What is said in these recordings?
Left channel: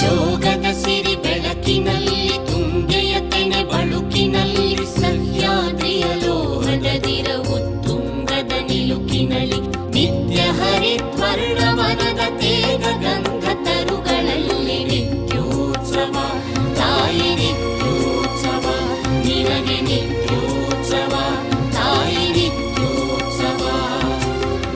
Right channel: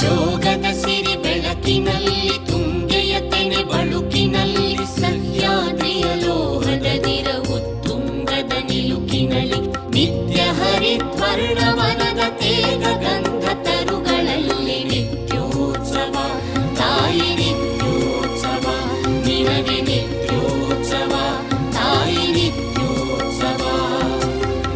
ಜೋಗದ ಸಿರಿ ಬೆಳಕಿನಲ್ಲಿ ತುಂಗೆಯ ತೆನೆ ಬಳುಕಿನಲ್ಲಿ ಸಹ್ಯಾದ್ರಿಯ ಲೋಹದದಿರ ಉತ್ತುಂಗದ ನಿಲುಕಿನಲ್ಲಿ ನಿತ್ಯ ಹರಿದ್ವರ್ಣವನದ ತೇಗ ಗಂಧ ತರುಗಳಲ್ಲಿ ನಿತ್ಯೋತ್ಸವ ತಾಯಿ ನಿತ್ಯೋತ್ಸವ ನಿನಗೆ ನಿತ್ಯೋತ್ಸವ ತಾಯಿ ನಿತ್ಯೋತ್ಸವ.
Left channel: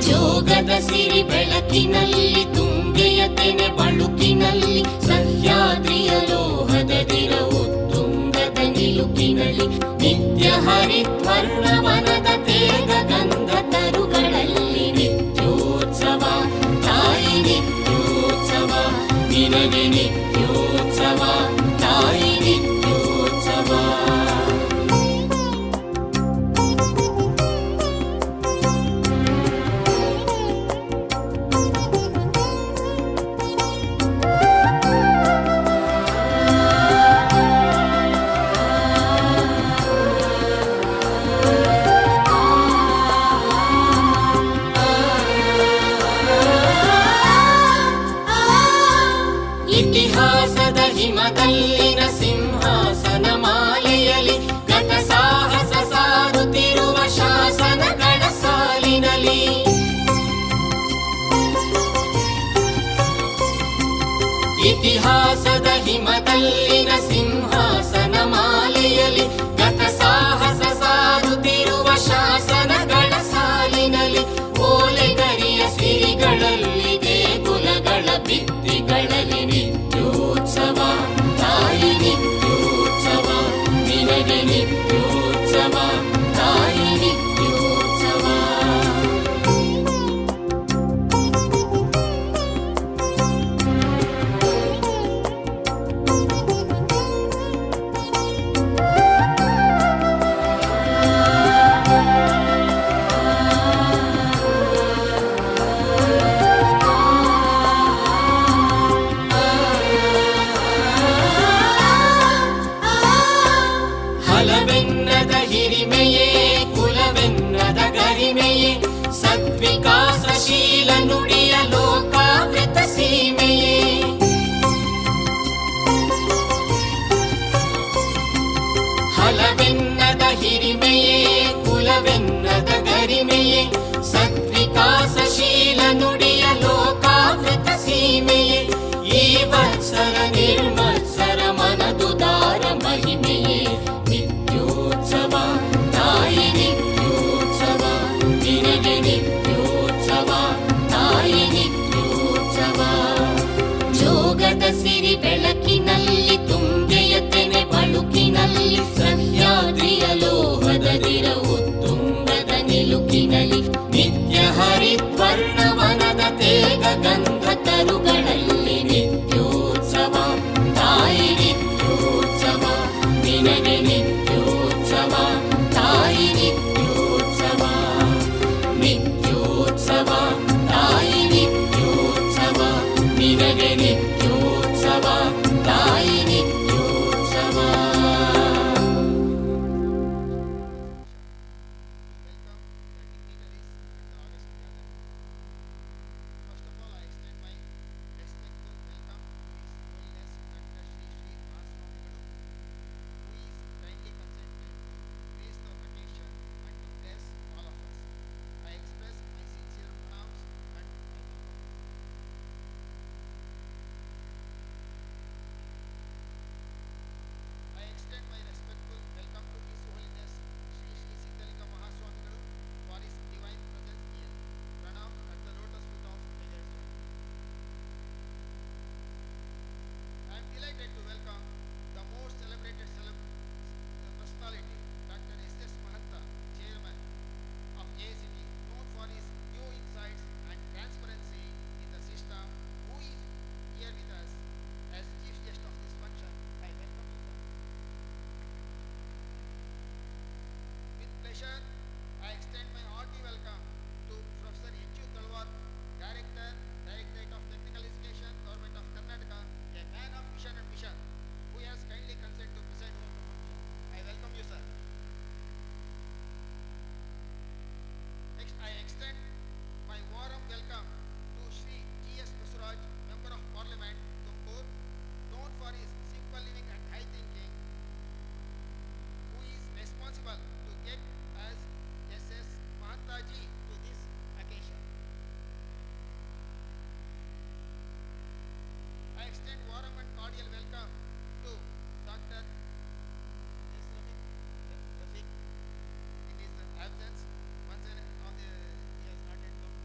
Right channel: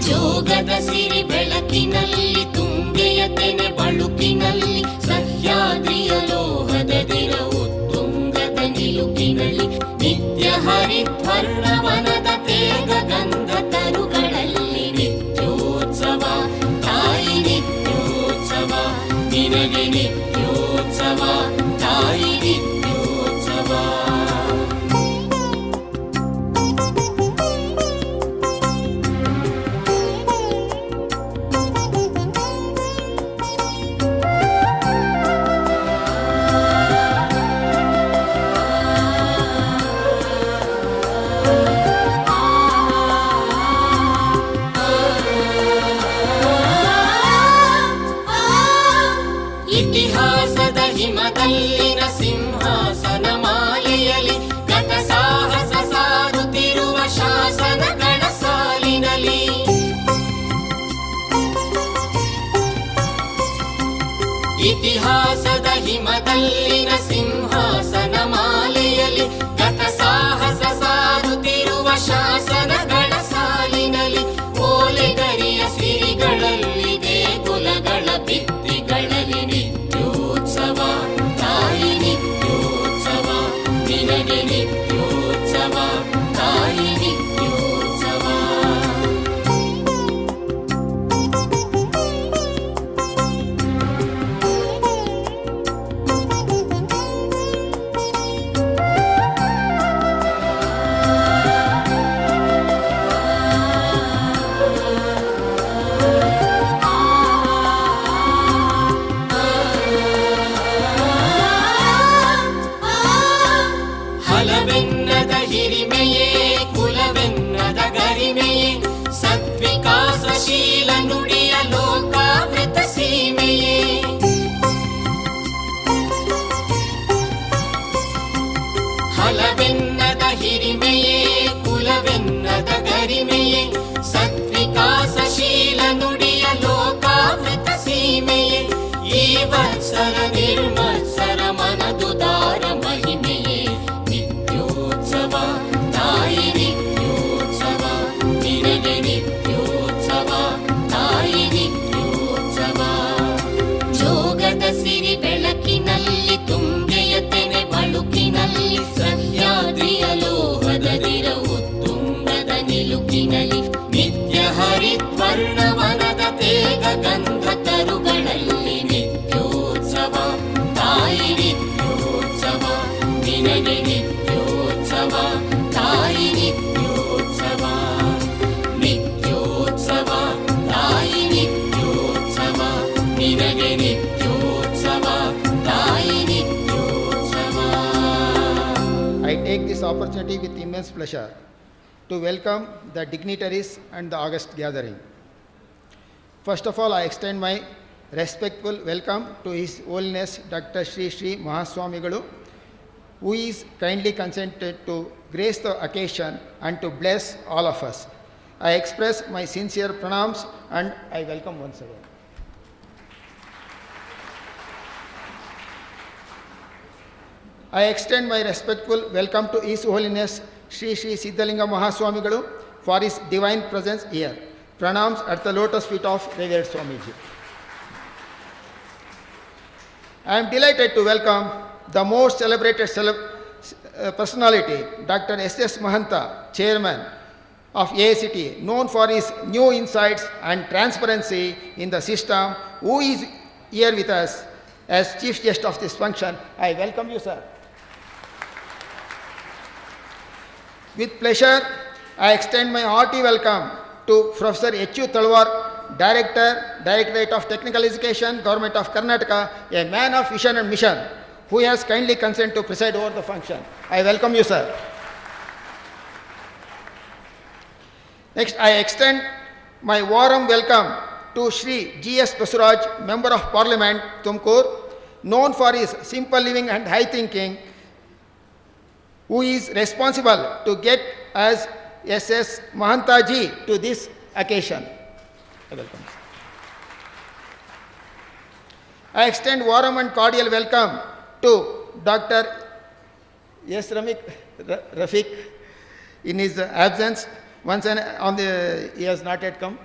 ಜೋಗದ ಸಿರಿ ಬೆಳಕಿನಲ್ಲಿ ತುಂಗೆಯ ತೆನೆ ಬಳುಕಿನಲ್ಲಿ ಸಹ್ಯಾದ್ರಿಯ ಲೋಹದದಿರ ಉತ್ತುಂಗದ ನಿಲುಕಿನಲ್ಲಿ ನಿತ್ಯ ಹರಿದ್ವರ್ಣವನದ ತೇಗ ಗಂಧ ತರುಗಳಲ್ಲಿ ನಿತ್ಯೋತ್ಸವ ತಾಯಿ ನಿತ್ಯೋತ್ಸವ ನಿನಗೆ ನಿತ್ಯೋತ್ಸವ ತಾಯಿ ನಿತ್ಯೋತ್ಸವ. ಇತಿಹಾಸದ ಹಿಮದಲ್ಲಿನ ಸಿಂಹಾಸನ ಮಾಲೆಯಲ್ಲಿ ಗತ ಸಾಹಸ ಸಾರುತ್ತಿರುವ ಶಾಸನಗಳ ಸಾಲಿನಲ್ಲಿ ಇತಿಹಾಸದ ಹಿಮದಲ್ಲಿನ ಸಿಂಹಾಸನ ಮಾಲೆಯಲ್ಲಿ ಗತ ಸಾಹಸ ಸಾರುತ್ತಿರುವ ಶಾಸನಗಳ ಸಾಲಿನಲ್ಲಿ ಓಲೆಗರಿಯ ಸಿರಿಗಳಲ್ಲಿ ದೇಗುಲಗಳ ಭಿತ್ತಿಗಳಲ್ಲಿ ನಿತ್ಯೋತ್ಸವ ತಾಯಿ ನಿತ್ಯೋತ್ಸವ ನಿನಗೆ ನಿತ್ಯೋತ್ಸವ ತಾಯಿ ನಿತ್ಯೋತ್ಸವ. ಹಲವೆನ್ನದ ಹಿರಿಮೆಯೇ ಕುಲವೆನ್ನದ ಗರಿಮೆಯೇ ಸದ್ವಿಕಾಸಶೀಲ ನುಡಿಯ ಲೋಕಾವೃತ ಸೀಮೆಯೇ ಹಲವೆನ್ನದ ಹಿರಿಮೆಯೇ ಕುಲವೆನ್ನದ ಗರಿಮೆಯೇ ಸದ್ವಿಕಾಸಶೀಲ ನುಡಿಯ ಲೋಕಾವೃತ ಸೀಮೆಯೇ ಈ ವತ್ಸರ ನಿರ್ಮತ್ಸರ ಮನದುದಾರ ಮಹಿಮೆಯೇ ನಿತ್ಯೋತ್ಸವ ತಾಯಿ ನಿತ್ಯೋತ್ಸವ ನಿನಗೆ ನಿತ್ಯೋತ್ಸವ ತಾಯಿ ನಿತ್ಯೋತ್ಸವ. ಜೋಗದ ಸಿರಿ ಬೆಳಕಿನಲ್ಲಿ ತುಂಗೆಯ ತೆನೆ ಬಳುಕಿನಲ್ಲಿ ಸಹ್ಯಾದ್ರಿಯ ಲೋಹದದಿರ ಉತ್ತುಂಗದ ನಿಲುಕಿನಲ್ಲಿ ನಿತ್ಯ ಹರಿದ್ವರ್ಣವನದ ತೇಗ ಗಂಧ ತರುಗಳಲ್ಲಿ ನಿತ್ಯೋತ್ಸವ ತಾಯಿ ನಿತ್ಯೋತ್ಸವ ನಿನಗೆ ನಿತ್ಯೋತ್ಸವ ತಾಯಿ ನಿತ್ಯೋತ್ಸವ ನಿತ್ಯೋತ್ಸವ ತಾಯಿ ನಿತ್ಯೋತ್ಸವ ನಿನಗೆ ನಿತ್ಯೋತ್ಸವ ತಾಯಿ ನಿತ್ಯೋತ್ಸವ. I take this opportunity with immense pleasure to welcome the dignitaries and the august gathering. First of all, I extend my respectful welcome to His Holiness Dr. Sri Sri Mahaswamigalu, who is kindly consented to grace the occasion and to bless all of us. I express my sincere pranams and I welcome once again. I extend my respectful welcome to His Holiness Sri Sri Siddaganga Mahaswamigalu for his divine presence here. Pranams at the lotus feet of Revered Swamiji. I am delighted to welcome the most celebrated personality, Dr. S.S. Mahanta, Chairman of AICT, known for his new insights and transparency in the system, who is here with us as Chief Guest of this function. I welcome you, sir. With pleasure, I extend my hearty welcome to Professor H.U. Talwar, Director, Directorate of Technical Education, Government of Karnataka, a man of vision and mission, who has kindly consented to preside over the function. I welcome you, sir. Next, I extend my warm welcome to Shri G.S. Basuraj, Member of Parliament, Tumkur, known for his simple living and high thinking, who is responsible to get us SS Mahantaji to this occasion. I welcome. I extend warm and cordial welcome to Dr. S. Rafiq in his absence. Once again, he has not yet come.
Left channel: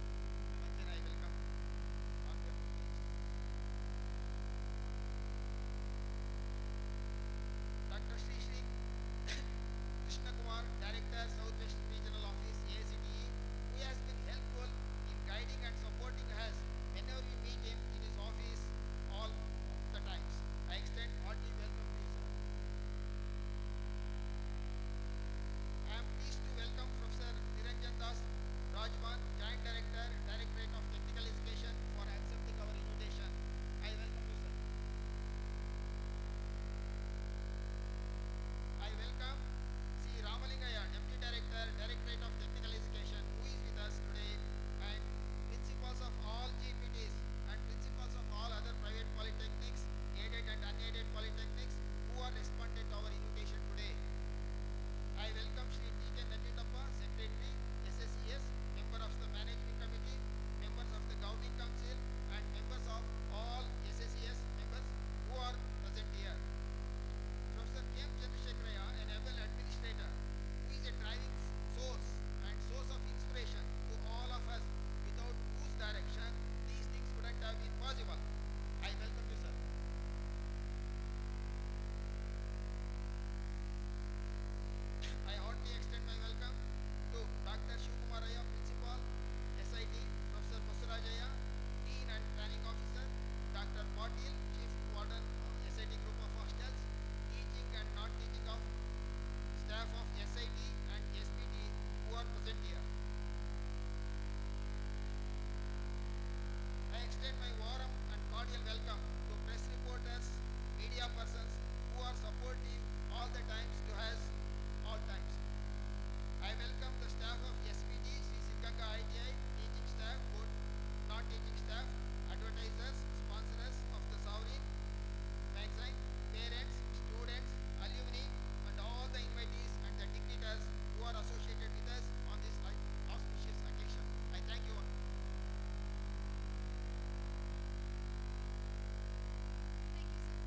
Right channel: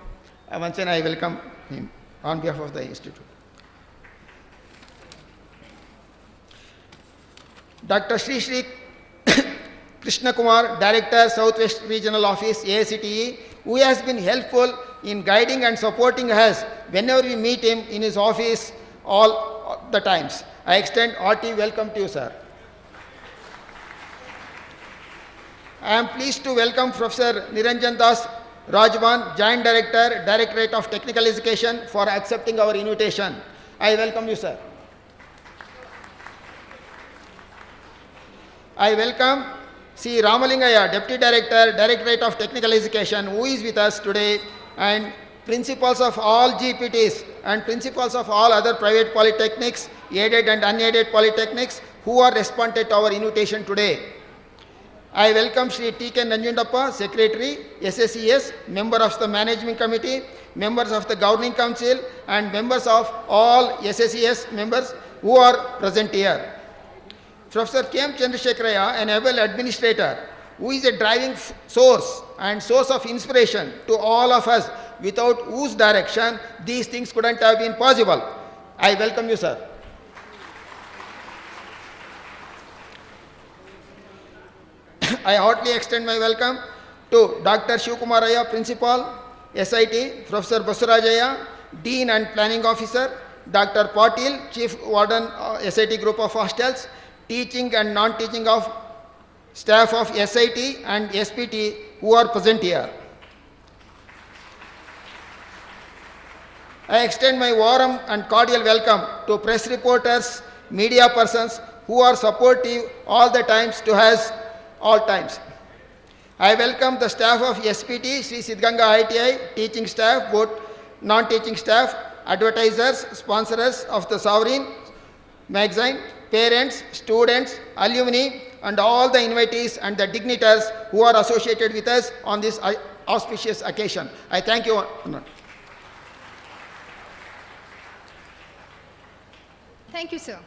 Once again, I welcome him on behalf of the institute. Dr. Sri Krishna Kumar, Director, Southwest Regional Office, AICTE, who has been helpful in guiding and supporting us whenever we meet him in his office all the times. I extend hearty welcome to you, sir. I am pleased to welcome Professor Niranjan Das Rajwan, Joint Director, Directorate of Technical Education, for accepting our invitation. I welcome you, sir. I welcome C. Ramalingaya, Deputy Director, Directorate of Technical Education, who is with us today, and principals of all GPTs and principals of all other private polytechnics, aided and unaided polytechnics, who are responded to our invitation today. I welcome Shri T.K. Nanjundappa, Secretary, SSES, member of the Management Committee, members of the Governing Council, and members of all SSES members who are present here. Professor K.M. Chandrasekharaya, an able administrator, who is a driving source and source of inspiration to all of us, without whose direction these things couldn't have been possible. I welcome you, sir. I heartily extend my welcome to Dr. Shivkumaraya, Principal, SIT, Professor Basurajaya, Dean and Planning Officer, Dr. Patil, Chief Warden, SIT Group of Hostels, teaching and non-teaching of staff of SIT and SPT who are present here. I extend my warm and cordial welcome to press reporters, media persons who are supportive all the times to us all times. I welcome the staff of SPT, Sri Siddaganga ITI, teaching staff, both non-teaching staff, advertisers, sponsors of the Sovereign magazine, parents, students, alumni, and all the invitees and the dignitaries who are associated with us on this auspicious occasion. I thank you. Thank you, sir.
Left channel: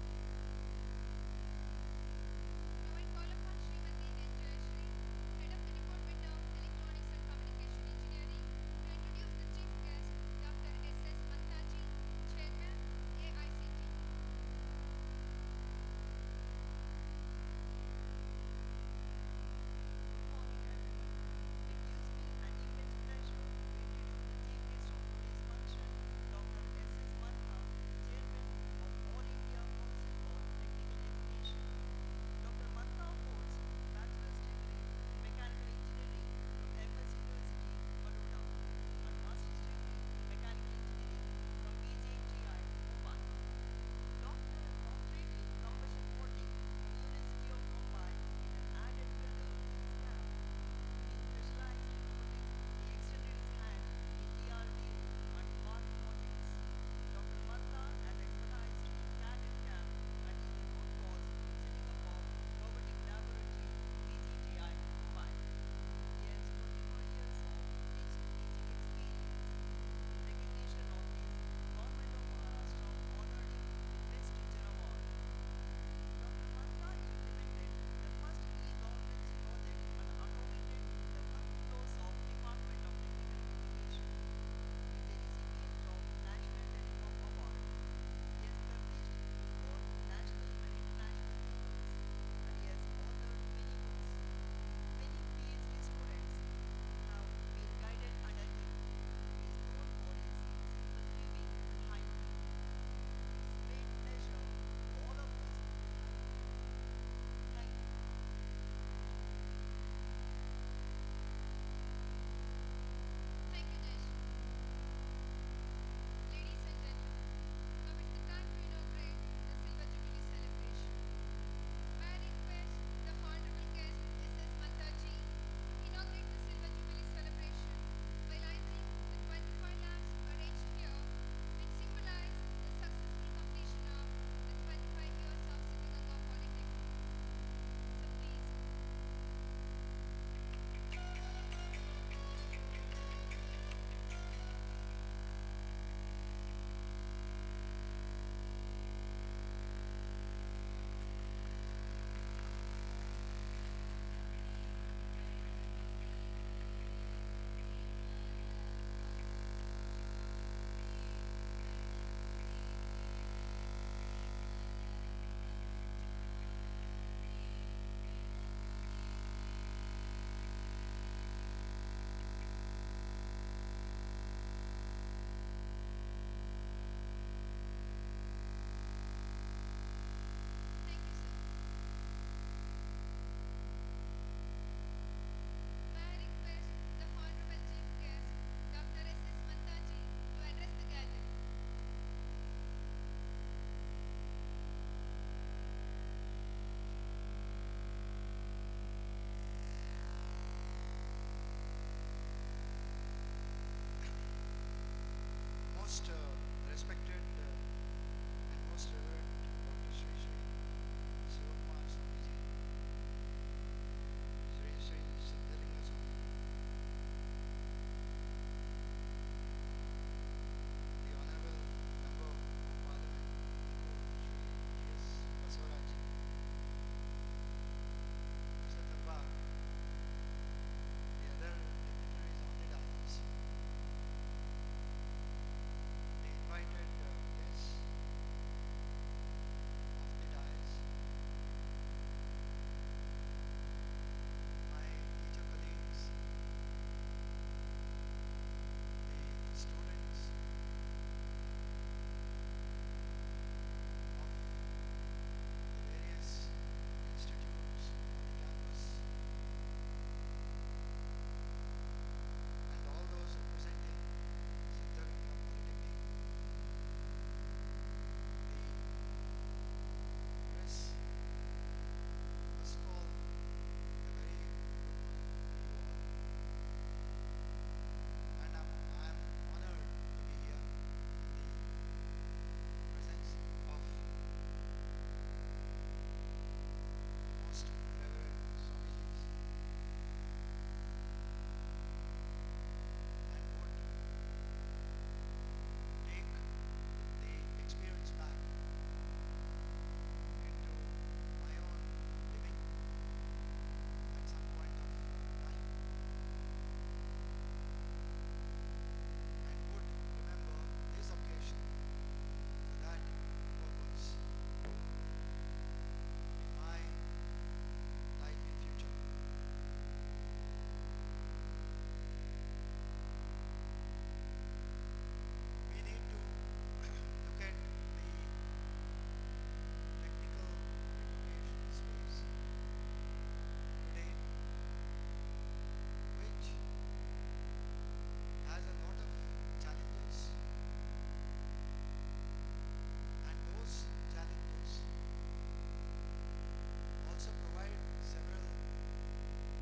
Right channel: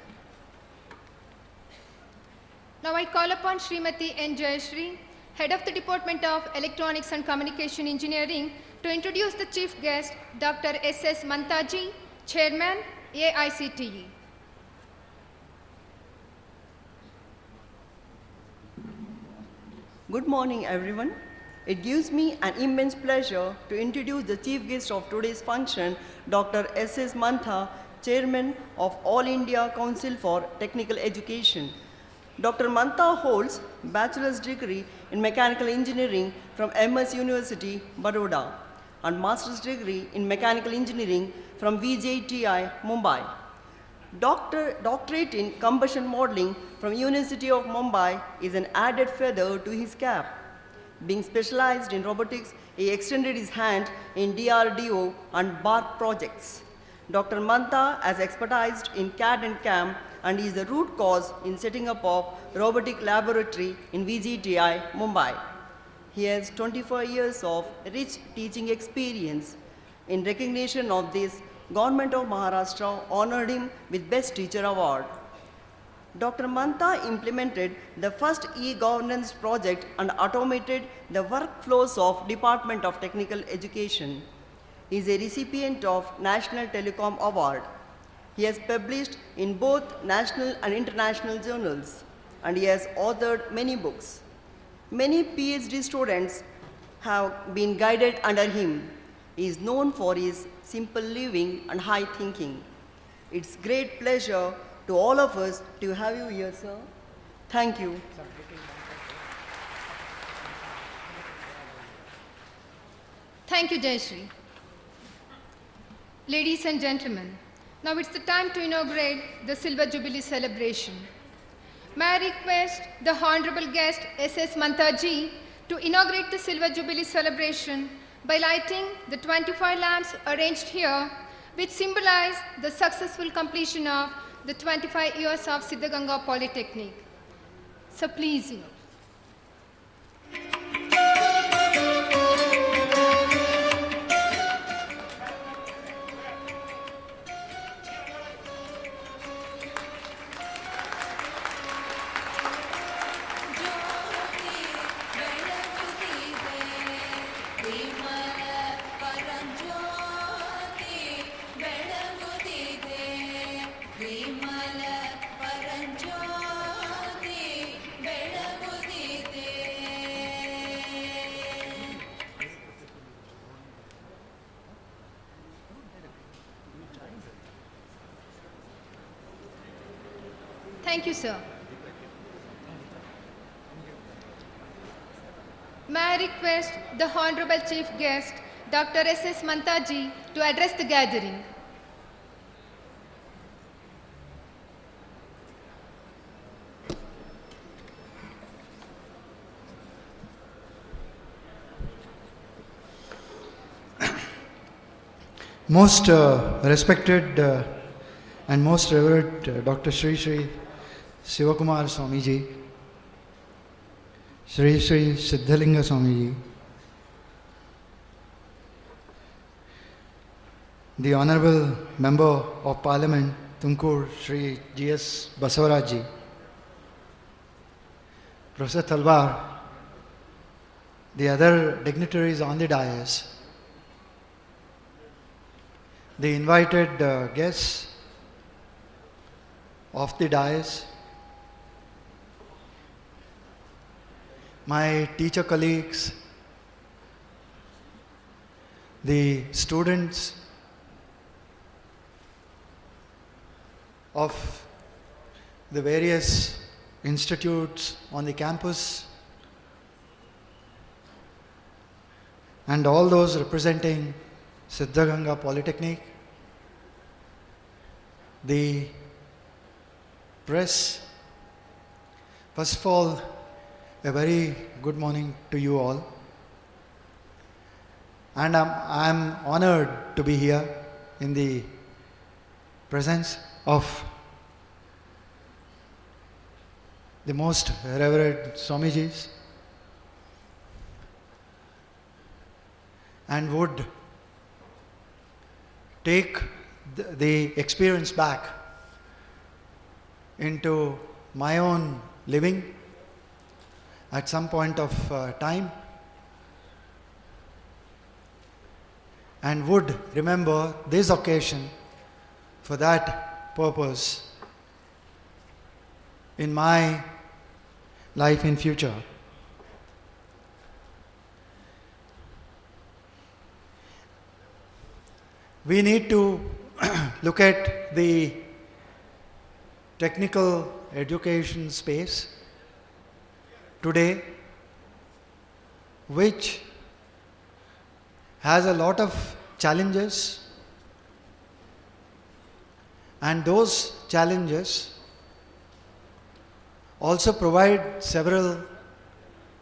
Now I call upon Srimati N. Jayashree, Head of the Department of Electronics and Communication Engineering, to introduce the chief guest, Dr. S.S. Mantaji, Chairman, AICTE. Good morning, everyone. It gives me an immense pleasure to introduce the chief guest of today's function, Dr. S.S. Mantha, Chairman of All India Council for Technical Education. Dr. Mantha holds bachelor's degree in mechanical engineering from MS University, Baroda, and master's degree in mechanical engineering from VJTI, Mumbai. Doctorate in combustion modeling from University of Mumbai is an added feather to his cap. Being specialized in robotics, he extended his hand in DRDO and PART projects. Dr. Mantha has expertised in CAD and CAM and is the root cause in setting up of robotic laboratory in VGTI, Mumbai. He has 24 years of rich teaching experience. In recognition of this, Government of Maharashtra honored him with Best Teacher Award. Dr. Mantha implemented the first e-governance project and automated the workflows of Department of Technical Education. He is a recipient of National Telecom Award. He has published in both national and international journals, and he has authored many books. Many PhD students have been guided under him. He is known for his simple living and high thinking. It's great pleasure to all of us to have you here, sir. Thank you. Thank you, Jayashree. Ladies and gentlemen, now it's the time to inaugurate the Silver Jubilee celebration. May I request the Honorable Guest S.S. Mantaji to inaugurate the Silver Jubilee celebration by lighting the 25 lamps arranged here, which symbolize the successful completion of the 25 years of Siddaganga Polytechnic. So please, Thank you, sir. May I request the Honorable Chief Guest, Dr. S.S. Mantaji, to address the gathering. Most respected and most revered Dr. Shri Shri Sivakumar Swamiji, Shri Shri Siddaganga Swamiji, the Honorable Member of Parliament Tumkur Shri G.S. Basavarajji, Professor Talwar, the other dignitaries on the dais, the invited guests of the dais, my teacher colleagues, the students of the various institutes on the campus, and all those representing Siddaganga Polytechnic, the press. First of all, a very good morning to you all. And I'm honored to be here in the presence of the most revered Swamijis, and would take the experience back into my own living at some point of time, and would remember this occasion for that purpose in my life in future. We need to look at the technical education space today, which has a lot of challenges, and those challenges also provide several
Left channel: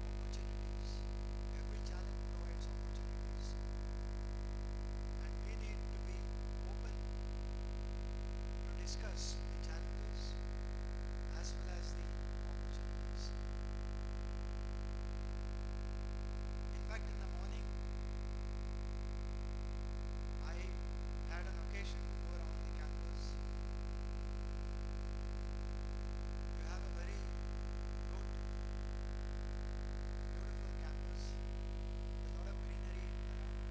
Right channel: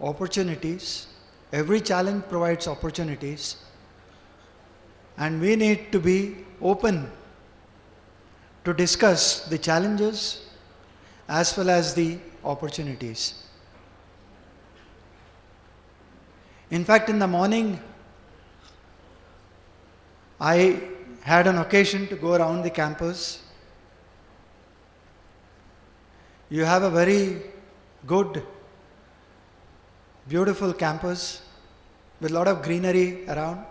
opportunities. Every challenge provides opportunities, and we need to be open to discuss the challenges as well as the opportunities. In fact, in the morning, I had an occasion to go around the campus. You have a very good, beautiful campus with a lot of greenery around.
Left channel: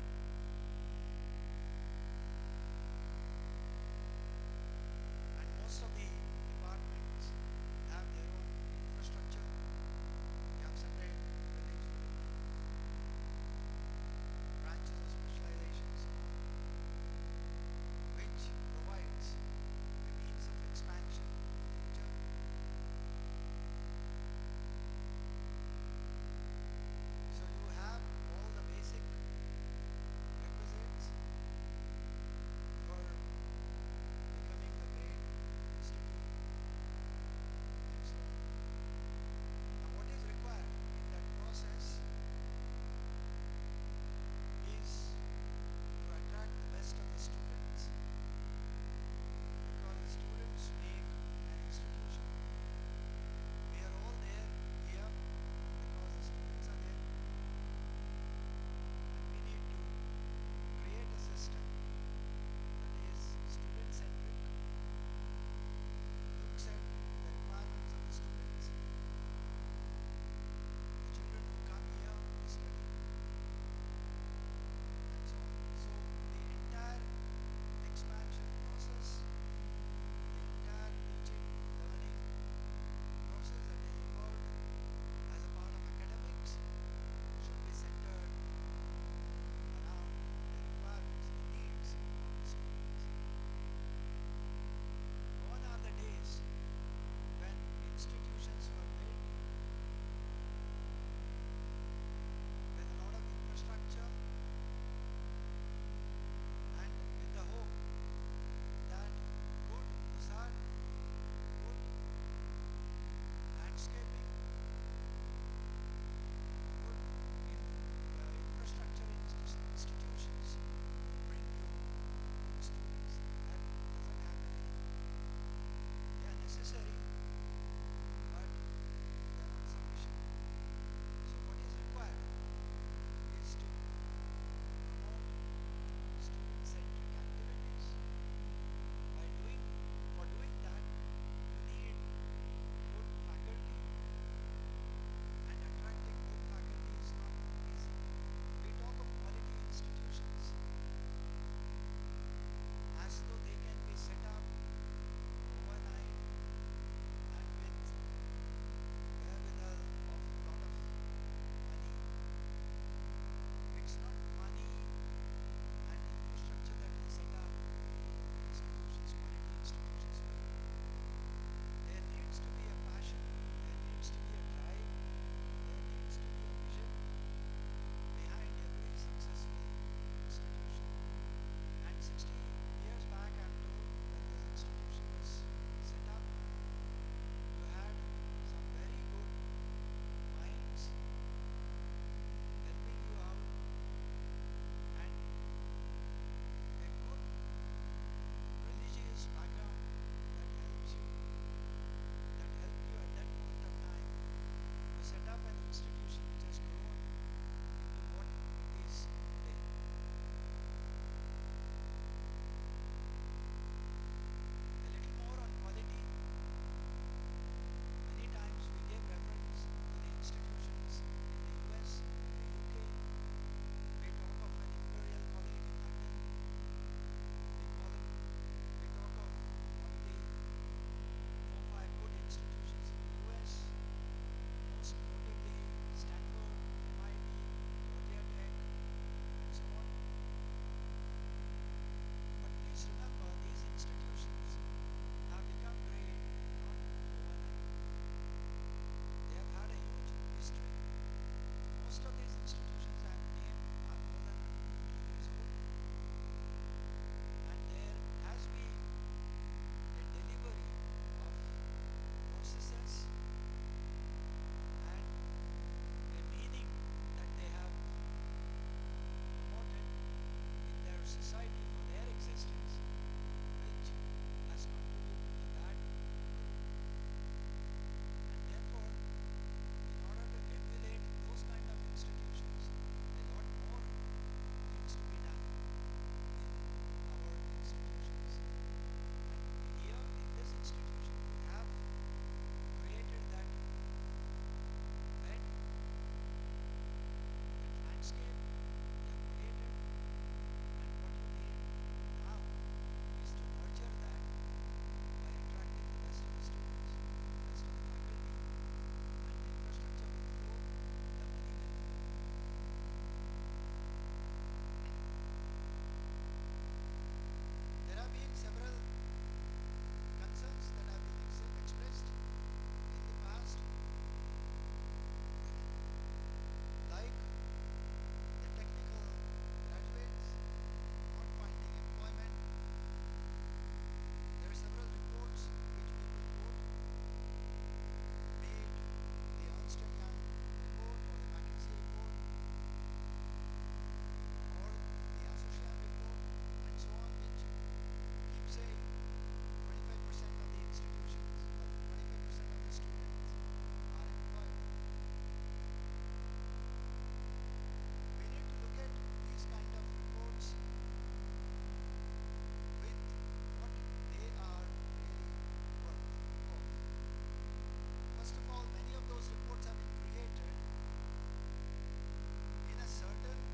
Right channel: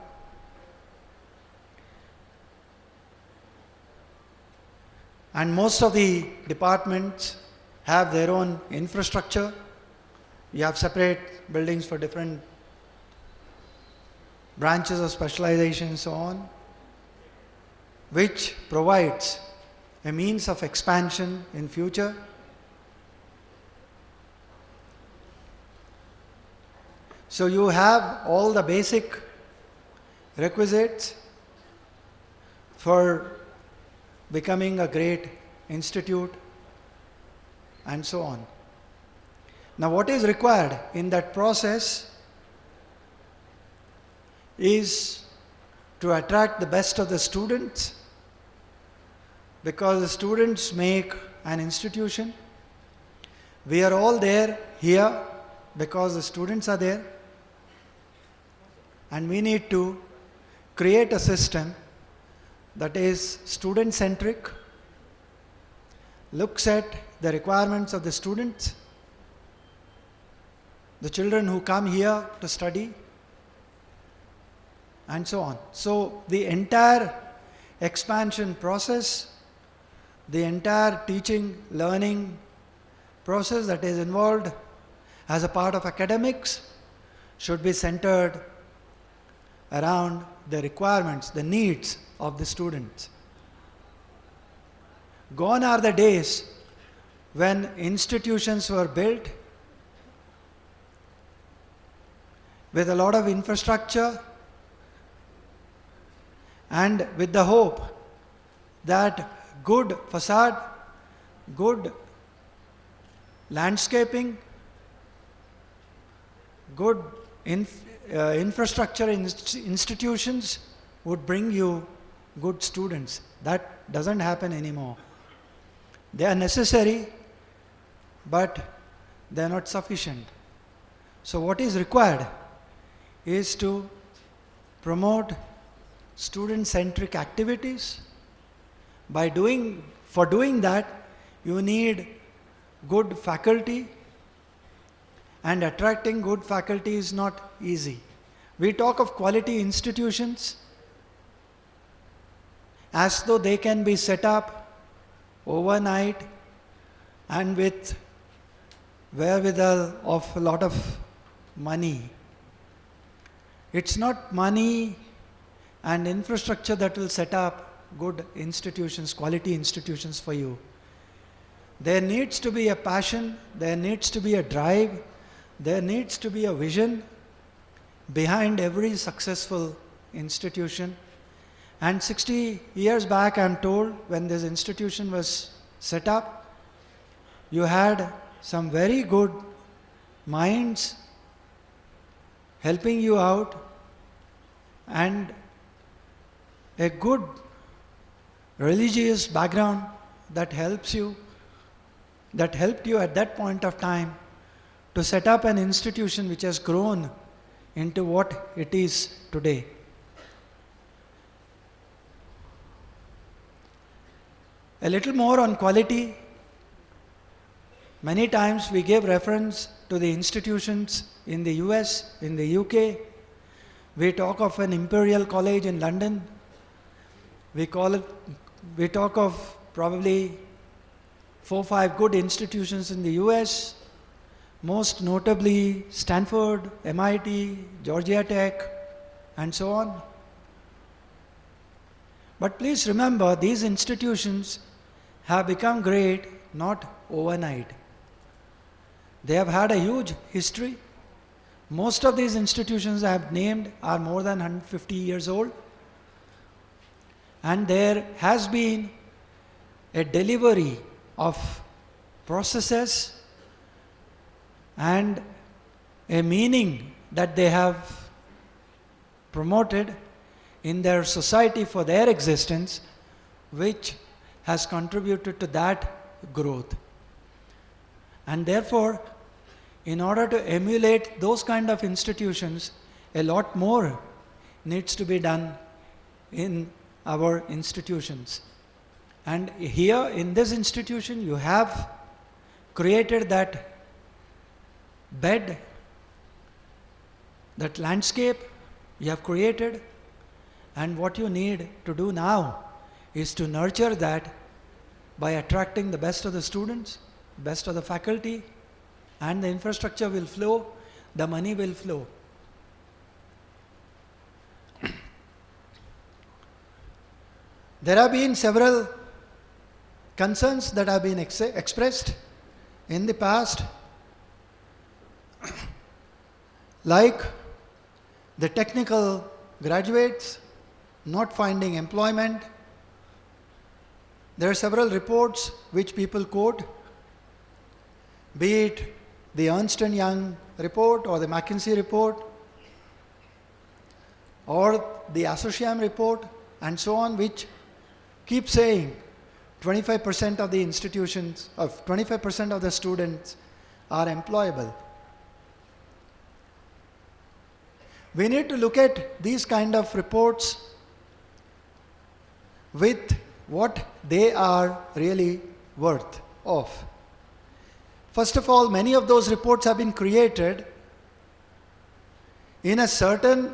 And most of the departments have their own infrastructure. You have separate buildings for different branches of specialization and so on, which provides a means of expansion in future. So you have all the basic requisites for becoming a great institute and so on. Now, what is required in that process is to attract the best of the students, because the students make an institution. We are all there here because the students are there, and we need to create a system that is student-centric, looks at the requirements of the students, the children who come here to study, and so on. So the entire expansion process, the entire teaching, learning process that is involved as a part of academics should be centered around the requirements, the needs of the students. Gone are the days when institutions were built with a lot of infrastructure and with the hope that good facade, good landscaping, good infrastructure institutions would bring you good students. That doesn't happen anymore. They are necessary, but they are not sufficient. So what is required is to promote student-centric activities. For doing that, you need good faculty, and attracting good faculty is not easy. We talk of quality institutions as though they can be set up overnight and with wherewithal of a lot of money. It's not money and infrastructure that will set up good institutions, quality institutions for you. There needs to be a passion, there needs to be a drive, there needs to be a vision behind every successful institution. And 60 years back, I'm told, when this institution was set up, you had some very good minds helping you out, and a good religious background that helped you at that point of time to set up an institution which has grown into what it is today. A little more on quality. Many times we give reference to the institutions in the US, in the UK. We talk of an Imperial College in London. We talk of probably 4 or 5 good institutions in the US, most notably Stanford, MIT, Georgia Tech, and so on. But please remember, these institutions have become great not overnight. They have had a huge history. Most of these institutions I have named are more than 150 years old. And there has been a delivery of processes and a meaning that they have promoted in their society for their existence, which has contributed to that growth. And therefore, in order to emulate those kind of institutions, a lot more needs to be done in our institutions. And here in this institution, you have created that bed, that landscape you have created, and what you need to do now is to nurture that by attracting the best of the students, best of the faculty, and the infrastructure will flow, the money will flow. There have been several concerns that have been expressed in the past, like the technical graduates not finding employment. There are several reports which people quote, be it the Ernst & Young report or the McKinsey report or the Associam report and so on, which keep saying 25% of the institutions, of 25% of the students are employable. We need to look at these kind of reports with what they are really worth of. First of all, many of those reports have been created in a certain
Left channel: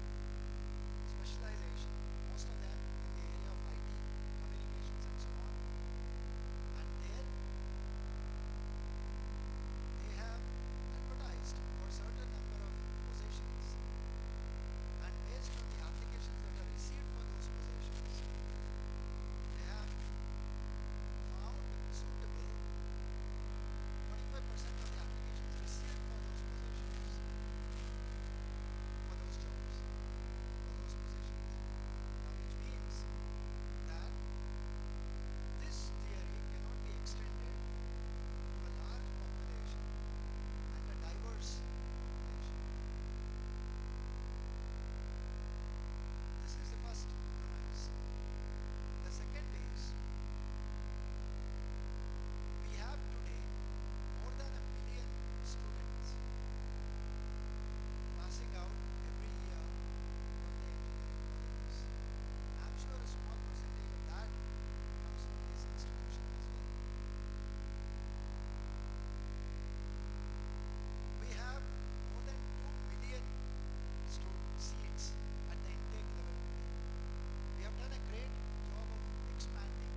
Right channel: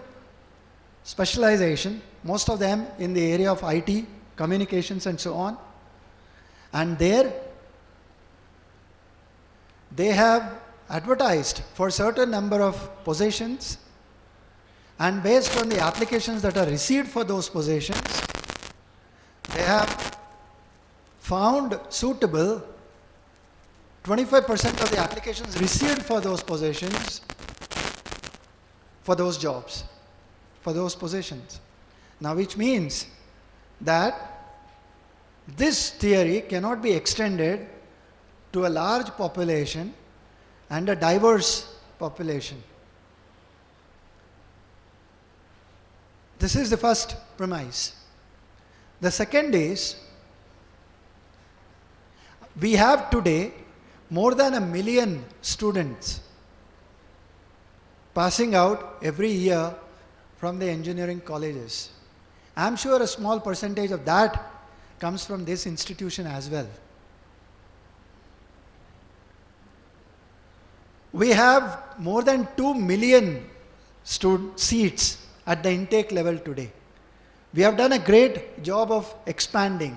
specialization, most of them in the area of IT, communications and so on. And there they have advertised for a certain number of positions, and based on the applications that are received for those positions, they have found suitable 25% of the applications received for those positions, for those jobs, for those positions. Now, which means that this theory cannot be extended to a large population and a diverse population. This is the first premise. The second is, we have today more than 1 million students passing out every year from the engineering colleges. I am sure a small percentage of that comes from this institution as well. We have more than 2 million seats at the intake level today. We have done a great job of expanding.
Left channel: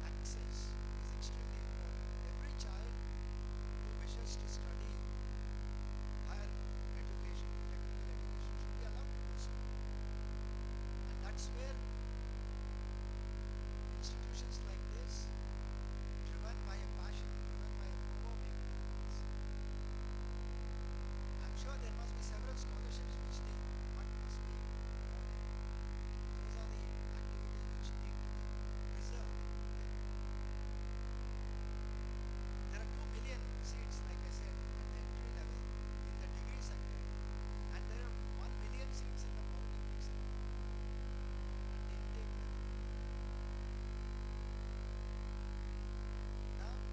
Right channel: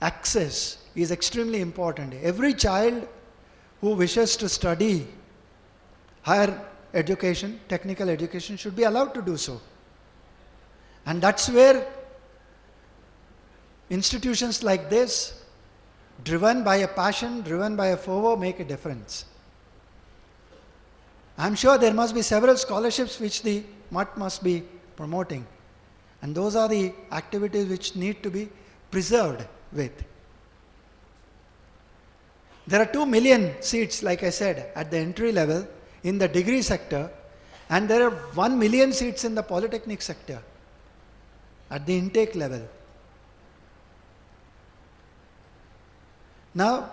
Access is extremely important. Every child who wishes to study higher education, technical education, should be allowed to do so. And that's where institutions like this, driven by a passion, driven by a fervor, make a difference. I'm sure there must be several scholarships which the MUT must be promoting. And those are the activities which need to be preserved with. There are 2 million seats, like I said, at the entry level in the degree sector, and there are 1 million seats in the polytechnic sector at the intake level. Now,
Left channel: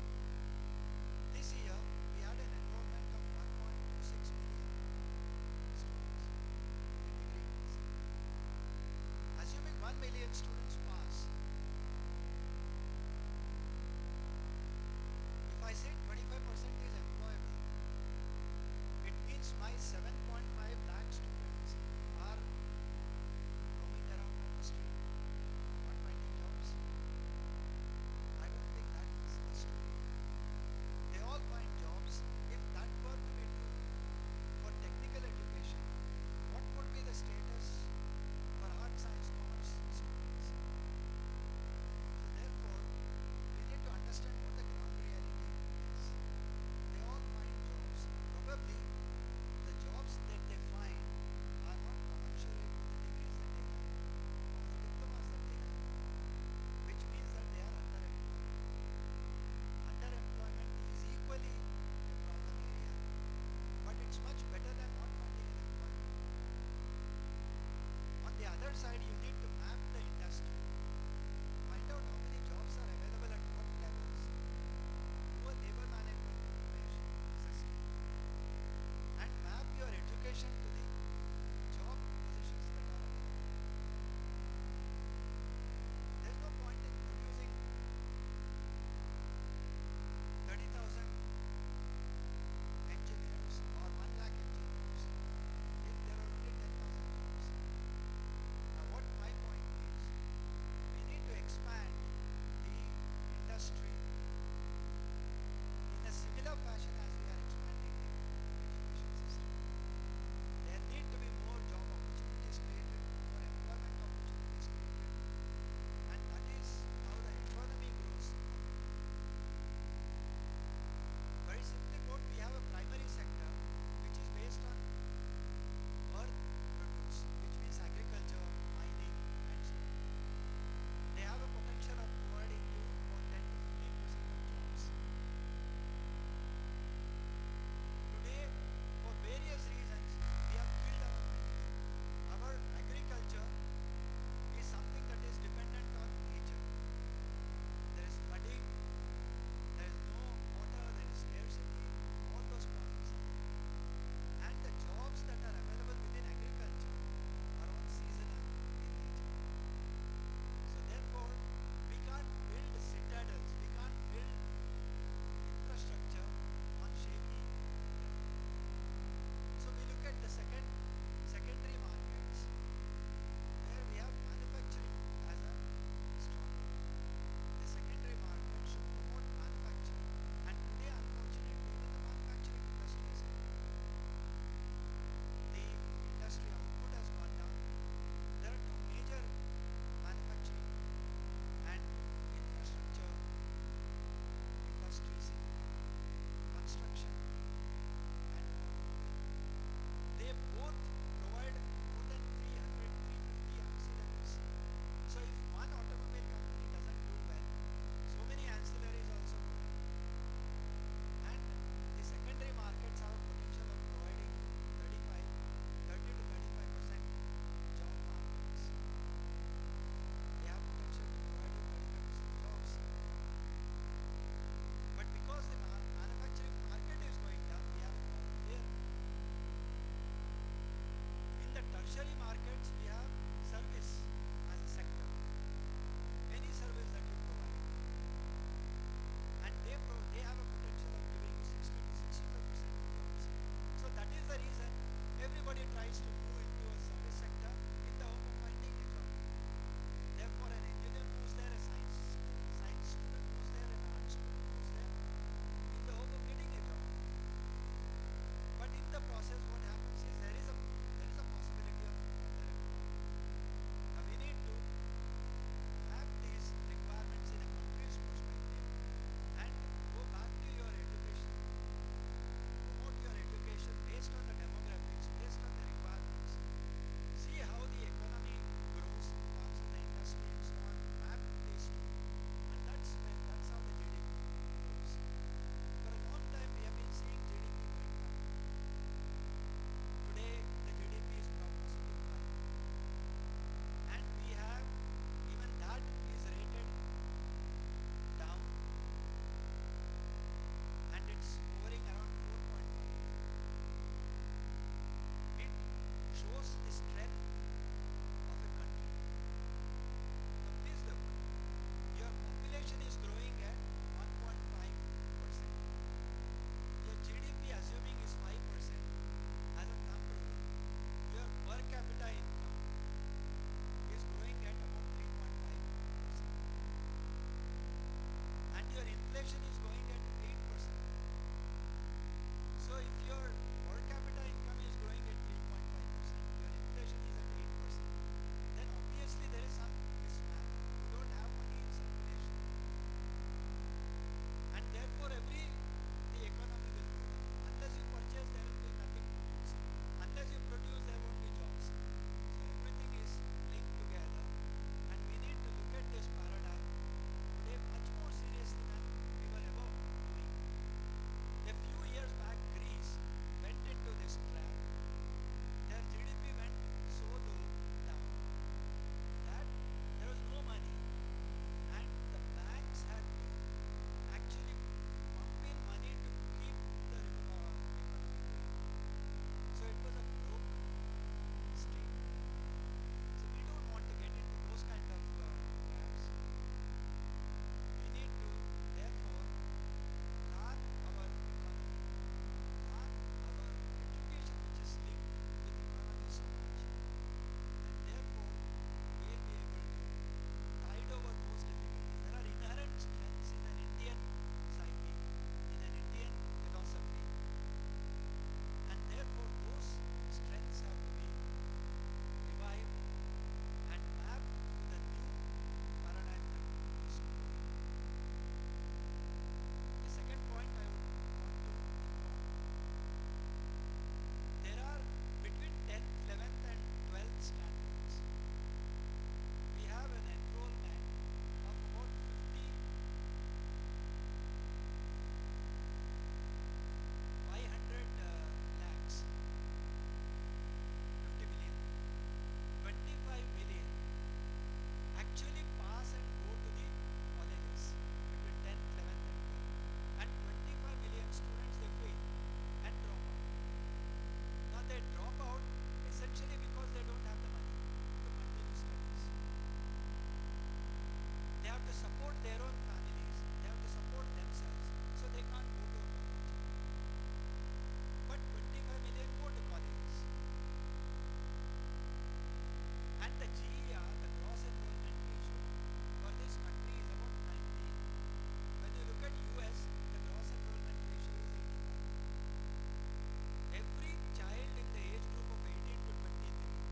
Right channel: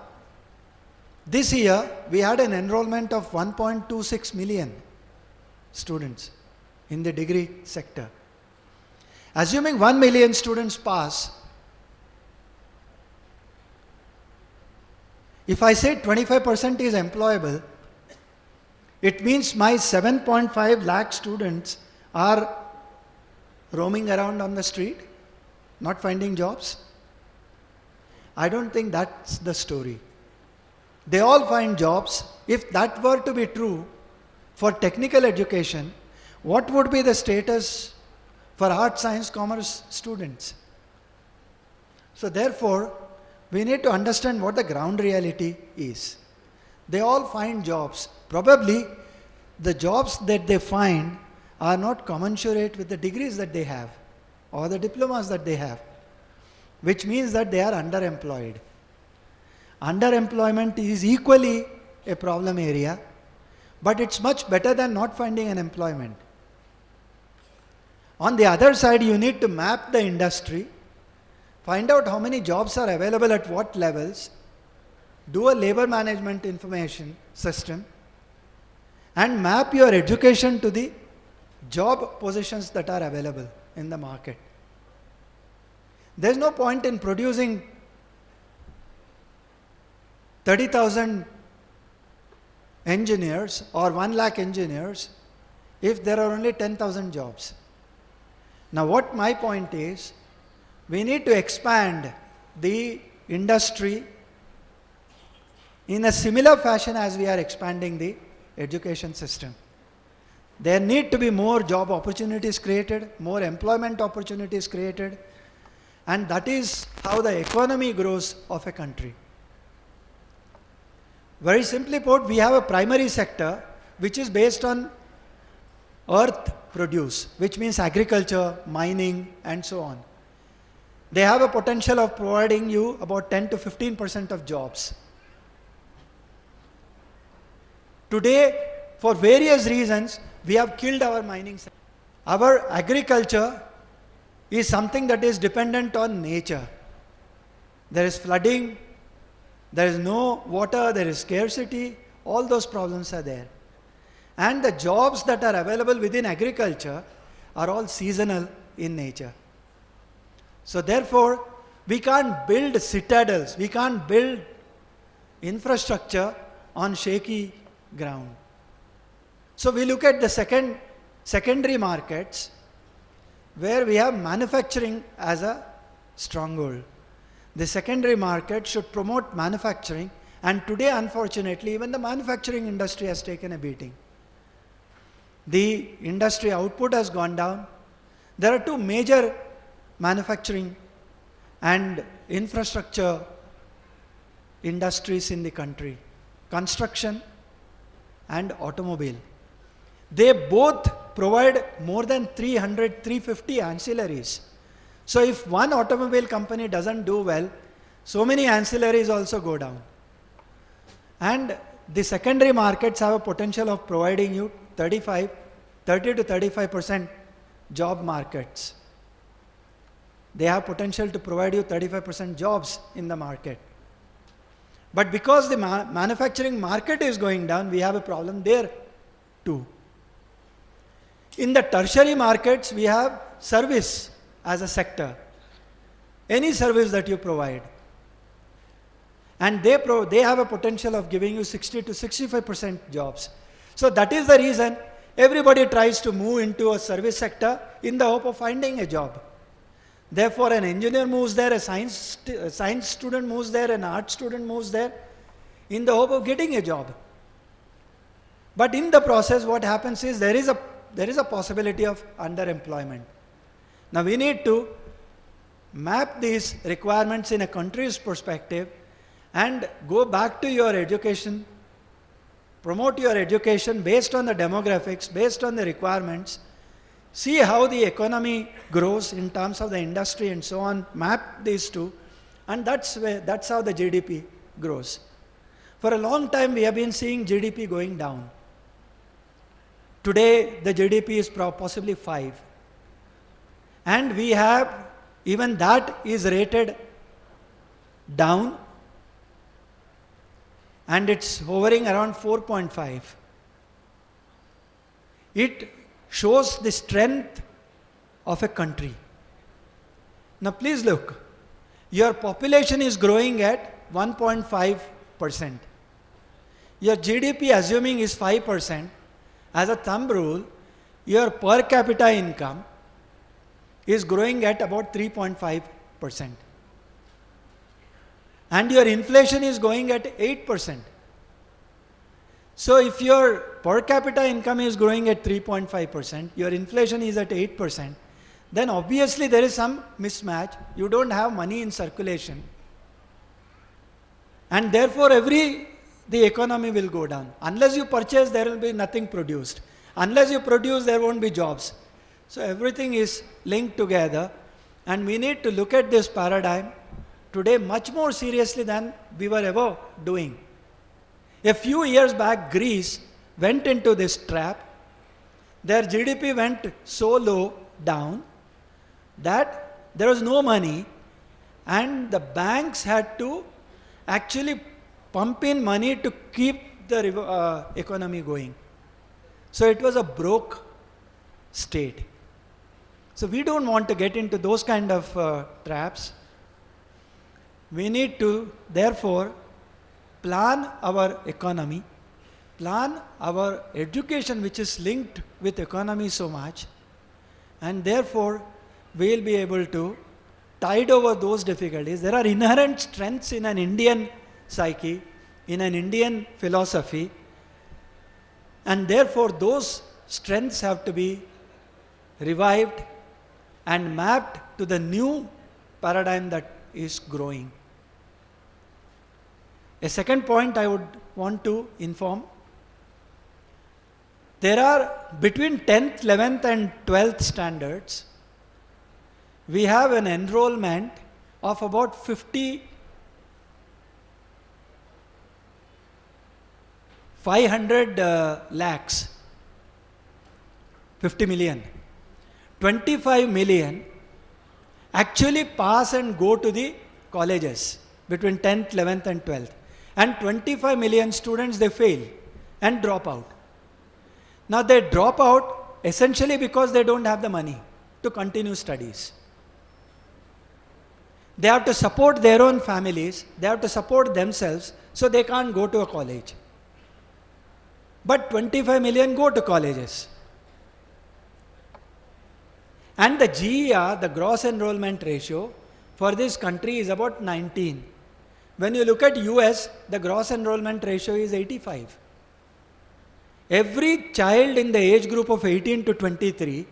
this year we had an enrollment of 1.26 million students in the degree sector. Assuming 1 million students pass, if I say 25% is employable, it means my 7.5 lakh students are roaming around on the street, not finding jobs. I don't think that's the story. They all find jobs. If that were to be true for technical education, what would be the status for art, science, commerce students? So therefore, we need to understand what the ground reality is. They all find jobs. Probably the jobs that they find are not commensurate with the degrees that they have or the diplomas that they have, which means that they are underemployed. Underemployment is equally a problem area, but it's much better than not finding an employment. On the other side, you need to map the industry, find out how many jobs are available at what levels, do a labor management information system, and map your education to the job positions that are available in the market. There's no point in producing 30,000 engineers or 1 lakh engineers if there are only 10,000 jobs. Now, what my point is, we need to expand the industry in a similar fashion as we are expanding the education system. There need to be more job opportunities created, more employment opportunities created, and that is how the economy grows of a country. Very simply put, we have a primary sector which is based on earth produce, which means agriculture, mining, and so on. They have a potential of providing you about 10 to 15% of jobs. Today, for various reasons, we have killed our mining sector. Our agriculture is something that is dependent on nature. there is flooding, there is no water, there is scarcity, all those problems are there. And the jobs that are available within agriculture are all seasonal in nature. So therefore, we can't build citadels, we can't build infrastructure on shaky ground. So we look at the secondary markets where we have manufacturing as a stronghold. The secondary market should promote manufacturing, and today unfortunately even the manufacturing industry has taken a beating. The industry output has gone down. There are two major manufacturing and infrastructure industries in the country: construction and automobile. They both provide more than 350 ancillaries. So if one automobile company doesn't do well, so many ancillaries also go down. And the secondary markets have a potential of providing you 30 to 35% job markets. They have potential to provide you 35% jobs in the market. But because the manufacturing market is going down, we have a problem there too. In the tertiary markets, we have service as a sector. Any service that you provide. And they have a potential of giving you 60 to 65% jobs. So that is the reason everybody tries to move into a service sector in the hope of finding a job. Therefore, an engineer moves there, a science student moves there, an art student moves there in the hope of getting a job. But in the process, what happens is there is a possibility of underemployment. Now we need to map these requirements in a country's perspective and go back to your education, promote your education based on the demographics, based on the requirements, see how the economy grows in terms of the industry and so on, map these two, and that's how the GDP grows. For a long time we have been seeing GDP going down. Today the GDP is possibly 5. And we have, even that is rated down, and it's hovering around 4.5. It shows the strength of a country. Now please look, your population is growing at 1.5%. Your GDP, assuming is 5%, as a thumb rule, your per capita income is growing at about 3.5%. And your inflation is going at 8%. So if your per capita income is growing at 3.5%, your inflation is at 8%, then obviously there is some mismatch. You don't have money in circulation. And therefore the economy will go down. Unless you purchase, there will be nothing produced. Unless you produce, there won't be jobs. So everything is linked together, and we need to look at this paradigm today much more seriously than we were ever doing. A few years back, Greece went into this trap. Their GDP went so low down that there was no money, and the banks had to actually pump in money to keep the economy going. So it was a broke state. So we don't want to get into those kind of traps. We need to therefore plan our economy, plan our education, which is linked with economy so much, and therefore we will be able to tide over those difficulties. There are inherent strengths in an Indian psyche, in an Indian philosophy, and therefore those strengths have to be revived and mapped to the new paradigm that is growing. A second point I would want to inform: there are between 10th, 11th and 12th standards, we have an enrollment of about 500 lakhs, 50 million. 25 million actually pass and go to the colleges. between 10th, 11th and 12th. And 25 million students, they fail and drop out. Now they drop out essentially because they don't have the money to continue studies. They have to support their own families, they have to support themselves, so they can't go to a college. But 25 million go to colleges. And the GER, the gross enrollment ratio, for this country is about 19. When you look at US, the gross enrollment ratio is 85. Every child in the age group of 18 to 23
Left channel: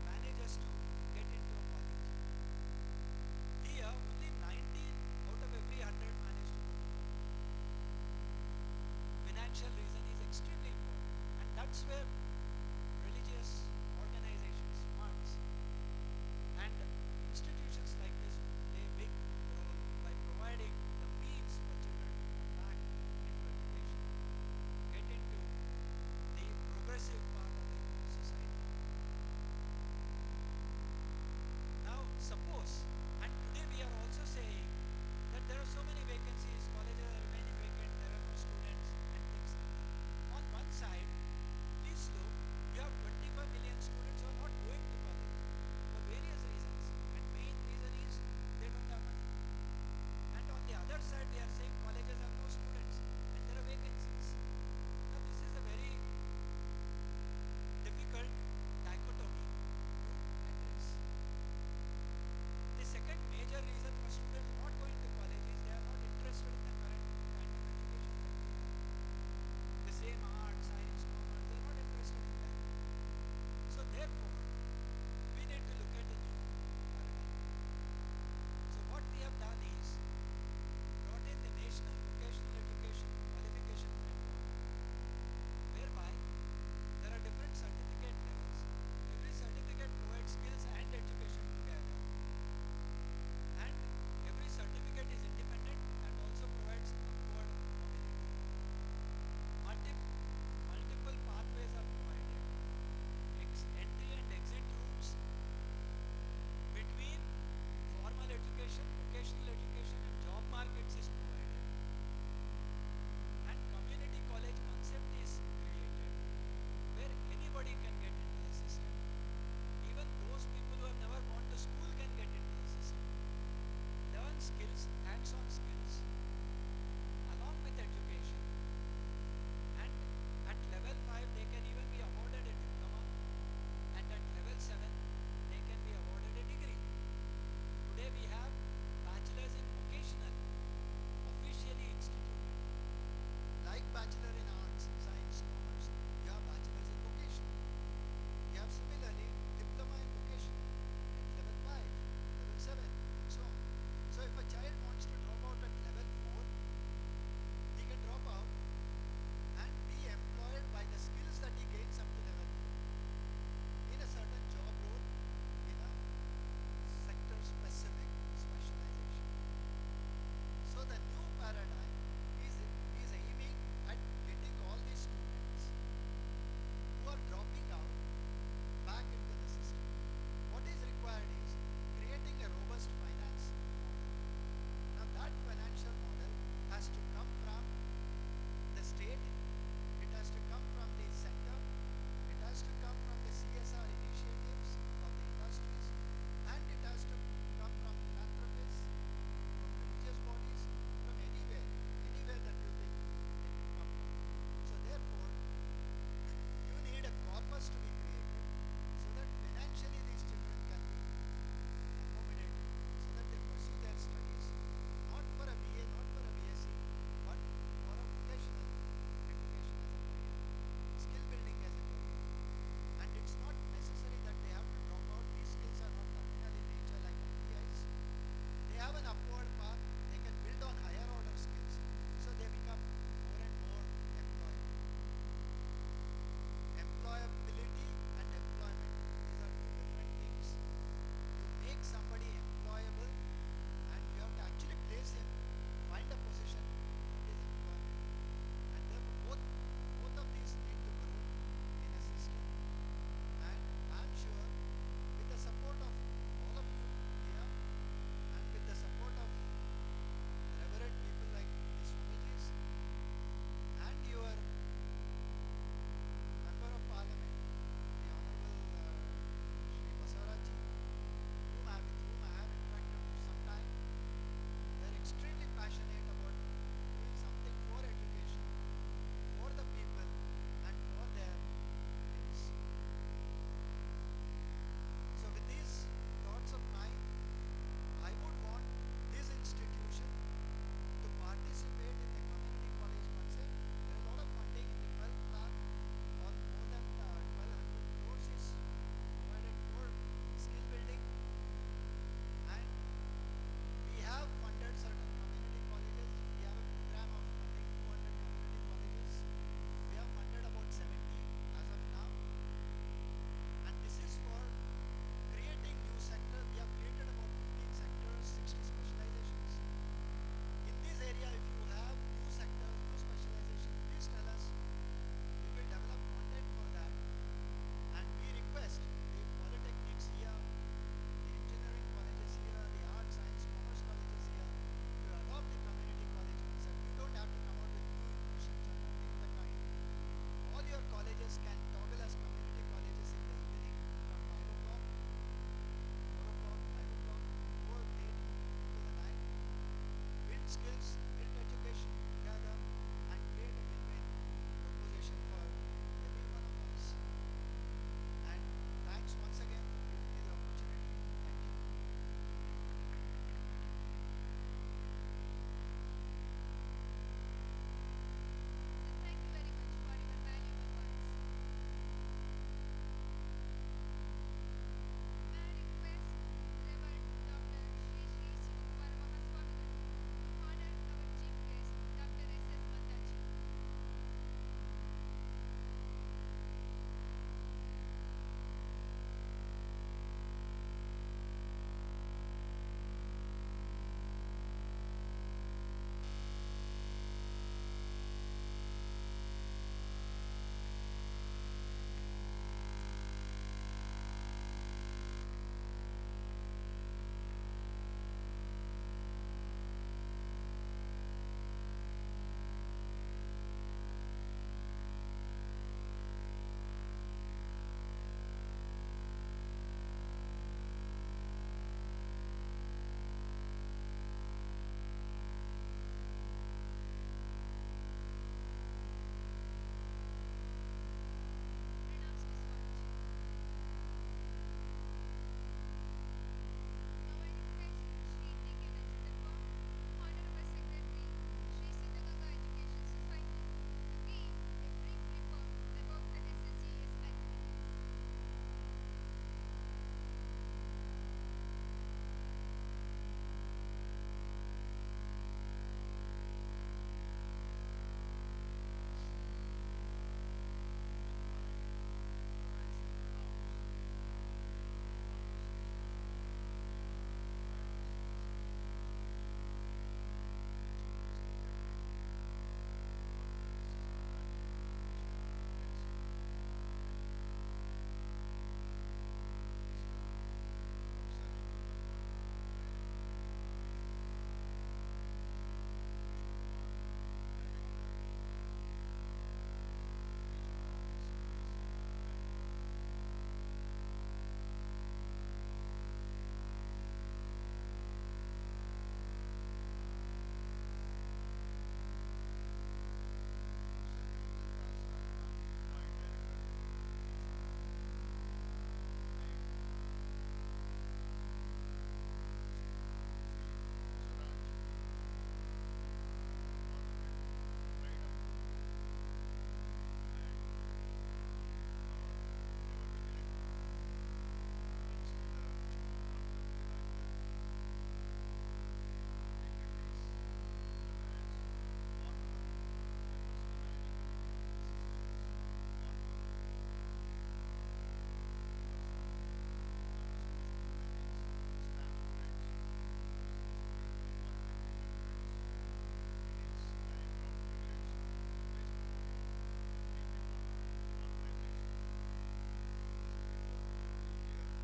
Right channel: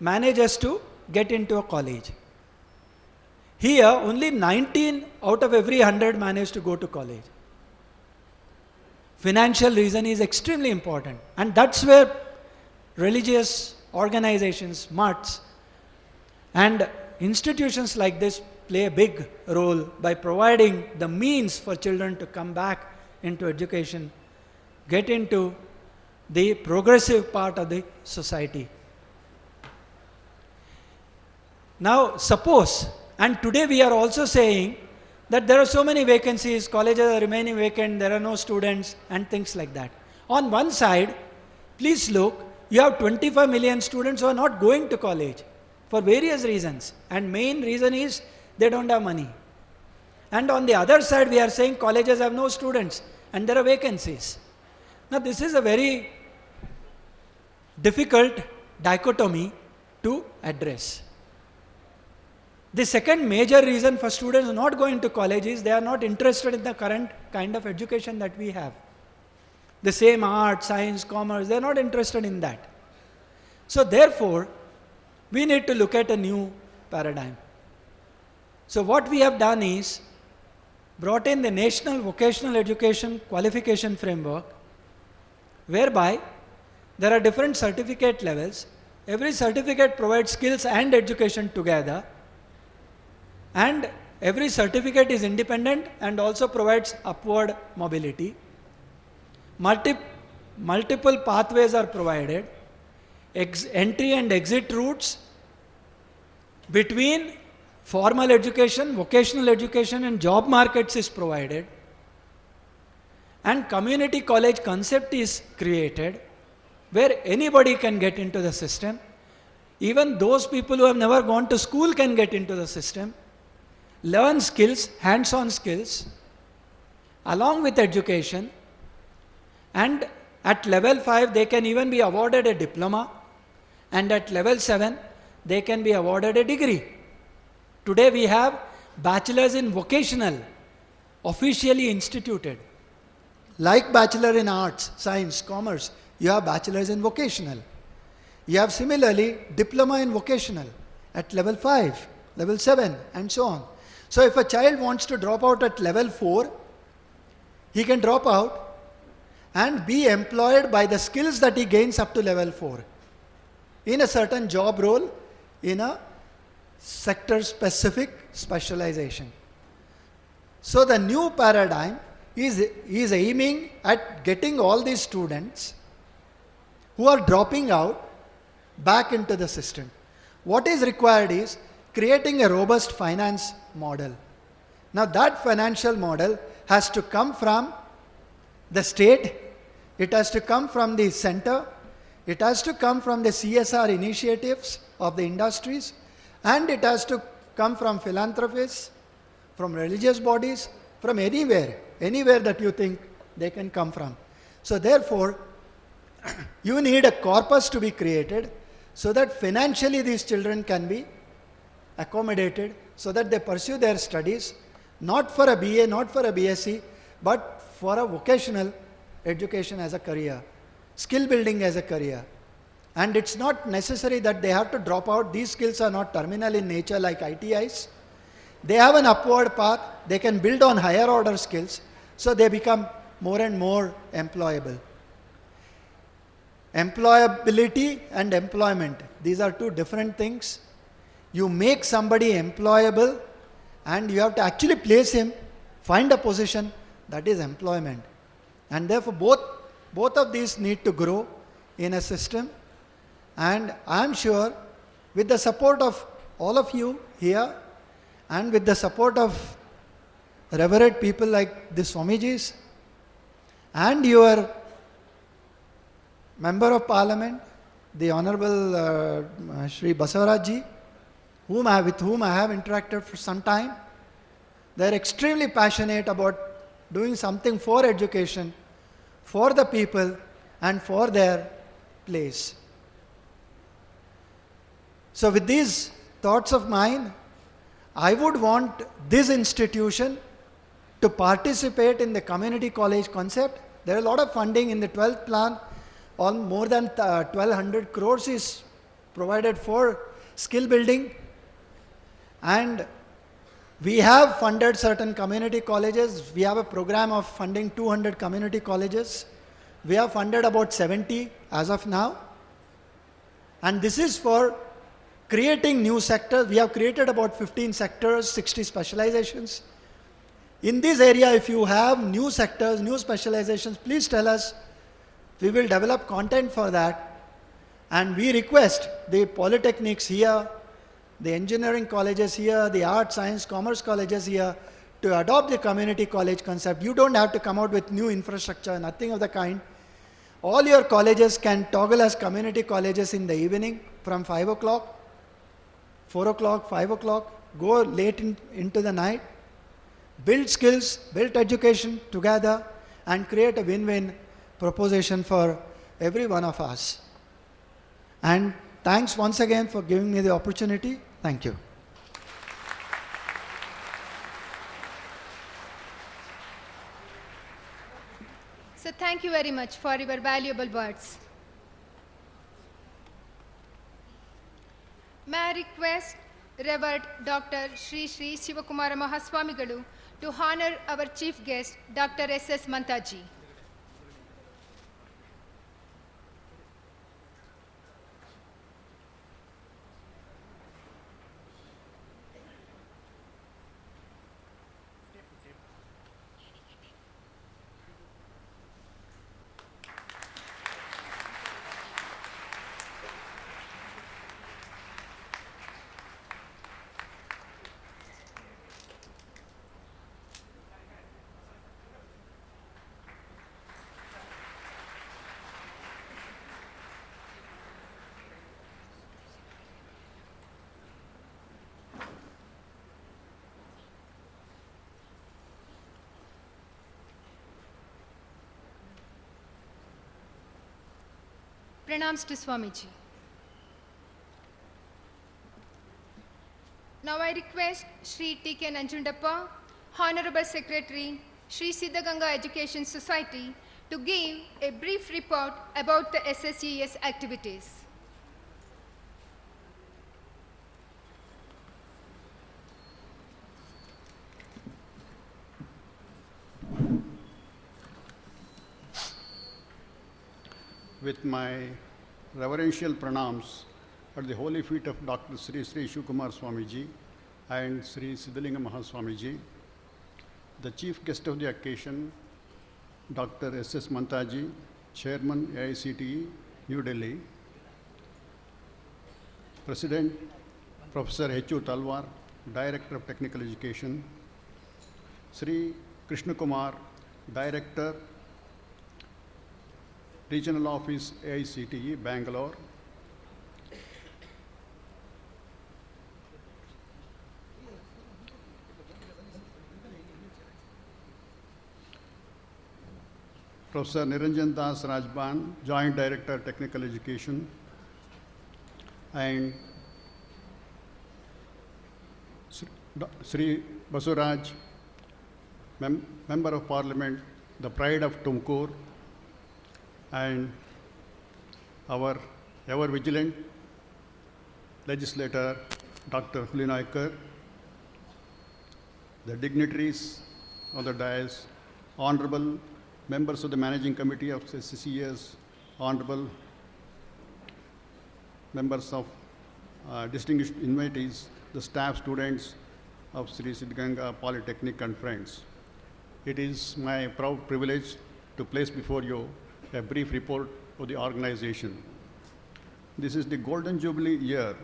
manages to get into a college. Here, only 19 out of every 100 manage to go to college. Financial reason is extremely important, and that's where religious organizations, MARTs, and institutions like this play a big role by providing the means for children to come back into education, get into the progressive part of the society. Now, suppose, and today we are also saying that there are so many vacancies, colleges are remaining vacant, there are no students, and things like that. On one side, please look, you have 25 million students who are not going to college for various reasons, and main reason is they don't have money. And on the other side, we are saying colleges have no students and there are vacancies. Now, this is a very difficult dichotomy to address. The second major reason for students not going to college is they are not interested in the current kind of education that we have. The same art, science, commerce, they are not interested in that. So therefore, we need to look at a new paradigm. So what we have done is brought in the National Vocational Education Qualification Framework, whereby there are different certificate levels. Every certificate provides skills and education together, and every certificate is independent and also provides upward mobility. Multiple pathways are provided, entry and exit routes between formal education, vocational education and job markets is provided, and community college concept is created where anybody can get into the system. Even those people who have never gone to school can get into the system, learn skills, hands-on skills, along with education, and at level 5 they can even be awarded a diploma, and at level 7 they can be awarded a degree. Today we have bachelors in vocational officially instituted. Like bachelor in arts, science, commerce, you have bachelors in vocational. You have similarly diploma in vocational at level 5, level 7 and so on. So if a child wants to drop out at level 4, he can drop out and be employed by the skills that he gains up to level 4 in a certain job role, in a sector-specific specialization. So the new paradigm is aiming at getting all these students who are dropping out back into the system. What is required is creating a robust finance model. Now that financial model has to come from the state, it has to come from the center, it has to come from the CSR initiatives of the industries, and it has to come from philanthropists, from religious bodies, from anywhere that you think they can come from. So therefore, you need a corpus to be created so that financially these children can be accommodated, so that they pursue their studies, not for a BA, not for a BSc, but for a vocational education as a career, skill building as a career. And it's not necessary that they have to drop out. These skills are not terminal in nature like ITIs. They have an upward path. They can build on higher order skills, so they become more and more employable. Employability and employment, these are two different things. You make somebody employable and you have to actually place him, find a position, that is employment. And therefore both of these need to grow in a system. And I am sure with the support of all of you here and with the support of revered people like the Swamijis and your Member of Parliament, the Honorable Shri Basavarajji, with whom I have interacted for some time. They are extremely passionate about doing something for education, for the people, and for their place. So with these thoughts of mine, I would want this institution to participate in the community college concept. There is a lot of funding in the 12th plan. On more than 1200 crores is provided for skill building, and we have funded certain community colleges. We have a program of funding 200 community colleges. We have funded about 70 as of now, and this is for creating new sectors. We have created about 15 sectors, 60 specializations. In this area, if you have new sectors, new specializations, please tell us. We will develop content for that, and we request the polytechnics here, the engineering colleges here, the arts, science, commerce colleges here to adopt the community college concept. You don't have to come out with new infrastructure, nothing of the kind. All your colleges can toggle as community colleges in the evening from 5 o'clock, 4 o'clock, 5 o'clock, go late into the night, build skills, build education together, and create a win-win proposition for every one of us. And thanks once again for giving me the opportunity. Thank you. So thank you very much for your valuable words. May I request Revered Dr. Sri Sri Sivakumara Mahaswamigalu to honor our chief guest, Dr. S.S. Mantaji. Pranams to Swamiji. Now I request Sri T.K. Nanjundappa, Honorable Secretary, Sri Siddaganga Education Society, to give a brief report about the SSES activities. With my reverential pranams at the holy feet of Dr. Sri Sri Shivakumar Swamiji and Sri Siddaganga Mahaswamiji, the chief guest of the occasion, Dr. S.S. Mantaji, Chairman AICTE, New Delhi, President Professor H.U. Talwar, Director of Technical Education, Sri Krishna Kumar, Director, Regional Office AICTE, Bangalore, Professor Niranjan Das Rajban, Joint Director, Technical Education, and Sri Basuraj, Member of Parliament, the Pride of Tumkur, and our ever-vigilant legislator, Dr. Hulinaikar, the dignitaries on the dais, honorable members of the Managing Committee of SSES, honorable members of distinguished invitees, the staff, students of Sri Siddaganga Polytechnic and friends. It is my proud privilege to place before you a brief report of the organization. This is the Golden Jubilee year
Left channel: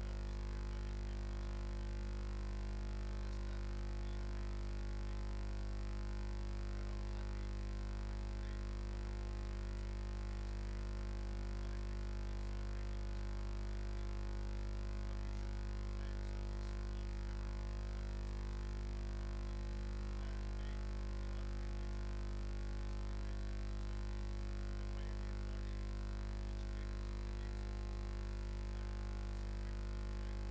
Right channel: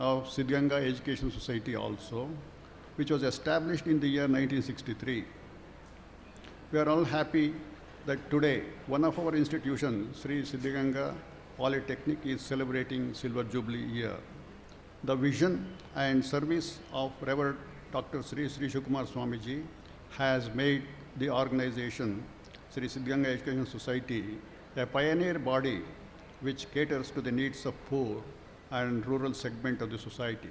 of Siddaganga Education Society also. which was established in the year 1963. We are all happy that today one of our institutions, Sri Siddaganga Polytechnic, is celebrating Silver Jubilee year. The vision and service of Reverend Dr. Sri Shukumar Swamiji has made the organization, Sri Siddaganga Education Society, a pioneer body which caters to the needs of poor and rural segment of the society.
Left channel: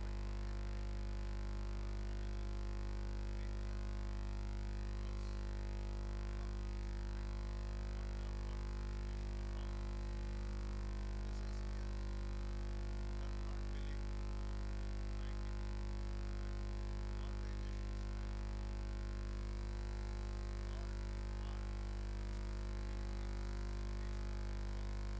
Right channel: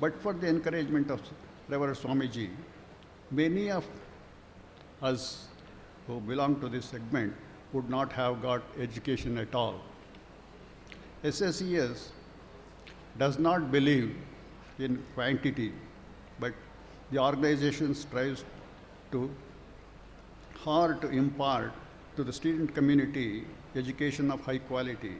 But for the encouragement of Reverend Swamiji, many of us who belong to this segment would not have got education at all. SSES does not believe in quantity, but the organization strives to hard to impart to the student community education of high quality.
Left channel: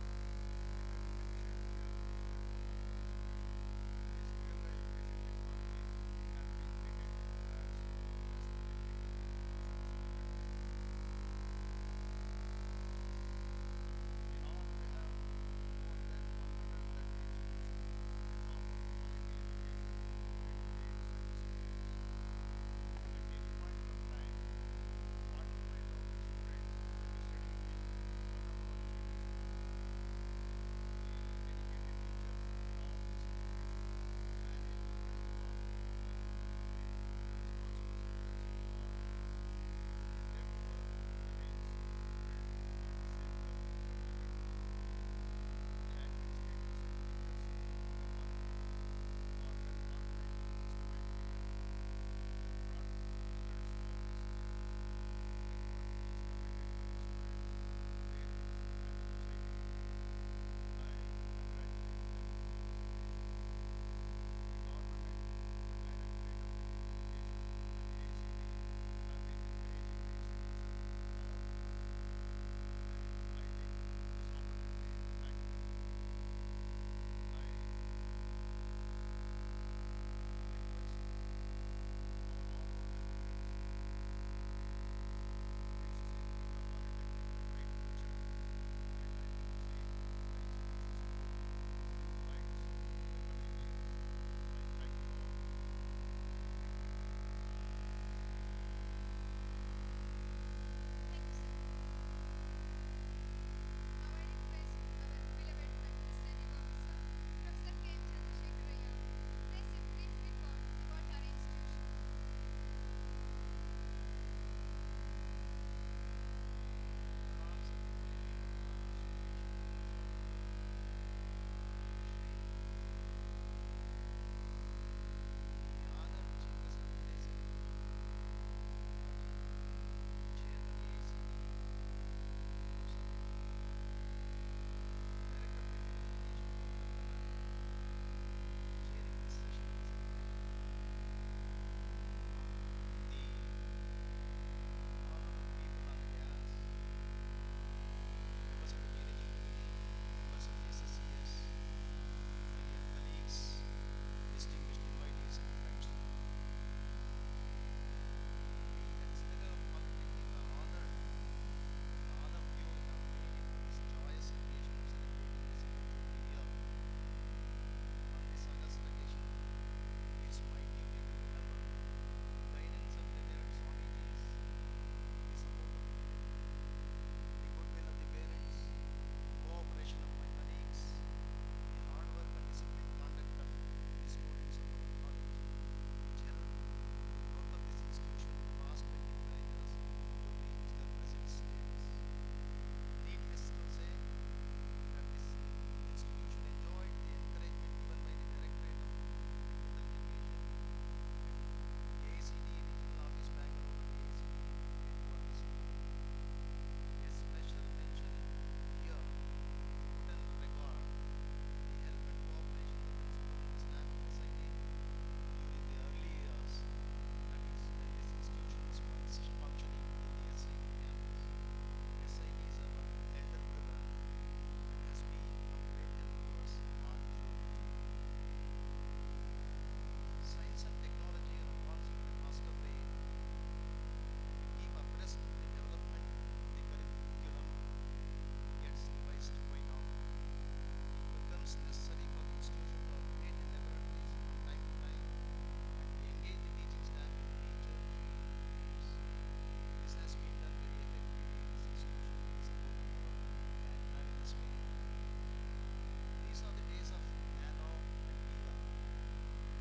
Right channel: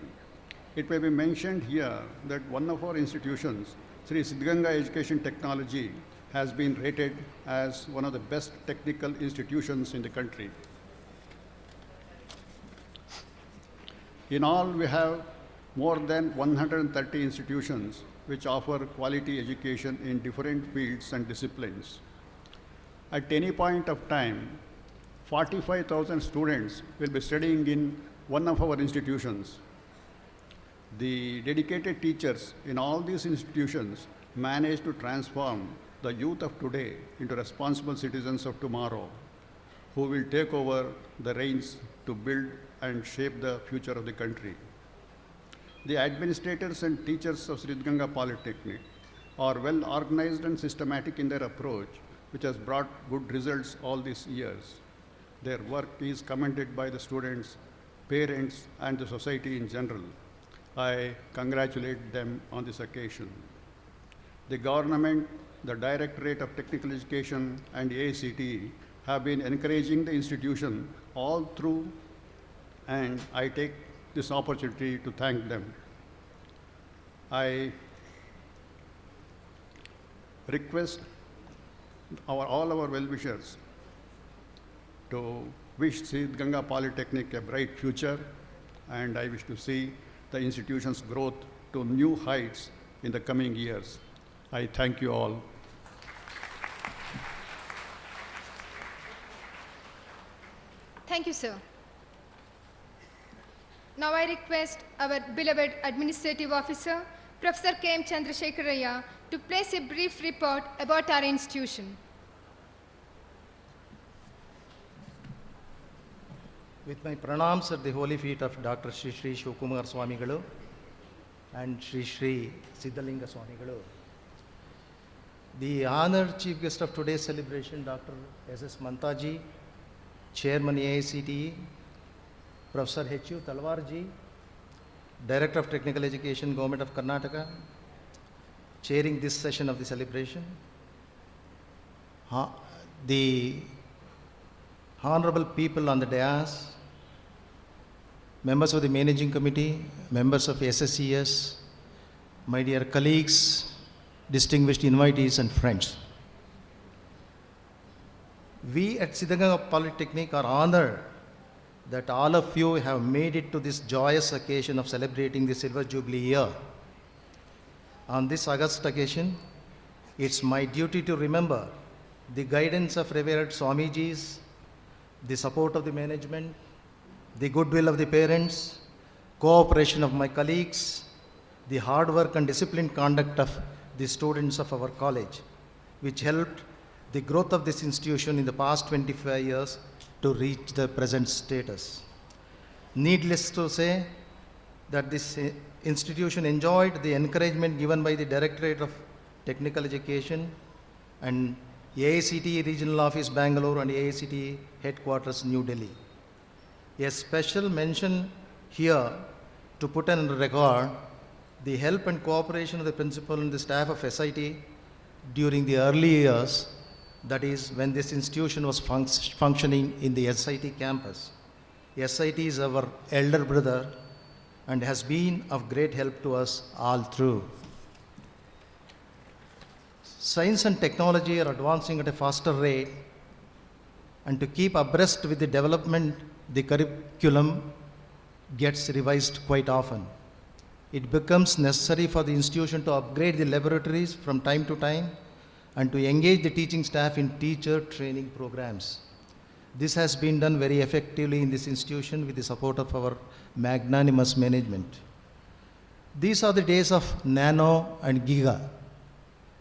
It may be mentioned here that one of our institutions, Sri Siddaganga Education Technology, has been rated as one of the best technical institutions in the country. In all, we have more than 130 institutions which offer quality education in different fields and disciplines. At any point of time, 45,000 students will be studying in one of our institutions. The dedicated teachers in all these institutions manage to transform the youth of today into responsible citizens of tomorrow, who will take over the reins to build and shape the future of the country. The administrators and teachers of Siddaganga Polytechnic are well organized and systematic in their approach, which has brought good results all these years. Their work is commended by the students, parents, and the society in general. I congratulate them on this occasion. The government, the Directorate of Technical Education, and AICTE have been encouraging the institution all through, and I take this opportunity to thank them. I request all our well-wishers to wish Siddaganga Polytechnic a bright future, and I wish to see the institution's growth to new heights in the coming years. I thank you all. Thank you, sir. Now I request our beloved Administrative Officer, Professor K. M. Chandrasekharaya, to place a brief report about our institution. With my pranams at the holy feet of Dr. Sri Shukumar Swamigalu and Sri Siddaganga Swamigalu, the honored chief guest of today's celebration, Dr. S.S. Mantaji, Chairman AICTE, Professor H.U. Talwarji, Director of Technical Education, Government of Karnataka, chairing this session of the celebration, the honorable people on the dais, members of the managing committee, members of SSES, my dear colleagues, distinguished invitees and friends. We at Siddaganga Polytechnic are honored that all of you have made it to this joyous occasion of celebrating the Silver Jubilee year. On this august occasion, it's my duty to remember the guidance of Revered Swamijis, the support of the management, the goodwill of the parents, cooperation of my colleagues, the hard work and disciplined conduct of the students of our college, which helped the growth of this institution in the past 25 years to reach the present status. Needless to say that this institution enjoyed the encouragement given by the Directorate of Technical Education and AICTE Regional Office Bangalore and AICTE Headquarters New Delhi. A special mention here to put on record the help and cooperation of the principal and the staff of SIT during the early years, that is when this institution was functioning in the SIT campus. SIT is our elder brother and has been of great help to us all through. Science and technology are advancing at a faster rate, and to keep abreast with the development, the curriculum gets revised quite often. It becomes necessary for the institution to upgrade the laboratories from time to time and to engage the teaching staff in teacher training programs. This has been done very effectively in this institution with the support of our magnanimous management. These are the days of nano and giga.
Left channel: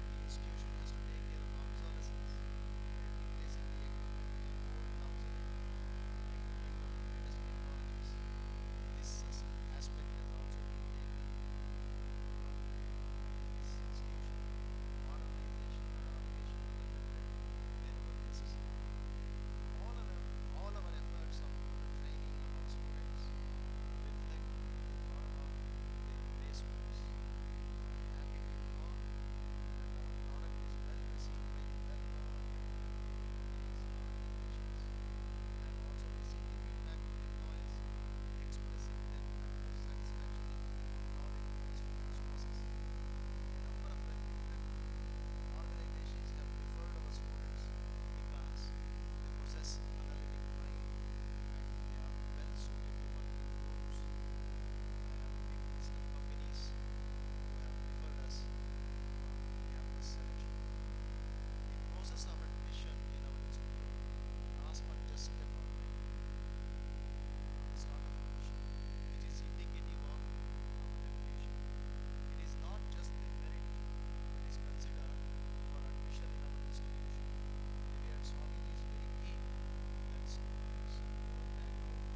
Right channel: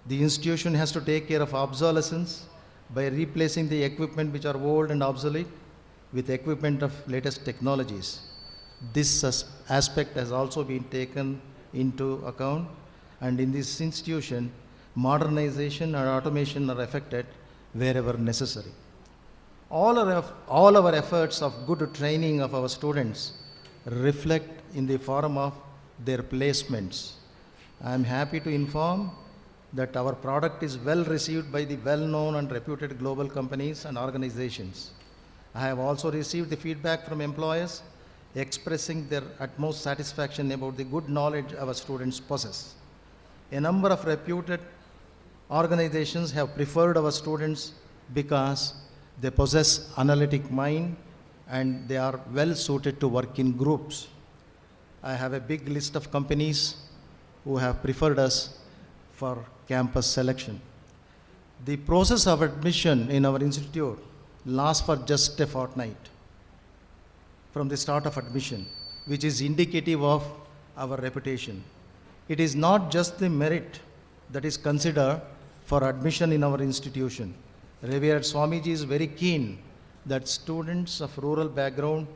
The institution has to take care of obsolescence by replacing the equipment which are old and obsolete with equipment of latest technologies. This aspect has also been taken into account, and in this institution, modernization and automation are effected wherever necessary. All our efforts of good training of our students reflect in the form of their placements. I am happy to inform that our product is well received by the well-known and reputed global companies and organizations. I have also received the feedback from employers expressing their utmost satisfaction about the good knowledge our students possess. A number of reputed organizations have preferred our students because they possess analytic mind and they are well suited to work in groups. I have a big list of companies who have preferred us for campus selection. The process of admission in our institute lasts for just a fortnight from the start of admission, which is indicative of our reputation. It is not just the merit that is considered for admission in our institution. Revered Swamiji is very keen that students of rural background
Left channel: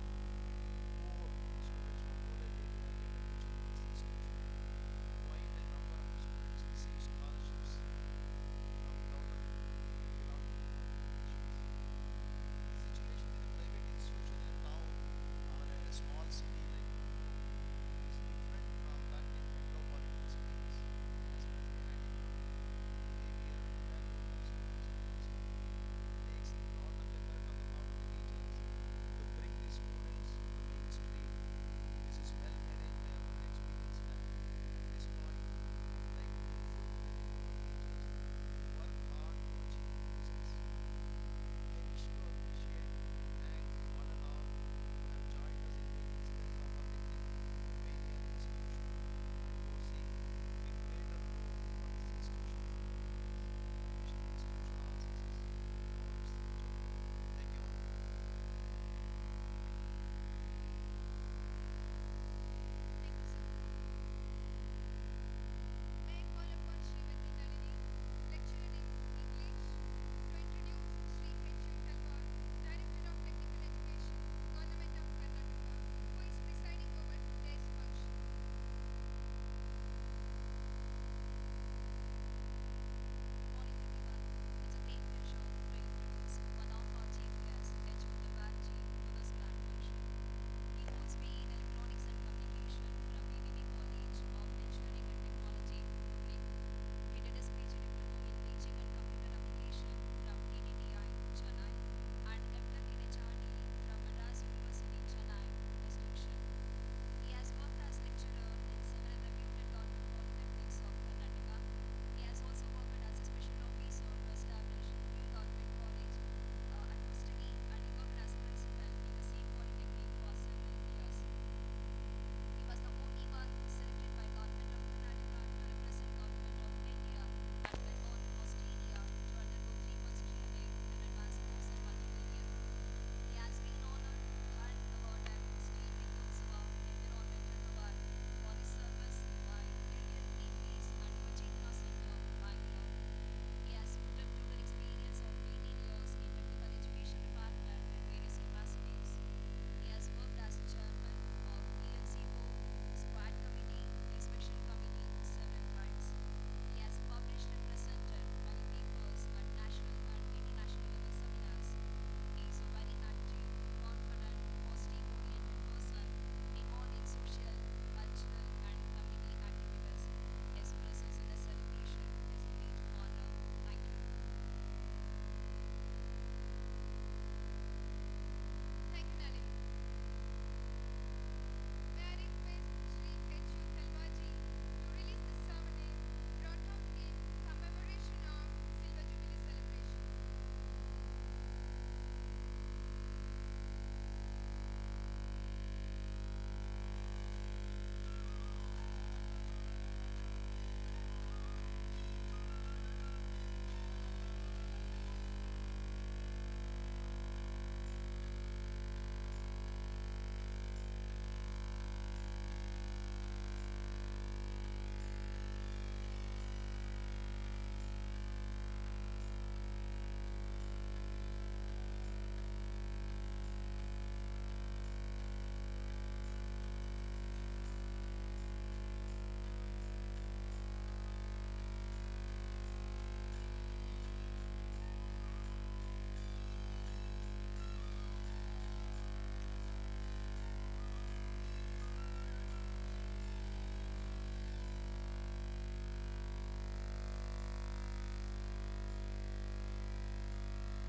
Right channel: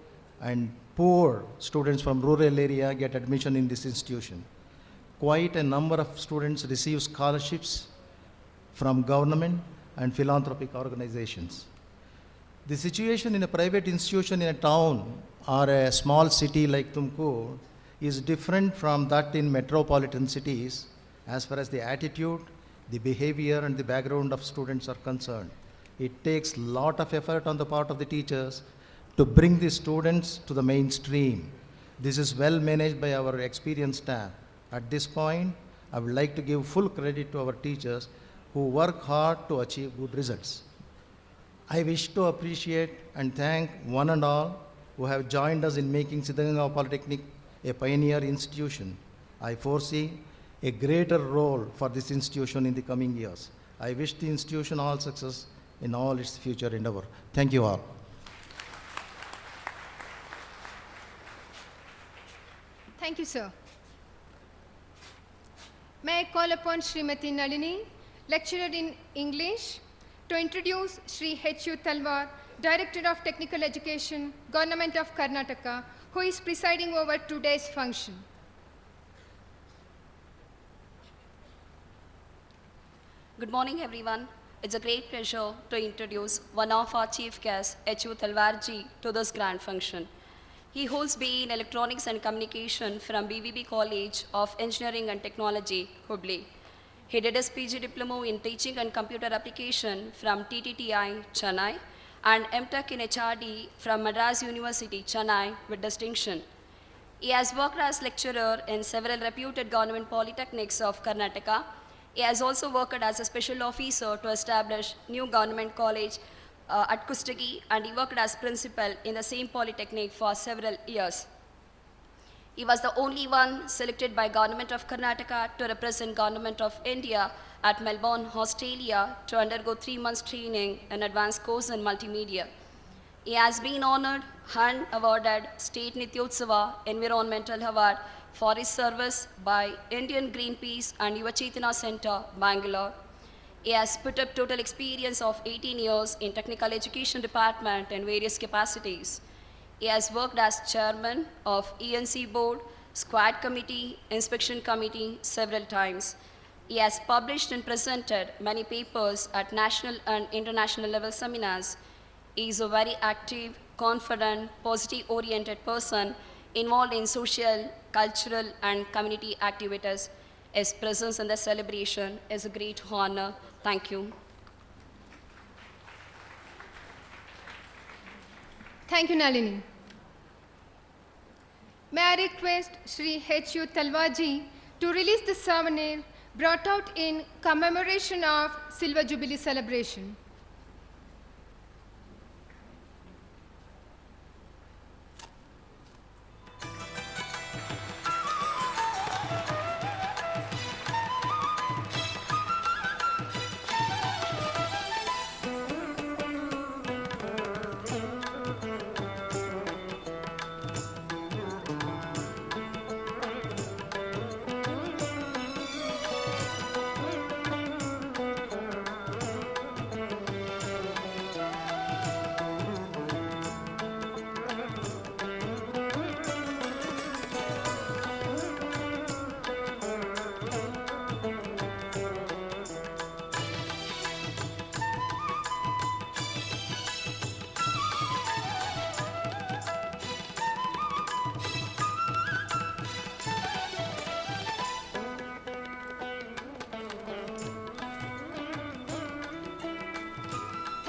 and poor students from rural area get admission in this institution. Quite a number of students receive scholarships from government and philanthropic organizations. The situation in a private institution in a town or a small city like Tumkur is different from that in metropolitan cities as far as the attitude, the behavior and the background of students are concerned. It takes a lot of effort on the part of the teachers to bring the students to the mainstream. This is well managed by our experienced staff. At this point, I would like to give full credit to our teachers who work hard to achieve good results. I wish to appreciate and thank one and all who have joined us in making Siddaganga Polytechnic a pioneer institution. I foresee a greater role for this institution in the coming years. I wish the institution all success in all its future endeavor. Thank you all. Thank you, sir. May I call upon Srimati Nalini, lecturer in English, to introduce Sri H.U. Talwar, Director of Technical Education, Government of Karnataka, who is presiding over today's function. Good morning, everyone. It's a great pleasure to introduce one of our chief guests, H.U. Talwarji, to this grand function. He holds BE in Electronics and Communication from BVB College of Engineering and Technology, Jubilee. He did his PG Diploma in Teaching and Computer Application from TTTI, Chennai, and MTech in HRD from Madras University, Chennai, with distinction. He has worked as lecturer in several reputed government polytechnics of Karnataka. He has also worked as a special officer to establish new government college at Kustagi, and he worked as principal in the same polytechnic for several years. He was the only one selected by Government of Karnataka to represent Government of India at Melbourne, Australia, to undergo 3 months training in advanced course in multimedia. He has been honored and awarded State Nityotsava Environmental Award for his service by Indian Greenpeace and Yuva Chaitanya Center, Bangalore. He has put up total experience of 18 years in technical education department in various capacities. He has worked as chairman of ENC board, squad committee, inspection committee several times. He has published and presented many papers at national and international level seminars. He is a very active, confident, positive-oriented person involved in social, cultural, and community activities. His presence in the celebration is a great honor. Thank you. Thank you, Nalini. May I request Sri H.U. Talwarji to release the souvenir brought out in commemoration of Silver Jubilee celebration.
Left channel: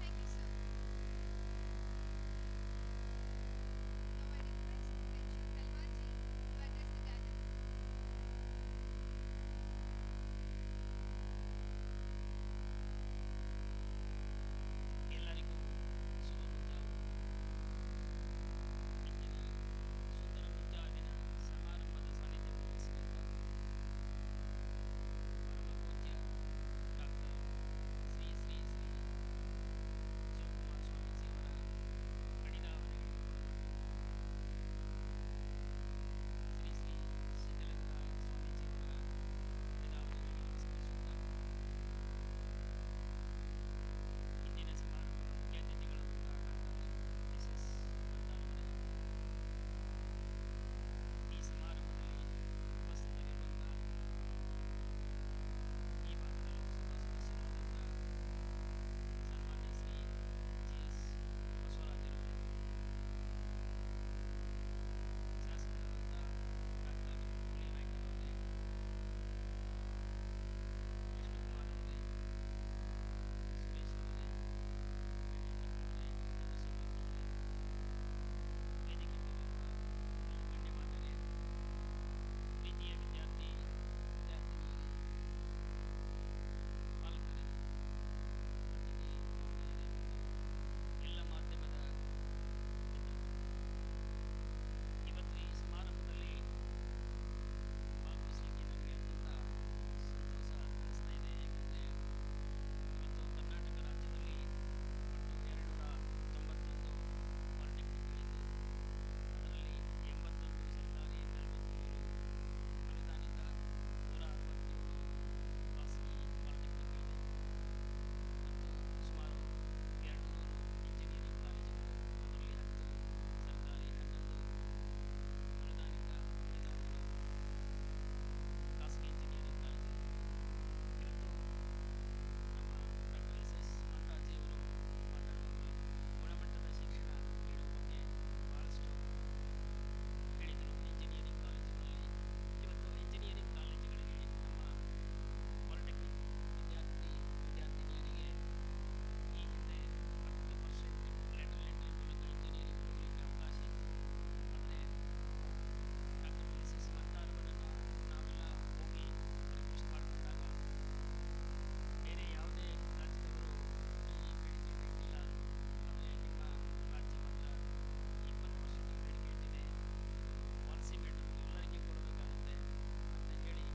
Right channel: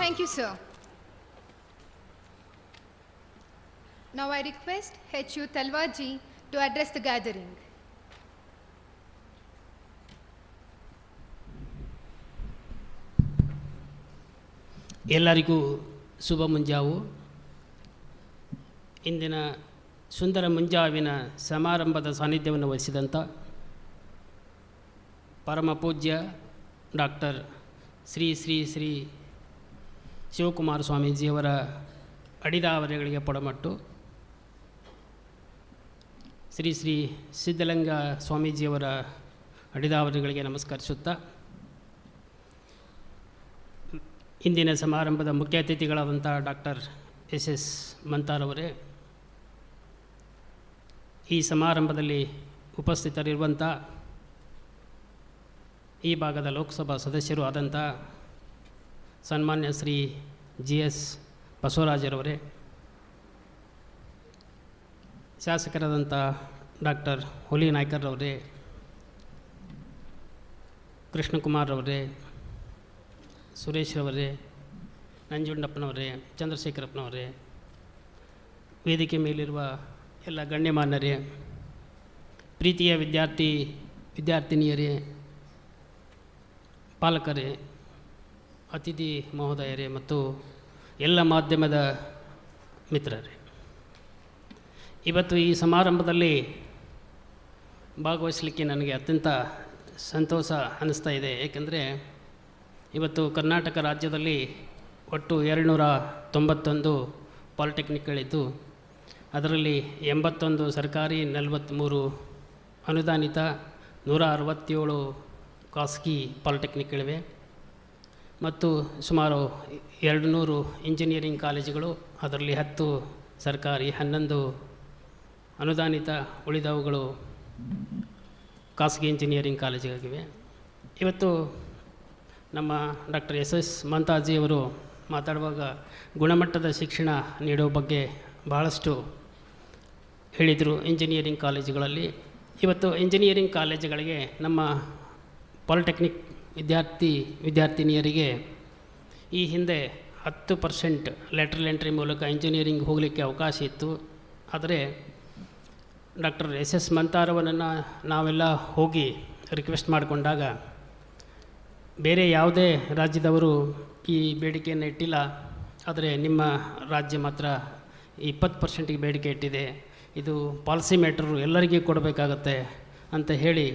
Thank you, sir. Now I request H.U. Talwarji to address the gathering. ಎಲ್ಲರಿಗೂ ಶುಭ ಮುಂಜಾವು. ಇಂದಿನ ಸುಂದರ ಮುಂಜಾವಿನ ಸಮಾರಂಭದ ಸಾನ್ನಿಧ್ಯವನ್ನು ವಹಿಸಿದಂಥ ಪರಮ ಪೂಜ್ಯ doctor Shri Shri Shri Shivakumara ಸ್ವಾಮೀಜಿಯವರ ಅಡಿದಾವರೆಗಳಿಗೆ ಪೊಡಮಟ್ಟು, ಶ್ರೀ ಶ್ರೀ ಸಿದ್ಧಲಿಂಗ ಸ್ವಾಮೀಜಿಯವರ ಅಡಿದಾವರೆಗಳಿಗೆ ನಮಸ್ಕರಿಸುತ್ತಾ, ಇಂದಿನ ಸಮಾರಂಭದ ಮುಖ್ಯ ಅತಿಥಿಗಳಾದಂಥ ಡಾಕ್ಟರ್ ಎಸ್ ಮಂತಾರವರೇ, ಈ ಸಮಾರಂಭದಲ್ಲಿ ಉಪಸ್ಥಿತರಿರುವಂಥ ಈ ಭಾಗದ ಲೋಕಸಭಾ ಸದಸ್ಯರು ಆದಂಥ ಸನ್ಮಾನ್ಯ ಶ್ರೀ GS ಬಸವರಾಜರವರೇ, ಶಾಸಕರಾದಂಥ ಡಾಕ್ಟರ್ ಹುಲಿ ನಾಯ್ಕರ್ರವರೇ, ಕೃಷ್ಣಕುಮಾರ್ರವರೇ, ಸುರೇಶ್ರವರೇ, ನಂಜುಂಡಪ್ಪನವರೇ, ಚಂದ್ರಶೇಖರಪ್ಪನವರೇ, ವೇದಿಕೆ ಮೇಲಿರುವ ಎಲ್ಲ ಗಣ್ಯಮಾನ್ಯರೇ, ಪ್ರೀತಿಯ ವಿದ್ಯಾರ್ಥಿನಿಯರೇ, ಪಾಲಕರೇ, ಅತಿಥಿ ಮಹೋದಯರೇ ಮತ್ತು ಎಲ್ಲ ಮಾಧ್ಯಮದ ಮಿತ್ರರೇ, ಇವತ್ತು ಈ ಸಮಾರಂಭದಲ್ಲಿ ಭಾಗವಹಿಸಲಿಕ್ಕೆ ನನಗೆ ಅತ್ಯಂತ ಸಂತೋಷ ಅನ್ನಿಸ್ತಾ ಇದೆ. ಏಕೆಂದರೆ ಇವತ್ತು ಕರ್ನಾಟಕ ರಾಜ್ಯದಲ್ಲಿ ಒಟ್ಟು 291 ಪಾಲಿಟೆಕ್ನಿಕ್ಗಳಿದ್ದು, ಅದರಲ್ಲಿ 81 ಸರ್ಕಾರಿ, 43 ಅನುದಾನಿತ, 167 ಖಾಸಗಿ ಪಾಲಿಟೆಕ್ನಿಕ್ಗಳಿವೆ ಮತ್ತು ಸುಮಾರು 200 ಇಂಜಿನಿಯರಿಂಗ್ ಕಾಲೇಜುಗಳು, ಅದರಲ್ಲಿ 10 ಸರ್ಕಾರಿ, 11 ಅನುದಾನಿತ, ಉಳಿದವುಗಳು ಖಾಸಗಿ ಇಂಜಿನಿಯರಿಂಗ್ ಕಾಲೇಜುಗಳಿವೆ. ಇವತ್ತು ನಮ್ಮ ಡಾಕ್ಟರ್ ಎಸ್ ಮಂತಾಜಿಯವರು ಮಾತಾಡುವಾಗ ಗುಣಮಟ್ಟದ ಶಿಕ್ಷಣ ನೀಡುವ ಬಗ್ಗೆ ಬಹಳಷ್ಟು ಹೇಳಿದರು. ಇಂಜಿನಿಯರಿಂಗ್ ಕಾಲೇಜುಗಳಲ್ಲಿ ಇವತ್ತು ಇಂಜಿನಿಯರಿಂಗ್ ಕಾಲೇಜುಗಳಿಗೆ ನಮ್ಮ ಪಾಲಿಟೆಕ್ನಿಕ್ ವಿದ್ಯಾರ್ಥಿನಿಯರಿಗೆ ಈ ಹಿಂದೆ 10% ಲ್ಯಾಟ್ರಲ್ ಎಂಟ್ರಿ ಮೂಲಕ ಇಂಜಿನಿಯರಿಂಗ್ ಹೋಗಲಿಕ್ಕೆ ಅವಕಾಶ ಇತ್ತು. ಆದರೆ ಡಾಕ್ಟರ್ ಎಸ್ ಮಂತಾರವರನ್ನು ನಾವೆಲ್ಲ ಹೋಗಿ ರಿಕ್ವೆಸ್ಟ್ ಮಾಡಿಕೊಂಡಾಗ ಬೇರೆ ಯಾವುದೇ ರಾಜ್ಯದವರು ಈ ಬೇಡಿಕೆಯನ್ನು ಇಟ್ಟಿಲ್ಲ, ಆದರೆ ನಿಮ್ಮ ರಾಜ್ಯ ಮಾತ್ರ 20%ಗೆ ಬೇಡಿಕೆ ಇಟ್ಟಿದೆ, ಇದು ಪಾಲಿಸಿ ಮ್ಯಾಟ್ರು, ಎಲ್ಲರಿಗೂ ಕೊಡಬೇಕಾಗತ್ತೆ ಅಂತ ಹೇಳಿ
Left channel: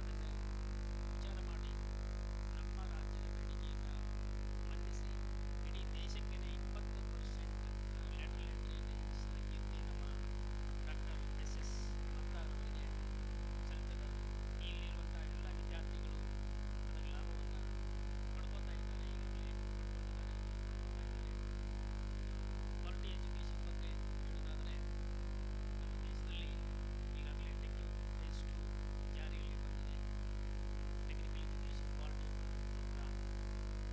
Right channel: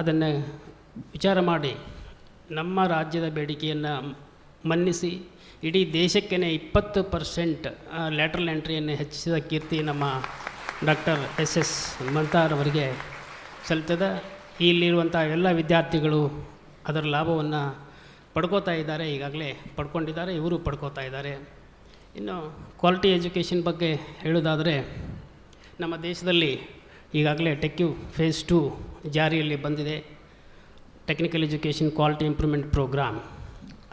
ಅದನ್ನು ವಿಚಾರ ಮಾಡಿ ನಮ್ಮ ರಾಜ್ಯದ ಬೇಡಿಕೆಯನ್ನು ಮನ್ನಿಸಿ ಇಡೀ ದೇಶಕ್ಕೇ 20% ಲ್ಯಾಟ್ರಲ್ ಎಂಟ್ರಿಯನ್ನು ಹೆಚ್ಚಿಸಿದ ಕೀರ್ತಿ ನಮ್ಮ ಡಾಕ್ಟರ್ ಎಸ್ ಮಂತಾರ್ ಅವರಿಗೆ ಸಲ್ತದ. ಇಲ್ಲಿರುವಂಥ ಎಲ್ಲ ವಿದ್ಯಾರ್ಥಿಗಳು ಅದರ ಲಾಭವನ್ನು ಪಡ್ಕೋತಾ ಇದ್ದಾರೆ, ಈಗಾಗಲೇ ಪಡ್ಕೊಂಡಿದ್ದಾರೆ, ಇವರು ಪಡ್ಕೋತಾ ಇದ್ದಾರೆ. ಇನ್ನು ಕ್ವಾಲಿಟಿ ಎಜುಕೇಷನ್ ಬಗ್ಗೆ ಹೇಳೋದಾದರೆ, ನಮ್ಮ ದೇಶದಲ್ಲಿ ಈಗಾಗಲೇ ಟೆಕ್ಯು ಫೇಸ್ 2 ಜಾರಿಯಲ್ಲಿ ಬಂದಿದೆ, technical education quality improvement programme.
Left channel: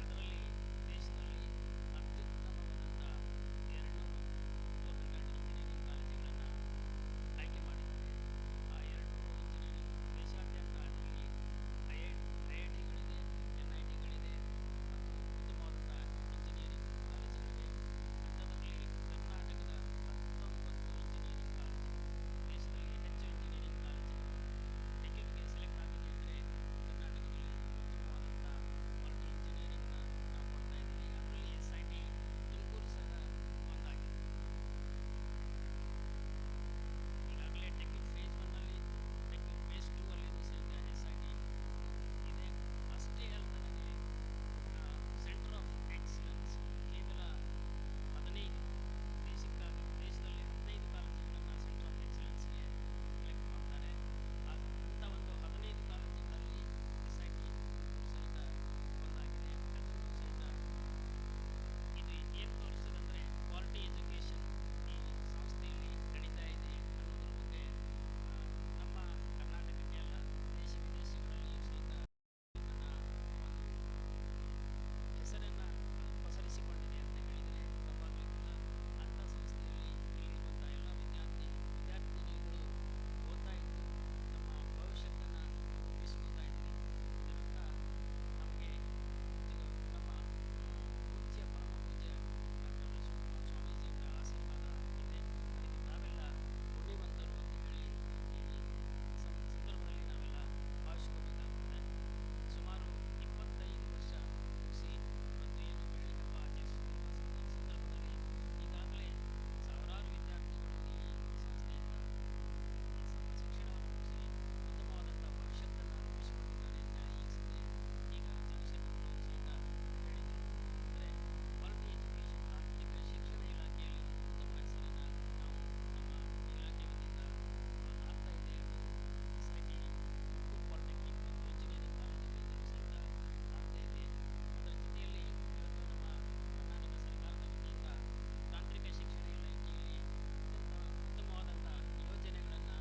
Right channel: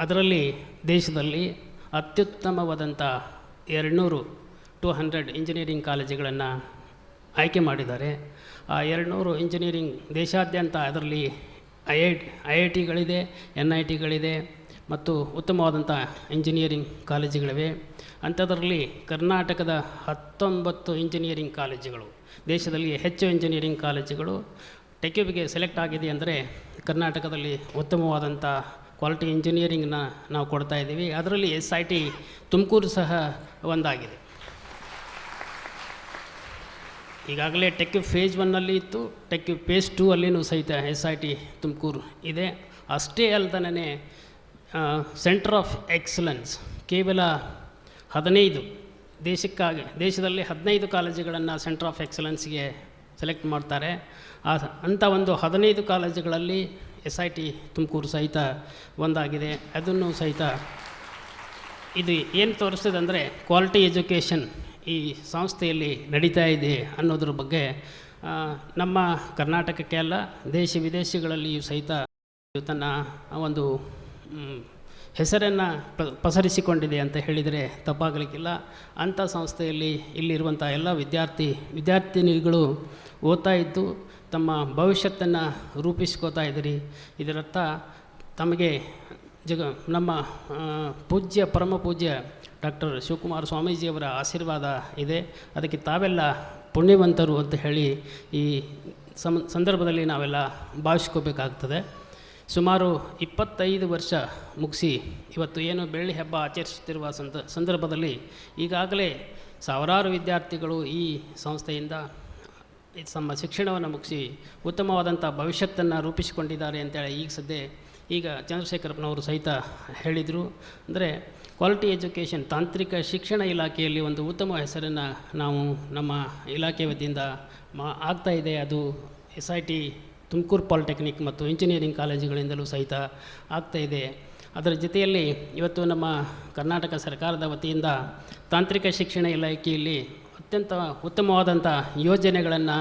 ಅದರಲ್ಲಿ ದೇಶದಲ್ಲಿ ಅತ್ಯುತ್ತಮವಾದಂಥ 200-100 ಇಂಜಿನಿಯರಿಂಗ್ ಕಾಲೇಜುಗಳನ್ನು ಆಯ್ಕೆ ಮಾಡಿದ್ದಾರೆ. ಆ 200 ಇಂಜಿನಿಯರಿಂಗ್ ದೇಶಾದ್ಯಂತ ಅದರಲ್ಲಿ IITಗಳಿದೆ, NITಗಳಿದೆ ಮತ್ತು ಉತ್ತಮವಾದಂಥ ಇಂಜಿನಿಯರಿಂಗ್ ಕಾಲೇಜುಗಳಿವೆ. ಅಂಥದ್ರಲ್ಲಿ ಕರ್ನಾಟಕದ 19 ಇಂಜಿನಿಯರಿಂಗ್ ಕಾಲೇಜುಗಳು, ದೇಶದಲ್ಲಿ ಹೆಚ್ಚು ಇಂಜಿನಿಯರಿಂಗ್ ಕಾಲೇಜುಗಳು ಟೆಕ್ಯುವಿಗೆ ಸೆಲೆಕ್ಟ್ ಆಗಿದೆ. ಅಂದರೆ ಕರ್ನಾಟಕದಲ್ಲಿ ಉತ್ತಮವಾದಂಥ ಕ್ವಾಲಿಟಿ ಇಂಜಿನಿಯರಿಂಗ್ನ ನಾವು ಕೊಡ್ತಾ ಇದ್ದೀವಿ. ಅದರಲ್ಲಿ SIT ತುಮಕೂರು ಸಹ ಒಂದಾಗಿದೆ. ಈಗಾಗಲೇ ಟೆಕ್ಯು ಫೇಸ್ 1ನಲ್ಲಿ ಇತ್ತು, ಟೆಕ್ಯು ಫೇಸ್ 2 ಅಲ್ಲಿಯೂ ಸಹಿತ SIT ತುಮಕೂರು ಇದೆ. ಅಷ್ಟೇ ಅಲ್ಲದೇ ಸೆಂಟರ್ ಆಫ್ ಎಕ್ಸಲೆನ್ಸ್ ಕೇವಲ 15 ದೇಶದಲ್ಲಿ 15 ಕಾಲೇಜುಗಳನ್ನು ಸೆಂಟರ್ ಆಫ್ ಎಕ್ಸಲೆನ್ಸ್ಗೆ ಸೆಲೆಕ್ಟ್ ಮಾಡ್ತಾರೆ. ಅಂಥ ಒಂದು 15 ಕಾಲೇಜುಗಳಲ್ಲಿ SIT ತುಮಕೂರು ಸಹಿತ ಒಂದಾಗಿದೆ. ಅದನ್ನು ಸಹಿತ ಇದು ಏನು ತೋರಿಸ್ತದೆ ಅಂದರೆ ಕ್ವಾಲಿಟಿ ಎಜುಕೇಷನ್ ಈ ಸಂಸ್ಥೆಯಲ್ಲಿ ನಡೀತಾ ಇದೆ ಅನ್ನೋದ್ರ ಬಗ್ಗೆ ನಮ್ಮ ಕರ್ನಾಟಕಕ್ಕೆ ಅಲ್ಲ, ದೇಶ ವಿದೇಶಗಳಲ್ಲಿಯೂ ಸಹಿತ ತನ್ನ ಒಂದು ಹೆಸರನ್ನು ಪಸರಿಸಿಕೊಂಡಿದೆ ಅಂತ ಹೇಳಿದರೆ ತಪ್ಪಾಗಲಿಕ್ಕಿಲ್ಲ. ಅಂಥ ಸಂಸ್ಥೆಯಲ್ಲಿ ಇಲ್ಲಿರುವಂಥ ಎಲ್ಲ ವಿದ್ಯಾರ್ಥಿನಿಗಳು ಓದ್ತಾ ಇದ್ದು ತಮ್ಮ ಭವಿಷ್ಯತ್ತನ್ನು ರೂಪಿಸ್ಕೋತಾ ಇದ್ದೀರಿ. ಇದರರ್ಥ ತಮಗೆ ನಮ್ಮ ಪೂಜ್ಯ ಪರಮ ಪೂಜ್ಯ ಡಾಕ್ಟರ್ ಶಿವಕುಮಾರ ಸ್ವಾಮೀಜಿಯವರ ಆಶೀರ್ವಾದ ಇದೆ. ಅದಕ್ಕೆ ತಾವೆಲ್ಲ ಪುಣ್ಯವಂತರು ಅಂತ ಹೇಳಿ ಈ ಸಂದರ್ಭದಲ್ಲಿ ನಾವೆಲ್ಲ ಭಾವಿಸ್ಕೋಬೇಕಾಗ್ತದೆ. ಸುಮಾರು 25 ವರ್ಷ ಮುಗಿಸಿ ಇವತ್ತು ಏನು ಬೆಳ್ಳಿ ಹಬ್ಬ ಆಚರಿಸುತ್ತಿರುವ ಸಂದರ್ಭದಲ್ಲಿ ಈಗಾಗಲೇ ಸಾವಿರಾರು ವಿದ್ಯಾರ್ಥಿಗಳು ಈ ಸಂಸ್ಥೆಯಿಂದ ತಮ್ಮ ಶಿಕ್ಷಣವನ್ನು ಮುಗಿಸಿ ಉತ್ತಮವಾದಂಥ ಭವಿಷ್ಯತ್ತನ್ನು ರೂಪಿಸಿಕೊಂಡಿದ್ದಾರೆ ಅಂತೇಳಿ ಈಗ ಚಂದ್ರಶೇಖರಪ್ಪನವರು ಸಹಿತ ಹೇಳಿದರು. ಅಂದರೆ ಕ್ವಾಲಿಟಿ ಎಜುಕೇಷನ್, ತಾಂತ್ರಿಕ ಶಿಕ್ಷಣ ಇಲಾಖೆಯಲ್ಲಿ ಒಂದು ಉತ್ತಮ ಹೆಸರನ್ನು ನಾವು ನಮ್ಮ ಇಲಾಖೆ ವತಿಯಿಂದ ಆಗ್ತಾಯಿದೆ. ಅದು SIT ತುಮಕೂರು ಪಾಲಿಟೆಕ್ನಿಕ್ ಮತ್ತು ಇಂಜಿನಿಯರಿಂಗ್ ಕಾಲೇಜುಗಳಿಂದಲೂ ಸಹಿತ ಆಗ್ತಾಯಿದೆ. ಅದರ ಜೊತೆಯಲ್ಲಿ ಇವತ್ತು ನಮ್ಮ ಕರ್ನಾಟಕ ಸರ್ಕಾರದ ವತಿಯಿಂದ ತಾಂತ್ರಿಕ ಶಿಕ್ಷಣ ಇಲಾಖೆಯಲ್ಲಿ ಅತ್ಯಂತ ಉತ್ತಮವಾದಂಥ ಯೋಜನೆಗಳನ್ನು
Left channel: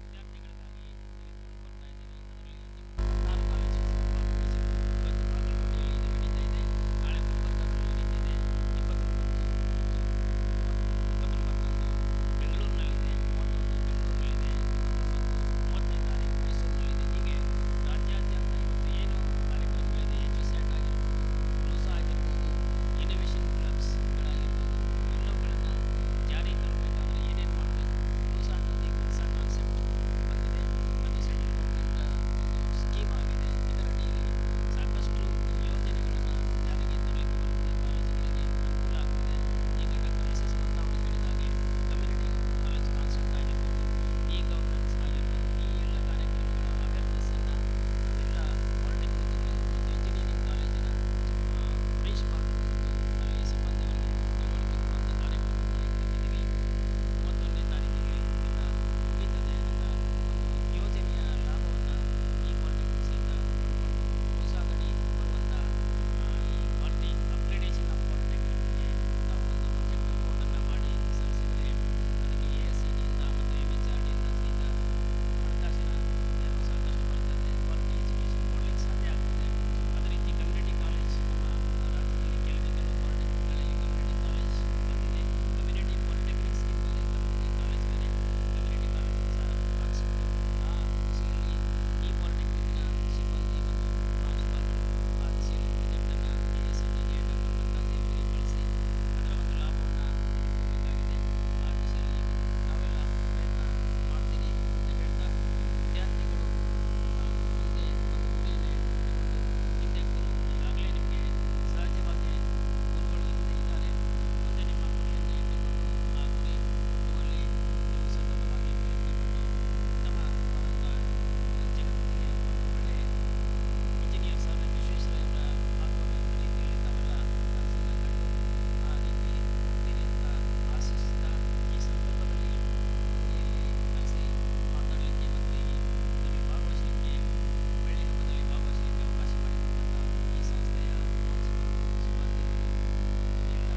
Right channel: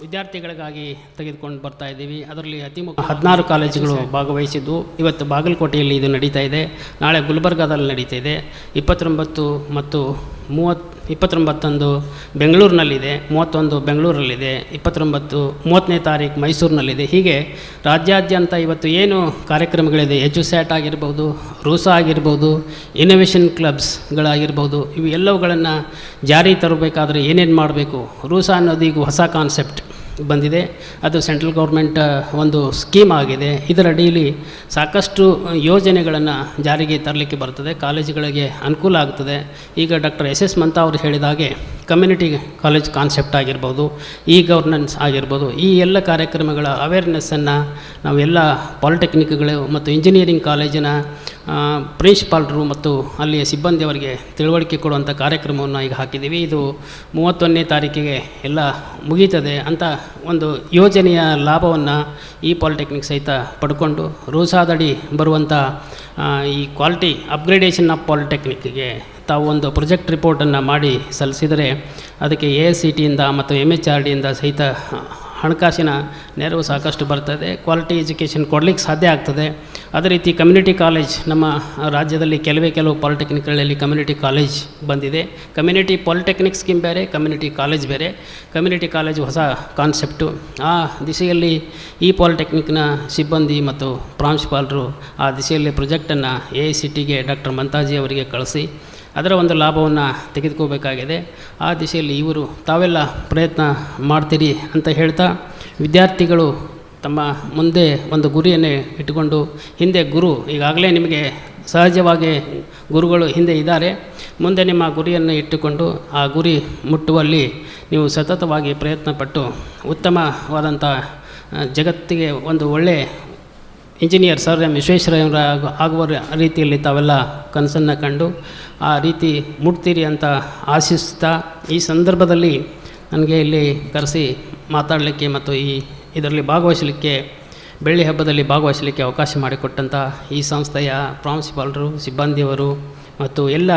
ವಿದ್ಯಾರ್ಥಿಗಳಿಗಾಗಿ ತೆಗೆದುಕೊಂಡು ಬರ್ತಾ ಇದ್ದೀವಿ. ಅದರಲ್ಲಿ ಅತಿ ಮುಖ್ಯ 16 ಕಾಲೇಜುಗಳು ಭಾಗವಹಿಸಿದ್ದು ಇವತ್ತು ಬಾಗಲಕೋಟೆಯಲ್ಲಿ ಇದು ನಡೀತಾ ಇದೆ. ನಾಳೆ ಗುಲ್ಬರ್ಗಾದಲ್ಲಿ ನಡೀತಾ ಇದೆ. 29 ಮತ್ತು 29 ಬೆಂಗಳೂರಿನಲ್ಲಿದೆ, 31 ಬೆಂಗಳೂರಲ್ಲಿದೆ, 30ನೇ ತಾರೀಕು ಮೈಸೂರಿನಲ್ಲಿದೆ. ಹೀಗೆ ರಾಜ್ಯಾದ್ಯಂತ ಇವತ್ತು ಏನು ಕಾರ್ಯಕ್ರಮಗಳಿದೆ, HUSAT ಆಗಿರ್ಬೋದು, ರೂಸಾ ಆಗಿರ್ಬೋದು, ಇನ್ನೋವೇಷನ್ ಕ್ಲಬ್ಸ್ಗಳಾಗಿರ್ಬೋದು, ಇವು ಎಲ್ಲವುಗಳನ್ನು ಜಾರಿ ತರಬೇಕಾದ್ರೆ ಏನೇನು ಮಾಡಬೇಕು. ರೂಸಾ ಅನ್ನೋದು ಈಗ ಹೊಸ ಕಾನ್ಸೆಪ್ಟ್ ಬಂದಿದೆ. ಅದು ಸೆಂಟ್ರಲ್ ಗೌರ್ಮೆಂಟ್ ಒಂದು ಸ್ಕೀಮ್ ಆಗಿದೆ. ಇದರ ಅಡಿಯಲ್ಲಿ ಸಾಕಷ್ಟು ಯೋಜನೆಗಳನ್ನು ಜಾರಿಗೆ ತರಲಿಕ್ಕೆ ಬರ್ತದೆ, ಕಾಲೇಜುಗಳಿಗೆ ಅನುಕೂಲ ಆಗ್ತದೆ. ಈಗ ಡಾಕ್ಟರ್ SS ಮಂತಾ ಅವರು ಹೇಳಿದ ಹಾಗೆ ಕಮ್ಯುನಿಟಿ ಕಾಲೇಜ್ ಕಾನ್ಸೆಪ್ಟ್ ಆಗಿರ್ಬೋದು, ಗವರ್ನೆನ್ಸ್ ಆಗಿರ್ಬೋದು, ಈ ಎಲ್ಲ ಕಾರ್ಯಕ್ರಮಗಳ ಅವೇರ್ನೆಸ್ಸನ್ನು ನಾವೆಲ್ಲ ಪಾಲಿಟೆಕ್ನಿಕ್ಗಳು ಮತ್ತು ಇಂಜಿನಿಯರಿಂಗ್ ಕಾಲೇಜಿನ ಪ್ರಿನ್ಸಿಪಾಲ್ರು ಮತ್ತು ಅಲ್ಲಿಯ ಸಿಬ್ಬಂದಿಯವರಿಗೆ ತಿಳುವಳಿಕೆ ಕೊಡುವಂಥ ಕಾರ್ಯಕ್ರಮವನ್ನು ಈಗ ಹಾಕಿದ್ದೀವಿ. ಇದು 31ನೇ ತಾರೀಕಿಗೆ ಎಲ್ಲ ಮುಗೀತದೆ ಅಂತ ಒಂದು ಯೋಜನೆಯ ಲಾಭವನ್ನು ಈ ಪಾಲಿಟೆಕ್ನಿಕ್ ಸಹಿತ ಪಡ್ಕೊಂಡು ರೂಸಾದಡಿ ಬರುವಂಥ ಈ ಕ್ವಾಲಿಟಿ ಅಪ್ಗ್ರೇಡೇಷನ್ ಆಫ್ ಪಾಲಿಟೆಕ್ನಿಕ್ಗೆ ತಾವು ಒಂದು ಪ್ರೊಜೆಕ್ಟ್ ರಿಪೋರ್ಟನ್ನು ಮಾಡಿ ಸಲ್ಲಿಸಿದರೆ ಅದಕ್ಕೆ AICTಯಿಂದ ಮತ್ತು MHRDಯಿಂದ ಸಹಿತ ಹಣಕಾಸಿನ ನೆರವು ಸಾಕಷ್ಟು ಬರ್ತದೆ. ಕ್ವಾಲಿಟಿ ಎಜುಕೇಷನ್ ಕೊಡಲಿಕ್ಕೆ ಸಾಧ್ಯ ಆಗ್ತದೆ. ಅದೇ ರೀತಿ ಕಮ್ಯುನಿಟಿ ಕಾಲೇಜ್ ನಮ್ಮ ರಾಜ್ಯದಲ್ಲಿ ಕೆಲವು ಪಾಲಿಟೆಕ್ನಿಕ್ಗಳಲ್ಲಿ ಕಮ್ಯುನಿಟಿ ಕಾಲೇಜ್ ಬಂದಿದೆ. ಕಮ್ಯುನಿಟಿ ಪಾಲಿಟೆಕ್ನಿಕ್ ಸ್ಕೀಮ್ ಬೇರೆ, ಕಮ್ಯುನಿಟಿ ಕಾಲೇಜ್ ಬೇರೆ. ಕಮ್ಯುನಿಟಿ ಕಾಲೇಜ್ ಹೊಸ ಕಾನ್ಸೆಪ್ಟು. ಆ ದಿಶೆಯಲ್ಲಿ ಈ ಪಾಲಿಟೆಕ್ನಿಕ್ನ ಸಿಬ್ಬಂದಿ ಮತ್ತು ಪ್ರಾಂಶುಪಾಲರು ಆ ದಿಶೆಯಲ್ಲಿ ಪ್ರೊಜೆಕ್ಟನ್ನು AICTಗೆ ಡಾಕ್ಟರ್ ಮಂತಾಜಿ ಅವರಿಗೆ ಕಳಿಸಿ ಅದರ ಒಂದು ಲಾಭವನ್ನು ತೆಗೆದುಕೋಬೇಕಾಗಿದೆ. ಆ ದಿಶೆಯಲ್ಲಿ ಇವರು ತಾವೆಲ್ಲ ಪ್ರಯತ್ನ ಮಾಡ್ತೀರಿ ಅಂತ ಹೇಳ್ತಾ, ವಿದ್ಯಾರ್ಥಿಗಳು ತಮ್ಮ ಮುಂದೆ ಒಂದು ಗುರಿಯನ್ನೇ ಇಟ್ಟುಕೊಂಡು, ಹಿಂದೆ ಗುರು ಈಗಾಗಲೇ ನಿಮಗೆ ಸಹಜವಾಗಿ ಗುರುಗಳು ಹಿಂದೆ ಇದ್ದಾರೆ, ಮುಂದೆ ನಿಮ್ಮ ಗುರಿಯನ್ನು ಇಟ್ಟುಕೊಂಡು ಆ ಗುರಿ ಮುಟ್ಟುವಲ್ಲಿ ನೀವು ಸತತವಾಗಿ ಪ್ರಯತ್ನಪಟ್ಟು ಉತ್ತಮವಾದಂಥ ಜಗತ್ತಿಗೆ ಒಂದು ಒಳ್ಳೆಯ ಇಂಜಿನಿಯರ್ ಸರ್ ಎಂ ವಿಶ್ವೇಶ್ವರಯ್ಯನವರ ಆಗುವ ರೀತಿಯಲ್ಲಿ ತಾವೆಲ್ಲ ಕನಸನ್ನು ಕಂಡು ಆ ರೀತಿ ಮುಟ್ತೀರಿ ಅಂತ ಆಶಿಸ್ತಾ, ಈ ಸಂದರ್ಭದಲ್ಲಿ ನನಗೆ ಇಲ್ಲಿ ಕರೆಸಿ ಮಾತಾಡಲಿಕ್ಕೆ ಮತ್ತು ಇದರಲ್ಲಿ ಭಾಗವಹಿಸಲಿಕ್ಕೆ, ಬೆಳ್ಳಿ ಹಬ್ಬದಲ್ಲಿ ಭಾಗವಹಿಸಲಿಕ್ಕೆ ಅವಕಾಶ ಮಾಡಿಕೊಟ್ಟಂಥ ಈ ಸಂಸ್ಥೆಯ ಪ್ರಾಂಶುಪಾಲರು, ಸಿಬ್ಬಂದಿಯವರು ಮತ್ತು ಎಲ್ಲ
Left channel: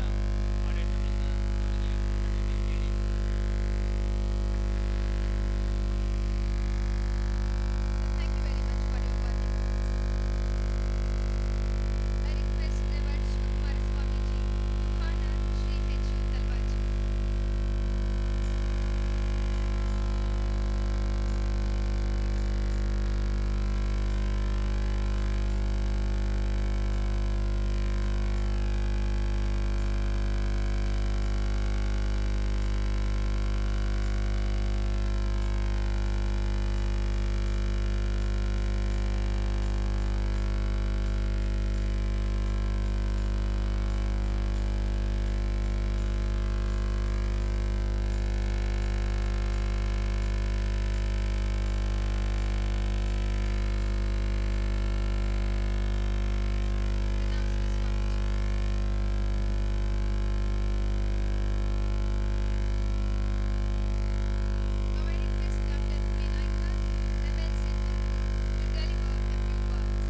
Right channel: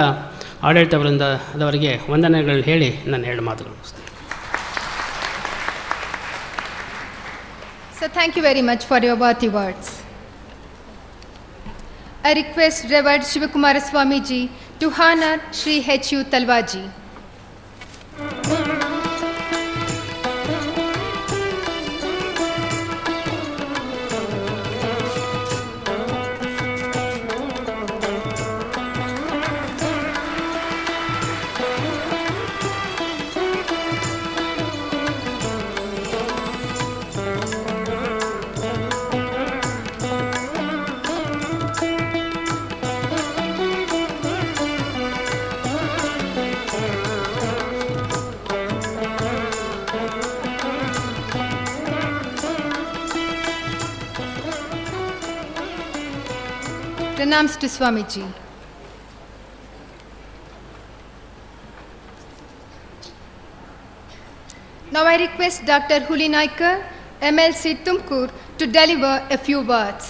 ಆಡಳಿತ ವೃಂದದವರಿಗೆ ವಂದನೆಗಳು ಹೇಳಿ ನನ್ನ 2 ಮಾತುಗಳು ಮುಗಿಸ್ತೇನೆ. So thank you very much for your worthy words. I request Reverend Shivakumara Swamiji to honor Shri H.U. Talwaji. Pranams to Swamiji. Now I request Dr. Hulinaikar, MLC Tumkur, to deliver a few words.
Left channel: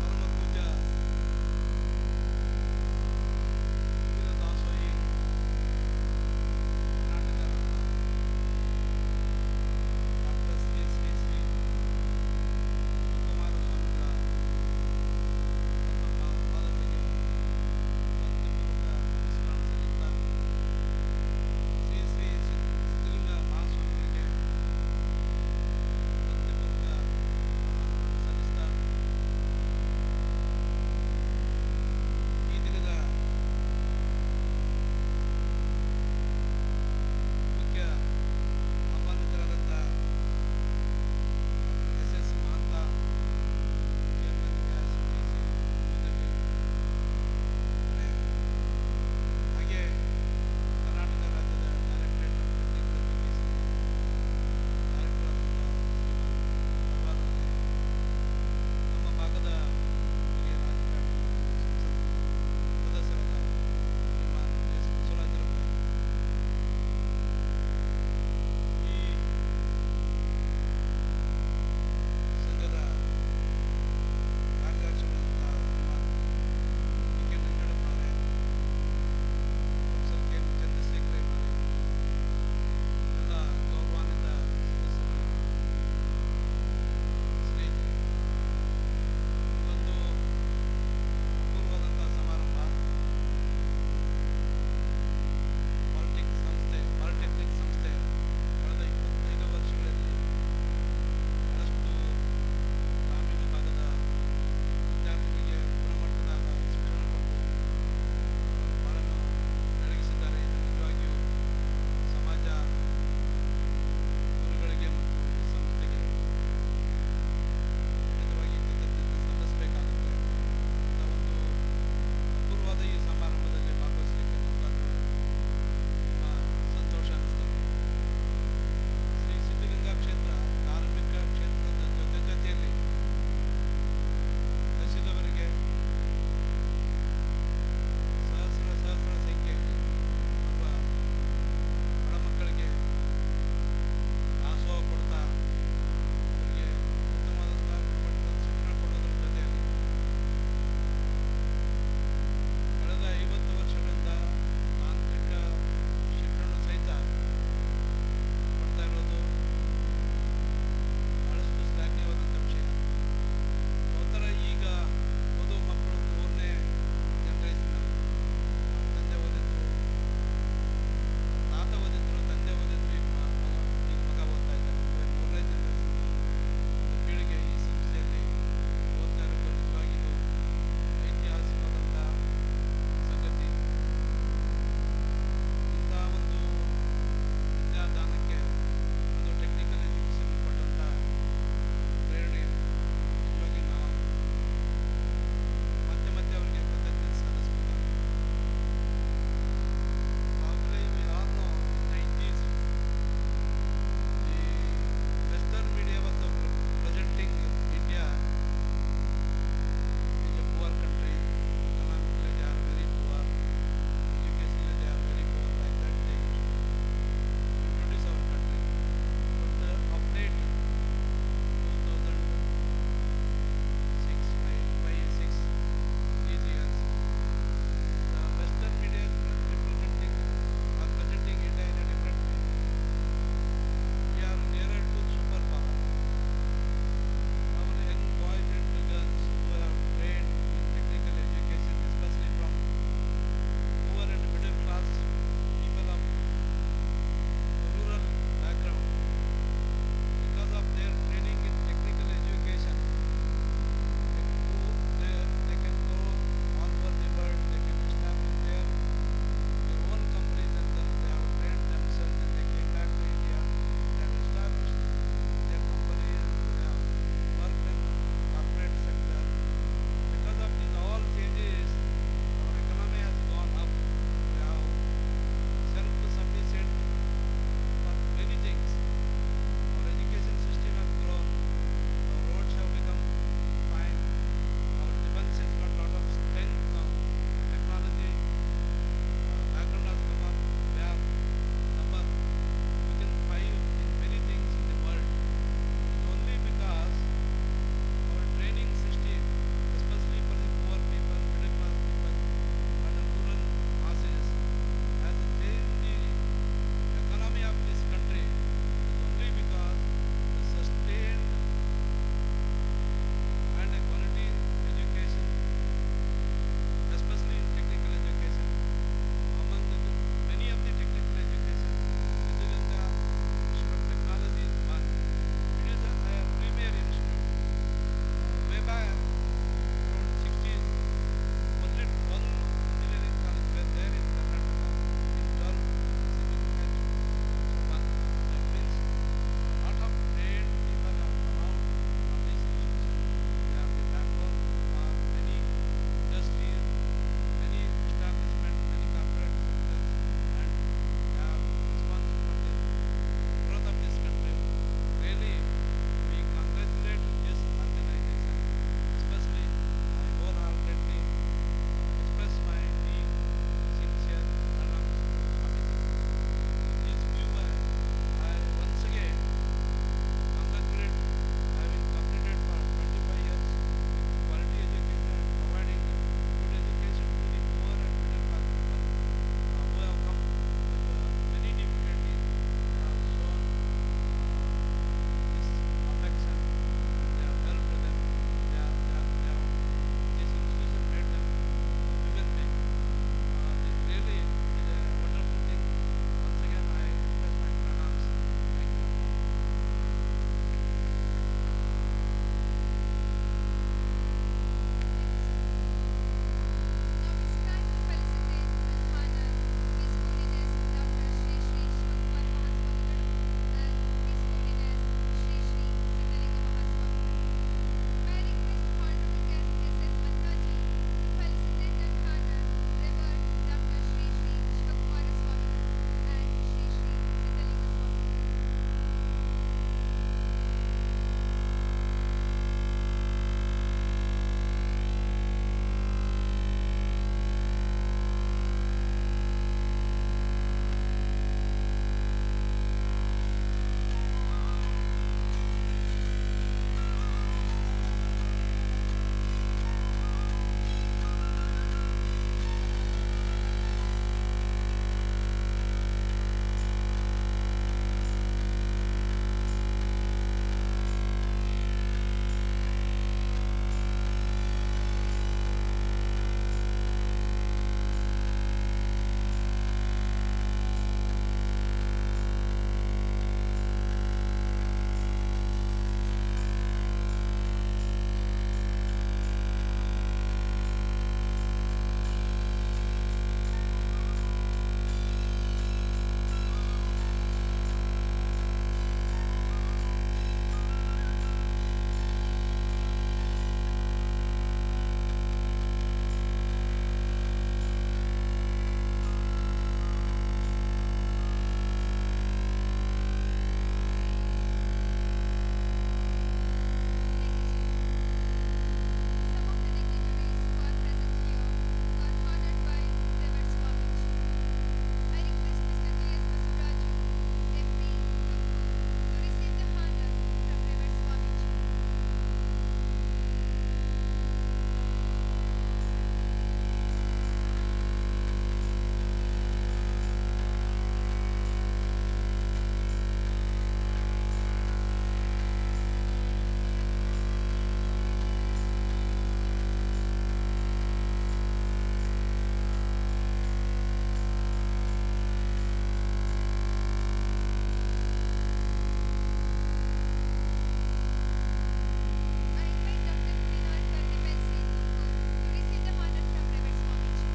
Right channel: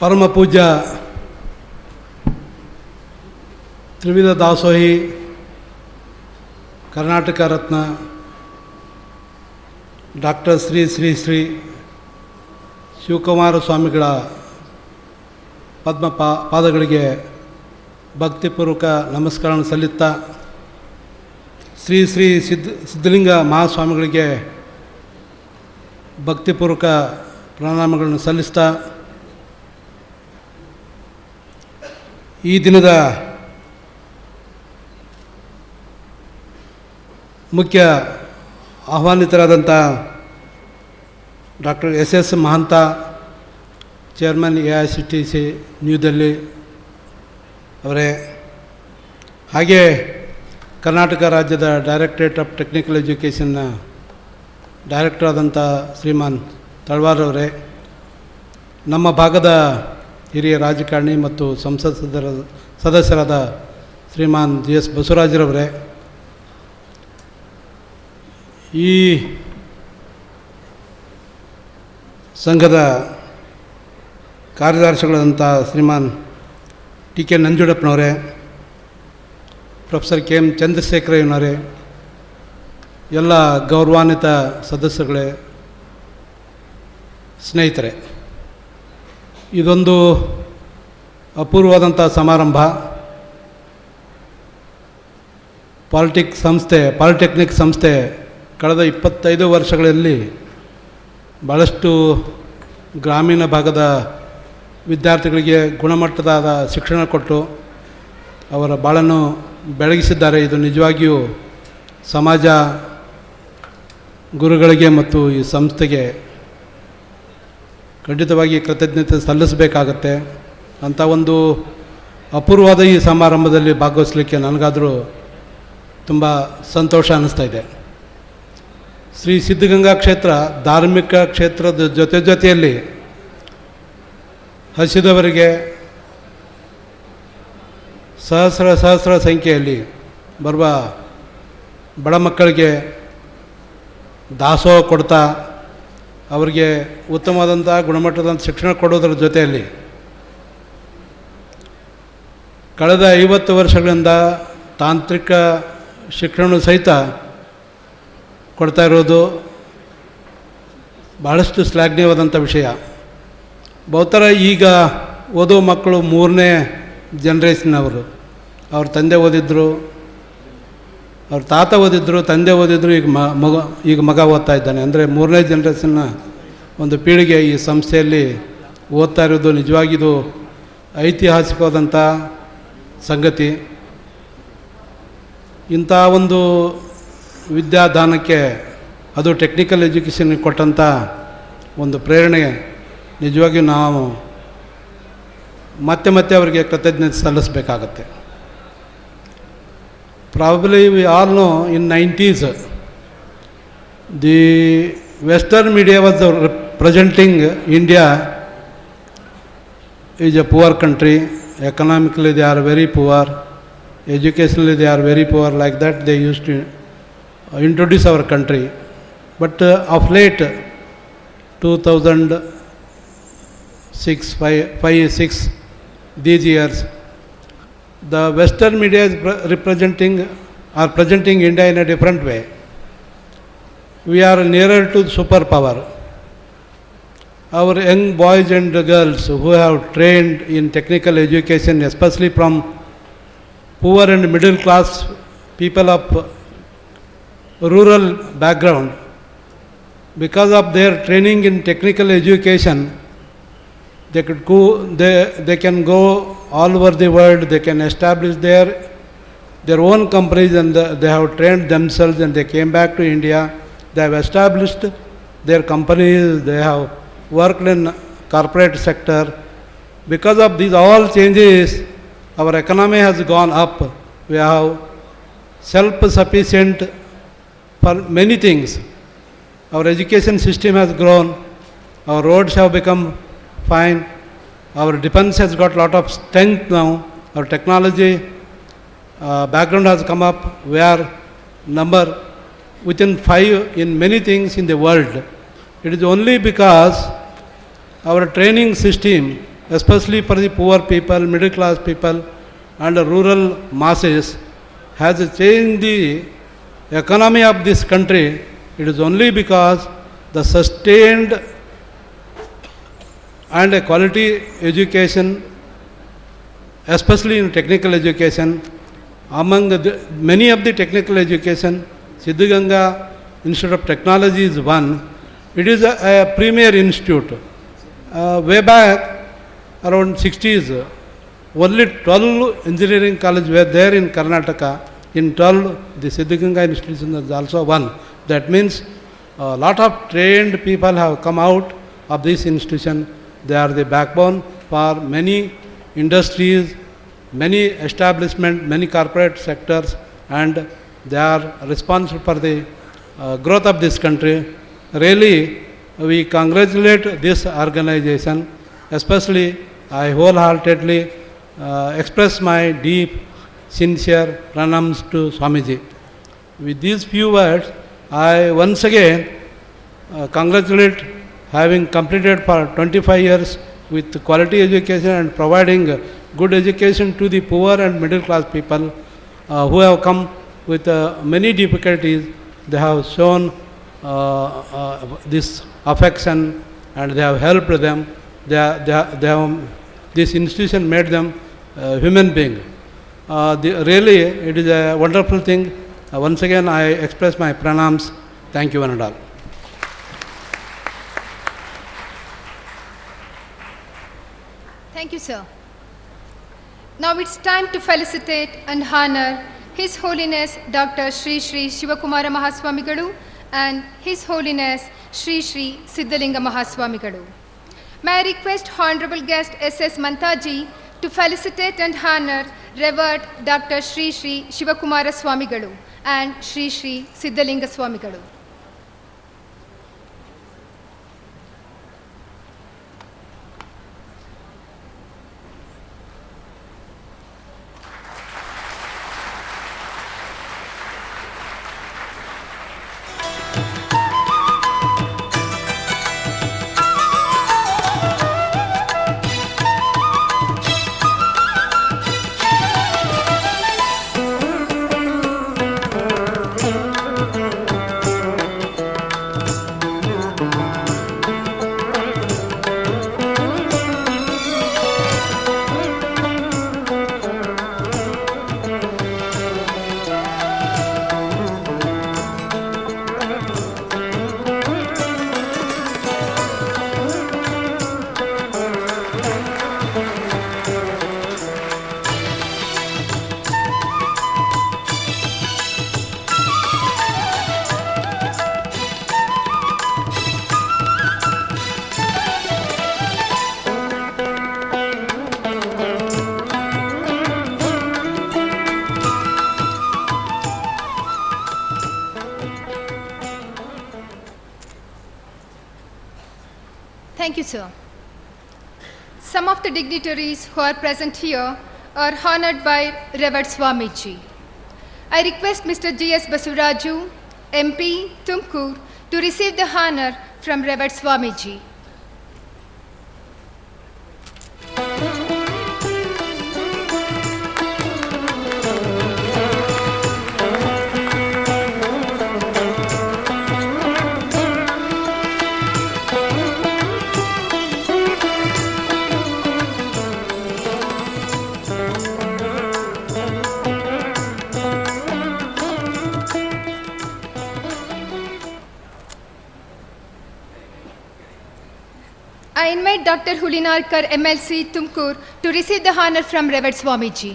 ಪರಮ ಪೂಜ್ಯ ತ್ರಿವಿಧ ದಾಸೋಹಿ Karnataka Ratna doctor Shri Shri Shri Shivakumara ಸ್ವಾಮಿಗಳ ಪಾದಗಳಿಗೆ ಭಕ್ತಿಪೂರ್ವಕ ನಮಸ್ಕಾರವನ್ನು ಸಲ್ಲಿಸ್ತಾ, ಶ್ರೀ ಶ್ರೀ ಸಿದ್ಧಲಿಂಗ ಮಹಾಸ್ವಾಮಿಗಳಿಗೆ ಭಕ್ತಿಪೂರ್ವಕ ಪ್ರಣಾಮಗಳನ್ನು ಸಲ್ಲಿಸ್ತಾ ಈ ದಿನದ ಮುಖ್ಯ ಆಹ್ವಾನಿತರಾದಂಥ doctor S Mahanta, chairman AICTC new Delhi ಅವರೇ, ಹಾಗೆ ಕರ್ನಾಟಕ ರಾಜ್ಯದ ಡೈರೆಕ್ಟರೇಟ್ ಆಫ್ ಟೆಕ್ನಿಕಲ್ ಎಜುಕೇಷನ್ನ ಡೈರೆಕ್ಟರ್ ಆದಂಥ ಶ್ರೀಮಾನ್ ತಳವಾರ್ ಅವರೇ, ನಮ್ಮ ಭಾಗದ ಹಿರಿಯ ರಾಜಕಾರಣಿ ಮತ್ತು ಸಂಸತ್ ಸದಸ್ಯರಾದ ಶ್ರೀಮಾನ್ GS ಬಸವರಾಜರವರೇ, ಈ ಸಂಘದ ಕಾರ್ಯದರ್ಶಿಗಳಾದಂಥ ಶ್ರೀಮಾನ್ TK ನಂಜುಂಡಪ್ಪನವರೇ, ಪ್ರೊಫೆಸರ್ KM ಚಂದ್ರಶೇಖರಯ್ಯನವರೇ, ಎಲ್ಲ ಗೌರವಾನ್ವಿತ ಸದಸ್ಯರುಗಳೇ, ಸ್ನೇಹಿತರೆ, ಇದೊಂದು ಅಪೂರ್ವವಾದಂಥ ಸಮಾರಂಭ. ಪಾಲಿಟೆಕ್ನಿಕ್ ಸಂಸ್ಥೆ ಕಳೆದ 25 ವರ್ಷಗಳಲ್ಲಿ ಭಾಳಷ್ಟು ಗ್ರಾಮೀಣ ಭಾಗದ ವಿದ್ಯಾರ್ಥಿಗಳಿಗೆ ಗುಣಮಟ್ಟದ ಶಿಕ್ಷಣ ಕೊಟ್ಟು ಅವರ ಬಾಳನ್ನು ಬೆಳಗಿಸಿದ್ದಾರೆ. ಇದು ನಿಜವಾಗಿಯೂ ಸಮಾಜ, ಗುರುಗಳಿಗೆ ಮತ್ತು ಈ ಸಂಸ್ಥೆಗೆ ಖಂಡಿತವಾಗಿ ಕೃತಜ್ಞತೆ ಸಲ್ಲಿಸಬೇಕಾಗತ್ತೆ. ಅಂಥ ಒಂದು ಅಪೂರ್ವವಾದ ಈ ಸಮಾರಂಭದಲ್ಲಿ ಭಾಗವಹಿಸಲಿಕ್ಕೆ ನನಗಾದರೂ ತುಂಬ ಸಂತೋಷ ಅನ್ನಿಸ್ತಾ ಇದೆ. ಶ್ರೀ ಸಿದ್ಧಗಂಗಾ ಕ್ಷೇತ್ರ ಧಾರ್ಮಿಕ ಕ್ಷೇತ್ರದ ಜೊತೆಯಲ್ಲಿ ಹಸಿದವರಿಗೆ ಸಹಸ್ರ ಸಂಖ್ಯೆಯಲ್ಲಿ ಬರುವ ಬಡ ಮಕ್ಕಳಿಗೆ ದಾಸೋಹ ಕೊಡ್ತಾ ಅವರಿಗೆ ಉತ್ತಮವಾದಂಥ ಗುಣಮಟ್ಟದಂಥ ಶಿಕ್ಷಣ ಕೊಡೋದ್ರ ಜೊತೆಯಲ್ಲಿ ಕಳೆದ 50 ವರ್ಷಗಳಿಂದ ತಾಂತ್ರಿಕ ಶಿಕ್ಷಣ ಸಹಿತ ಕೊಡ್ತಾ ಇರೋದು ಭಾಳಷ್ಟು ಶ್ಲಾಘನೀಯವಾದಂಥ ವಿಷಯ. ಬಹುತರ ಈಗ ಓದೋ ಮಕ್ಕಳು 3ನೇ ಜನ್ರೇಷನ್ನವರು. ಅವ್ರ ತಂದೆ ಓದಿದ್ರು, ಅವ್ರ ತಾತ ಓದಿದ್ರು, ತಂದೆ ಓದಿದ್ರು, ಈಗ ಮಗ ಓದ್ತಾ ಇದ್ದಾನೆ. ಅಂದರೆ 3ನೇ ಜನ್ರೇಷನ್ನ ಒಂದು ಪೀಳಿಗೆ ಈ ಸಂಸ್ಥೆಯಲ್ಲಿ ಓದ್ತಾ ಇರೋದು ನಿಜವಾಗಿದು ಐತಿಹಾಸಿಕವಾದಂಥ ಸಂಗತಿ. ಇಂಥ ಒಂದು ವಿದ್ಯಾದಾನಕ್ಕೆ, ಅದು ಟೆಕ್ನಿಕಲ್ ಎಜುಕೇಷನ್ಗೆ ಕೊಟ್ಟಂಥ ಒಂದು ಪ್ರೇರಣೆ ನಿಜವಾಗಿಯೂ ನಾವು ಮತ್ತೆ ಅವರಿಗೆ ಕೃತಜ್ಞತೆ ಸಲ್ಲಿಸಬೇಕಾಗತ್ತೆ. Probably we all know in 90s the western media was presenting India is a poor country. Economically they are very poor, educationally they are very poor. Like that they used to introduce our country. But of late 2006 these years, the western media is presenting India in a different way. We are nearer to superpower. Our young boys and girls who have trained in technical education, especially from poor and middle class people of rural background, because of their training in technical education, they can go all over the world. They can establish their own companies, and they have trained themselves, and they came back to India. They have established their companies. They have worked in corporate sector. Because of these all changes, our economy has gone up. We have self-sufficient for many things. Our education system has grown. Our roads have become fine. Our defense has got a lot of strength now. Our technology background has come up. We are number within 5 in many things in the world. It is only because our training system, especially for the poor people, middle class people and the rural masses, has changed the economy of this country. It is only because the sustained and a quality education, especially in technical education, among many of the technical education, Siddaganga Institute of Technology is one. It is a premier institute. Way back around 60s, only 12 engineering colleges were there in Karnataka. In 12, the Siddaganga institution is also one. That means a lot of trained people have come out of this institution. They are the backbone for many industries, many establishments, many corporate sectors, and they are responsible for the growth of this country. Really, we congratulate this organization. Especially, I wholeheartedly express my deep, sincere pranams to Swamiji. With these few words, I once again congratulate having completed for 25 years with quality education and providing good education to the poor and middle class people who have come with many difficulties. They have shown this affection and they have helped them. This institution made them human beings. Really, it is a wonderful thing. Once again, I express my pranams. Thank you, one and all. Thank you, sir. Now it's time to felicitate and honor His Holiness Dr. Sri Sri Shivakumara Mahaswamigalu and His Holiness Sri Sri Siddaganga Mahaswamigalu. May I request Honorable Guest S.S. Mantaji to felicitate and honor Revered Dr. Sri Sri Shivakumara Swamigalu and Sri Sri Siddaganga Swamigalu. Thank you, sir. Some of the dignitaries who are present here are honored by Revered Swamiji. I request Mr. G.S. Basuraju, MP, Tumkur, to receive the honor from Revered Swamiji. I invite Dr. Hulinarkar, MLC, Tumkur, to receive the honor from Revered Swamiji.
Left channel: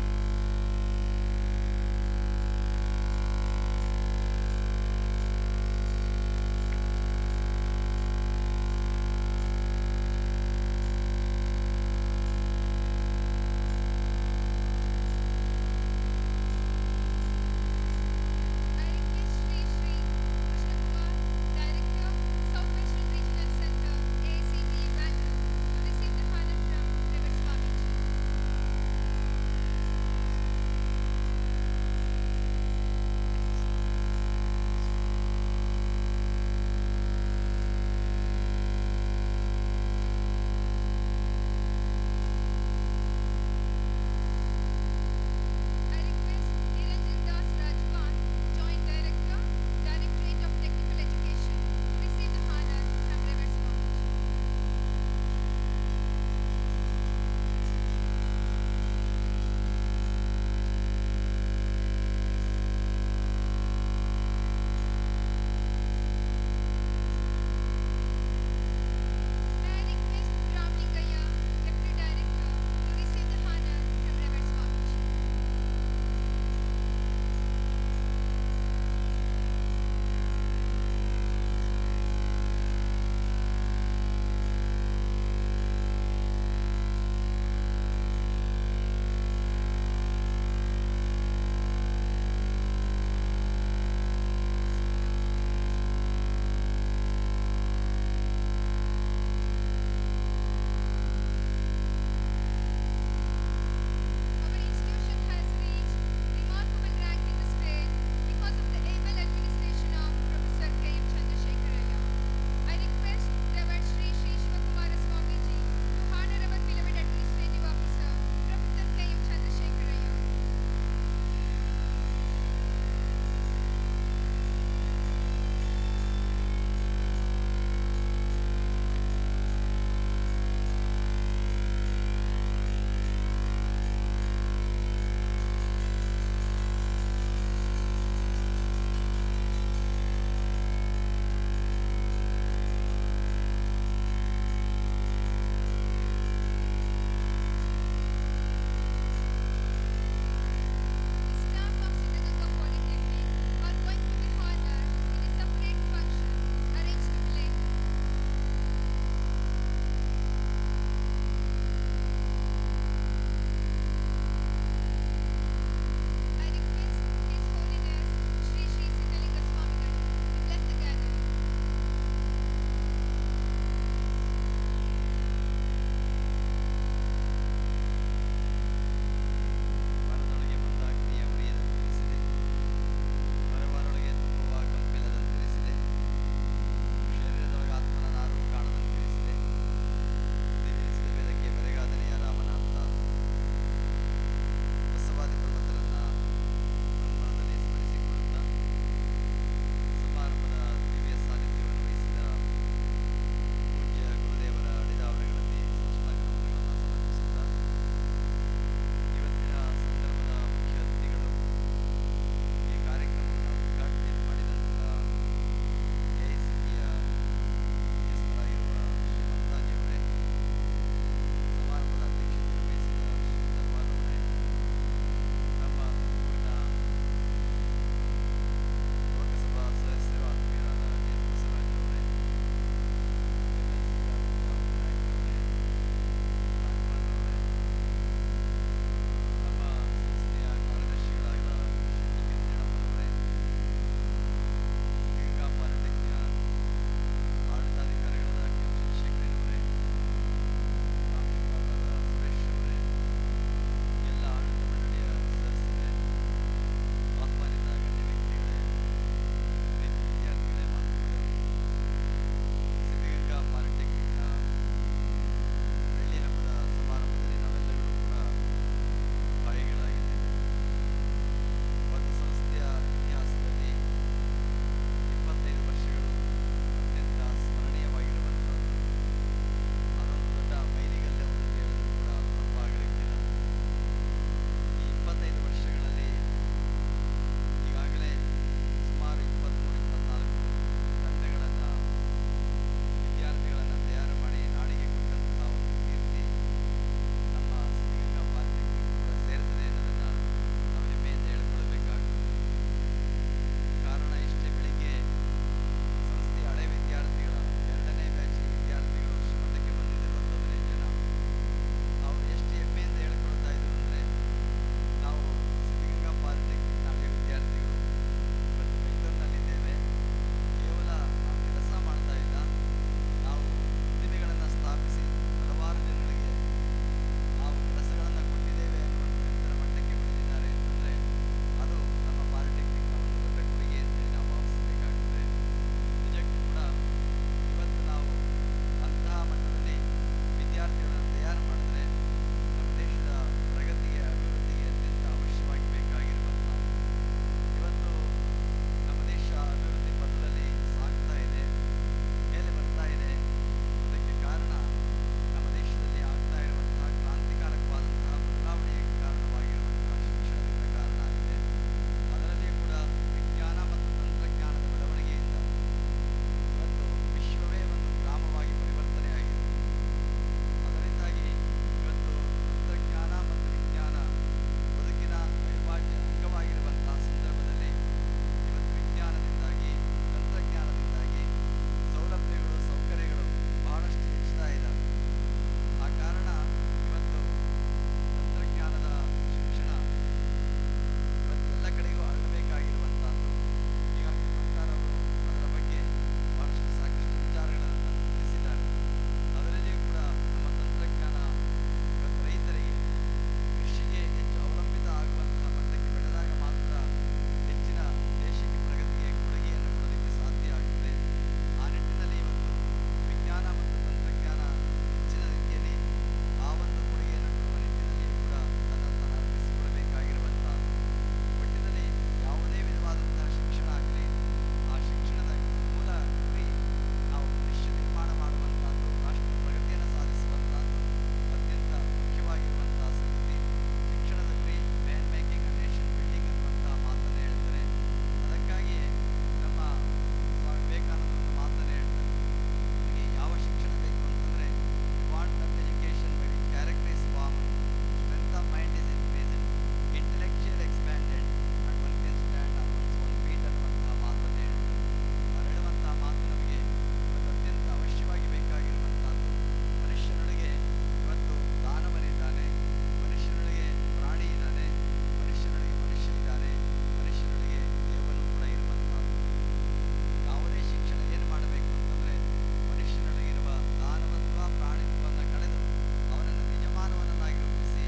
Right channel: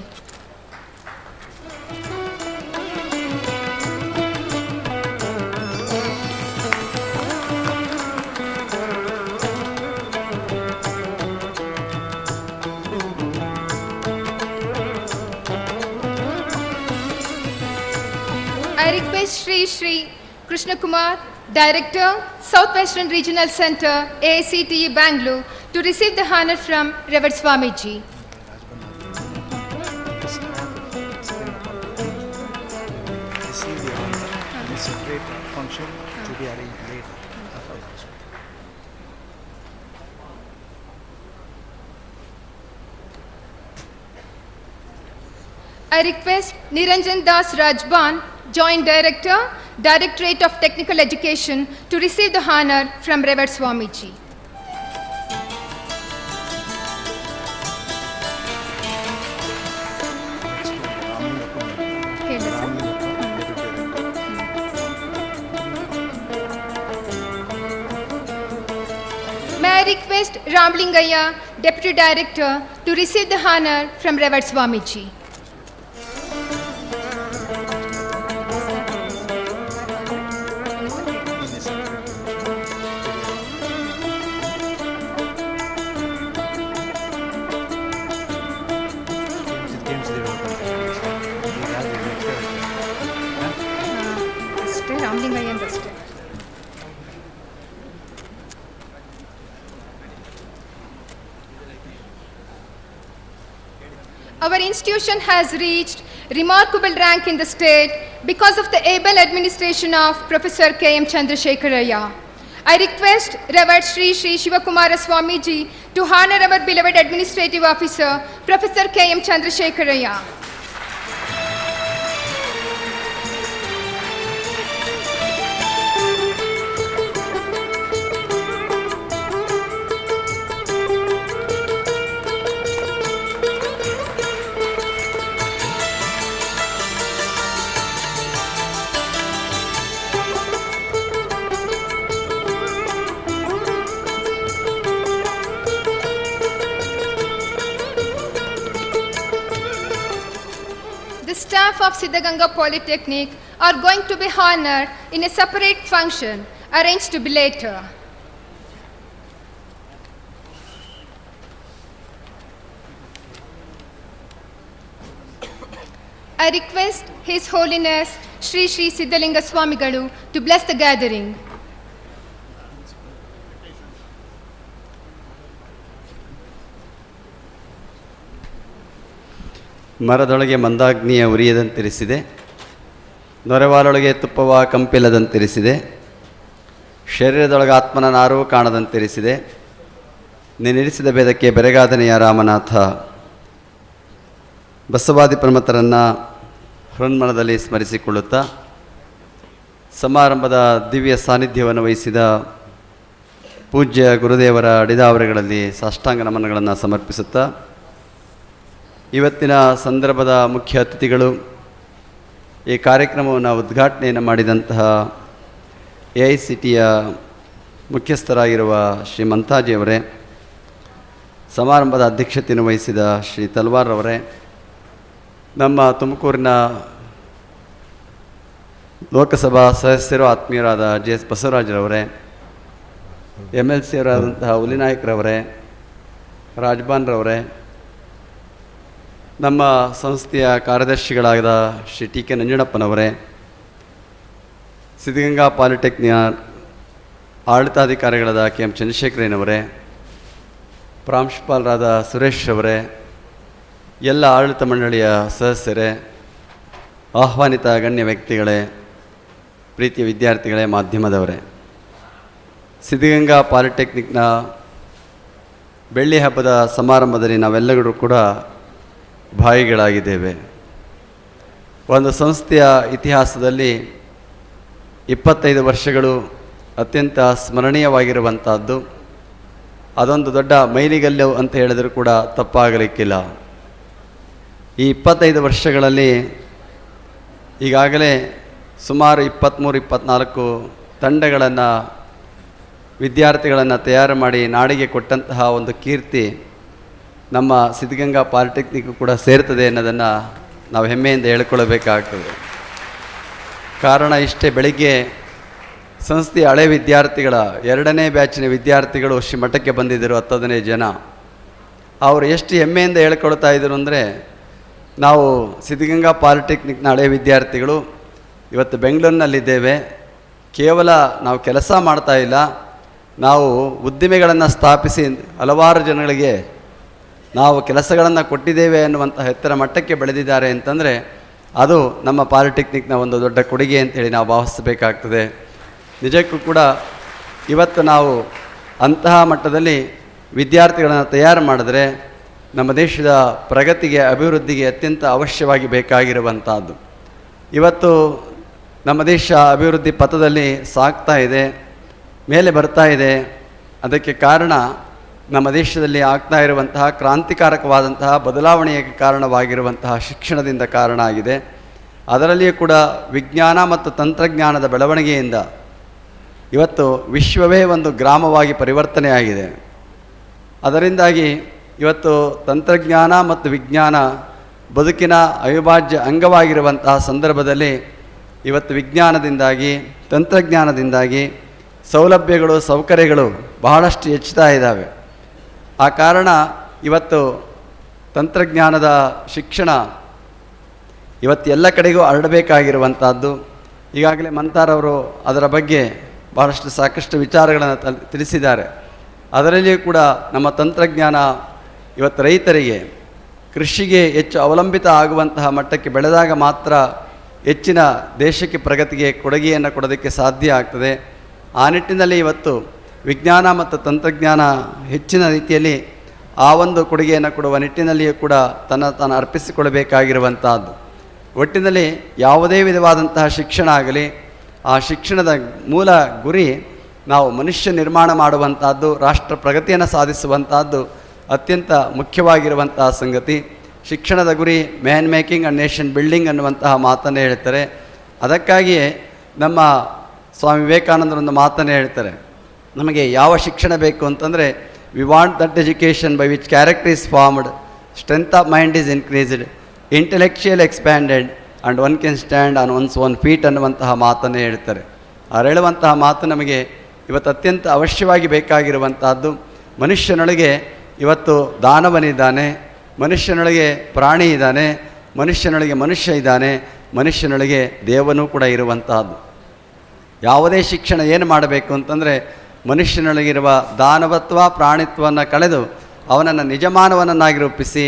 I request Sri Sri Krishna Kumar, Director, Southwestern Regional Center, AICTE Bangalore, to receive the honor from Revered Swamiji. I request Niranjan Das Rajban, Joint Director, Directorate of Technical Education, to receive the honor from Revered Swamiji. May I request Ramlingaya, Deputy Director, to receive the honor from Revered Swamiji. ಅಷ್ಟೇ ರಾಮಲಿಂಗಯ್ಯ ಅಷ್ಟೇ. Our institution has reached remarkable rank in the state because of the able administration of Professor K.M. Chandrasekharaya. I request Revered Sri Shivakumara Swamiji to honor our beloved Administrative Officer, Professor K.M. Chandrasekharaya. The staff of Siddaganga Polytechnic are going to be honored in a separate function arranged to be later. I request His Holiness Sri Siddaganga Swamigalu to bless the gathering. ಮರದೊಳಗೆ ಮಂದಾಗ್ನಿಯ ಉರಿಯದಂತಿರಿಸಿದೆ, ನೊರೆವಾಲೊಳಗೆ ತುಪ್ಪವ ಕಂಪಿಲ್ಲದಂತಿರಿಸಿದೆ, ಶರೀರದೊಳಗೆ ಆತ್ಮನ ನಾರೂ ಕಾಣದಂತಿರಿಸಿದೆ, ನೀನಿರಿಸಿದ ಭೇದಕ್ಕೆ ಬೆರಗಾದನೆಯ ರಾಮನಾಥ. ಬಸವಾದಿ ಪ್ರಮತರನ್ನು ಹೃನ್ಮನದಲ್ಲಿ ಸ್ಮರಿಸಿಕೊಳ್ಳುತ್ತಾ ಸಮಾರಂಭದ ದಿವ್ಯ ಸಾನ್ನಿಧ್ಯವನ್ನು ವಹಿಸಿದ ಪೂಜ್ಯ ಗುರುದೇವರ ಅಡಿದಾವರೆಗಳಲ್ಲಿ ಸಾಷ್ಟಾಂಗ ನಮನಗಳನ್ನು ಸಮರ್ಪಿಸುತ್ತಾ ಇವತ್ತಿನ ಸಂದರ್ಭದ ಮುಖ್ಯ ಅತಿಥಿಗಳು, ಈ ಕಾರ್ಯಕ್ರಮವನ್ನು ಉದ್ಘಾಟನೆಯನ್ನು ಮಾಡಿದಂತಹ AICTಯ ಮುಖ್ಯಸ್ಥರಾಗಿರುವ ಶ್ರೀ ಮಂತಾಜಿಯವರೇ, ಸಮಾರಂಭದ ಅಧ್ಯಕ್ಷತೆಯನ್ನು ವಹಿಸಿದ ಶ್ರೀ ತಲ್ವಾರ್ ಅವರೇ, ನಮ್ಮ ತುಮಕೂರಿನ ಲೋಕಸಭಾ ಸದಸ್ಯರು ಆತ್ಮೀಯರಾದ JS ಬಸವರಾಜರವರೇ, MLC ಅವರಾದಂತಹ ಹುಲಿನಾಯಕರವರೇ, ರಾಜ್ಬಾನ್ರವರೇ, ನಮ್ಮ ಸಂಸ್ಥೆಯ ಕಾರ್ಯದರ್ಶಿಗಳಾದ ಶ್ರೀ TK ನಂಜುಂಡಪ್ಪನವರೇ, ಸಿದ್ಧಗಂಗಾ ಪಾಲಿಟೆಕ್ನಿಕ್ನ ಆಡಳಿತಾಧಿಕಾರಿಗಳಾದ KM ಚಂದ್ರಶೇಖರಯ್ಯನವರೇ, ಪ್ರಾಂಶುಪಾಲರಾದ ಸುರೇಶ್ ಅವರೇ, ಎಲ್ಲ ಆಡಳಿತ ಮಂಡಳಿಯ ಸದಸ್ಯರೇ, ಆಹ್ವಾನಿತ ಗಣ್ಯ ವ್ಯಕ್ತಿಗಳೇ, ಪ್ರೀತಿಯ ವಿದ್ಯಾರ್ಥಿಗಳೇ, ಮಾಧ್ಯಮದವರೇ, ಸಿದ್ಧಗಂಗಾ ಪಾಲಿಟೆಕ್ನಿಕ್ನ ಬೆಳ್ಳಿ ಹಬ್ಬದ ಸಮಾರಂಭದಲ್ಲಿ ನಾವೆಲ್ಲರೂ ಕೂಡ ಭಾಗಿಗಳಾಗಿದ್ದೇವೆ. ಒಂದು ಸಂಸ್ಥೆಯ ಇತಿಹಾಸದಲ್ಲಿ 25 ವರ್ಷಗಳು ಅತ್ಯಂತ ಸ್ಮರಣೀಯವಾಗಿರುವಂಥದ್ದು. ಅದೊಂದು ದೊಡ್ಡ ಮೈಲಿಗಲ್ಲು ಅಂತ ಹೇಳಿದರೂ ಕೂಡ ತಪ್ಪಾಗಲಿಕ್ಕಿಲ್ಲ. ಈ 25 ವರ್ಷಗಳಲ್ಲಿ ಈಗಾಗಲೇ ಸುಮಾರು 23-24 ತಂಡಗಳನ್ನು, ವಿದ್ಯಾರ್ಥಿಗಳನ್ನು ತಯಾರು ಮಾಡಿ ನಾಡಿಗೆ ಕೊಟ್ಟಂತಹ ಒಂದು ಕೀರ್ತಿ ನಮ್ಮ ಸಿದ್ಧಗಂಗಾ ಪಾಲಿಟೆಕ್ನಿಕ್ ಕೂಡ ಸೇರ್ತದೆ ಅನ್ನೋದನ್ನು ನಾವು ಹೆಮ್ಮೆಯಿಂದ ಹೇಳ್ಕೊಳ್ಬೇಕಾಗ್ತದೆ. ಕಾರಣ ಇಷ್ಟೇ, ಬೆಳಿಗ್ಗೆ ಸಂಸ್ಥೆಯ ಹಳೆ ವಿದ್ಯಾರ್ಥಿಗಳ 2ನೇ ಬ್ಯಾಚಿನ ವಿದ್ಯಾರ್ಥಿಗಳು ಶ್ರೀಮಠಕ್ಕೆ ಬಂದಿದ್ದರು, 10-15 ಜನ. ಅವರು ಎಷ್ಟು ಹೆಮ್ಮೆಯಿಂದ ಹೇಳ್ಕೊಳ್ತಾ ಇದ್ರು ಅಂದರೆ, ನಾವು ಸಿದ್ಧಗಂಗಾ ಪಾಲಿಟೆಕ್ನಿಕ್ನ ಹಳೆ ವಿದ್ಯಾರ್ಥಿಗಳು ಇವತ್ತು ಬೆಂಗಳೂರಿನಲ್ಲಿದ್ದೇವೆ, ಕೇವಲ ನಾವು ಕೆಲಸ ಮಾಡ್ತಾ ಇಲ್ಲ, ನಾವು ಉದ್ದಿಮೆಗಳನ್ನು ಸ್ಥಾಪಿಸಿ ಹಲವಾರು ಜನಗಳಿಗೆ ನಾವು ಕೆಲಸಗಳನ್ನು ಕೊಟ್ಟಿದ್ದೇವೆ ಅನ್ನುವಂಥ ಎತ್ತರ ಮಟ್ಟಕ್ಕೆ ಬೆಳೆದಿದ್ದಾರೆ ಅಂತಂದರೆ ಅದು ನಮ್ಮ ಪಾಲಿಟೆಕ್ನಿಕ್ನ ಒಂದು ದೊಡ್ಡ ಕೊಡುಗೆ ಅಂತೇಳಿ ನಾವು ಭಾವಿಸಬೇಕಾಗ್ತದೆ. ನಿಜಕ್ಕೂ ಕೂಡ ಇವತ್ತು ನಾವು ಅಂತಹ ಮಟ್ಟದಲ್ಲಿ ವಿದ್ಯಾರ್ಥಿಗಳನ್ನು ತಯಾರು ಮಾಡಿದ್ರೆ ನಮ್ಮ ದೇಶದ ಪ್ರಗತಿಗೆ, ಅಭಿವೃದ್ಧಿಗೆ ಅತ್ಯಂತ ಅವಶ್ಯವಾಗಿ ಬೇಕಾಗಿರುವಂಥದ್ದು. ಇವತ್ತು ನಮ್ಮ ದೇಶ ಅಭಿವೃದ್ಧಿ ಪಥದಲ್ಲಿ ಸಾಗ್ತಾ ಇದೆ, ಮೇಲೆ ಬರ್ತಾ ಇದೆ. ಅದಕ್ಕೆ ಕಾರಣ ನಮ್ಮ ದೇಶದಲ್ಲಿ ಆಗ್ತಾ ಇರುವಂತಹ ಕ್ರಾಂತಿಕಾರಕವಾದಂತಹ ಬದಲಾವಣೆಗೆ ಕಾರಣವಾಗಿರುವಂತಹ ಶಿಕ್ಷಣದಿಂದ ಕಾರಣ ಆಗಿದೆ. ಅದರಲ್ಲಿಯೂ ಕೂಡ ವಿಜ್ಞಾನ ಮತ್ತು ತಂತ್ರಜ್ಞಾನದ ಬೆಳವಣಿಗೆಯಿಂದ ಇವತ್ತು ವಿಶ್ವವೇ ಒಂದು ಗ್ರಾಮವಾಗಿ ಪರಿವರ್ತನೆಯಾಗಿದೆ. ಅದರಿಂದಾಗಿ ಇವತ್ತು ತಂತ್ರಜ್ಞಾನ ಮತ್ತು ವಿಜ್ಞಾನ ಬದುಕಿನ ಅವಿಭಾಜ್ಯ ಅಂಗವಾಗಿರುವಂತಹ ಸಂದರ್ಭದಲ್ಲಿ ಇವತ್ತು ವಿಜ್ಞಾನದಿಂದಾಗಿ ತಂತ್ರಜ್ಞಾನದಿಂದಾಗಿ ಸೌಲಭ್ಯಗಳು ಸೌಕರ್ಯಗಳು ಬಹಳಷ್ಟು ಹೆಚ್ಚುತ್ತಾ ಇದ್ದಾವೆ. ಆ ಕಾರಣ ಇವತ್ತು ತಂತ್ರಜ್ಞಾನದ ಶಿಕ್ಷಣ ಇವತ್ತು ಎಲ್ಲ ಕಡೆಗೂ ಹರಡಬೇಕಾಗಿರುವಂಥದ್ದು. ಈಗಾಗಲೇ ಮಂತಾರವರು ಅದರ ಬಗ್ಗೆ ಬಹಳಷ್ಟು ಸಾಕಷ್ಟು ವಿಚಾರಗಳನ್ನು ತಿಳಿಸಿದ್ದಾರೆ. ಅದರಲ್ಲಿಯೂ ಕೂಡ ನಮ್ಮ ತಂತ್ರಜ್ಞಾನ ಇವತ್ತು ರೈತರಿಗೆ ಕೃಷಿಗೆ ಹೆಚ್ಚು ಅವಲಂಬಿತ ಆಗುವಂತಹ ಮಟ್ಟಕ್ಕೆ ಬೆಳೆದಾಗ ಮಾತ್ರ ಹೆಚ್ಚಿನ ದೇಶಕ್ಕೆ ಪ್ರಗತಿಗೆ ಕೊಡುಗೆಯನ್ನು ಕೊಡೋದಕ್ಕೆ ಸಾಧ್ಯ ಆಗ್ತದೆ. ಆ ನಿಟ್ಟಿನಲ್ಲಿ ಇವತ್ತು ವಿಜ್ಞಾನ ಮತ್ತು ತಂತ್ರಜ್ಞಾನ ಹೆಚ್ಚಿನ ರೀತಿಯಲ್ಲಿ ಆ ಒಂದು ಕೊಡುಗೆಯನ್ನು ಕೊಡುವ ನಿಟ್ಟಿನಲ್ಲಿಯೂ ಕೂಡ ತಾನು ಅರ್ಪಿಸಿಕೊಡಬೇಕಾಗಿರುವಂತಹದ್ದು. ಒಟ್ಟಿನಲ್ಲಿ ಯಾವುದೇ ವಿಧವಾದಂತಹ ಶಿಕ್ಷಣ ಆಗಲಿ, ಆ ಶಿಕ್ಷಣದ ಮೂಲ ಗುರಿ ನಾವು ಮನುಷ್ಯ ನಿರ್ಮಾಣ ಮಾಡುವಂತಹದ್ದು, ರಾಷ್ಟ್ರ ಪ್ರಗತಿಯನ್ನು ಸಾಧಿಸುವಂತಹದ್ದು ಅತ್ಯಂತ ಮುಖ್ಯವಾಗಿರುವಂತಹ ಸಂಗತಿ. ಶಿಕ್ಷಣದ ಗುರಿ man making and nation building ಅನ್ನುವಂತಹ ಮಾತನ್ನು ಹೇಳ್ತಾರೆ. ಅದಕ್ಕಾಗಿಯೇ ನಮ್ಮ ಸ್ವಾಮಿ ವಿವೇಕಾನಂದರೊಂದು ಮಾತನ್ನು ಹೇಳ್ತಾರೆ, ನಮಗೆ ಯಾವ ಶಿಕ್ಷಣ ಬೇಕು ಅಂತಂದರೆ we want that education by which character is formed, strength of mind is increased, intellectual expanded and one can stand on one's own feet ಅನ್ನುವಂತಹ ಮಾತನ್ನು ಹೇಳ್ತಾರೆ. ಅವ್ರು ಹೇಳುವಂತಹ ಮಾತು ನಮಗೆ ಇವತ್ತು ಅತ್ಯಂತ ಅವಶ್ಯವಾಗಿ ಬೇಕಾಗಿರುವಂತಹದ್ದು. ಮನುಷ್ಯನೊಳಗೆ ಇವತ್ತು ದಾನವನಿದ್ದಾನೆ, ಮನುಷ್ಯನೊಳಗೆ ಪ್ರಾಣಿ ಇದ್ದಾನೆ, ಮನುಷ್ಯನೊಳಗೆ ಮನುಷ್ಯ ಇದ್ದಾನೆ, ಮನುಷ್ಯನೊಳಗೆ ದೇವನೂ ಕೂಡ ಇರುವಂತಹದ್ದು. ಯಾವುದೇ ಶಿಕ್ಷಣ ಏನು ಮಾಡಬೇಕು ಅಂತಂದರೆ ಮನುಷ್ಯನೊಳಗಿರುವ ದಾನವತ್ವ ಪ್ರಾಣಿತ್ವವನ್ನು ಕಳೆದು ಅವನನ್ನು ನಿಜಮಾನವನನ್ನಾಗಿ ರೂಪಿಸಿ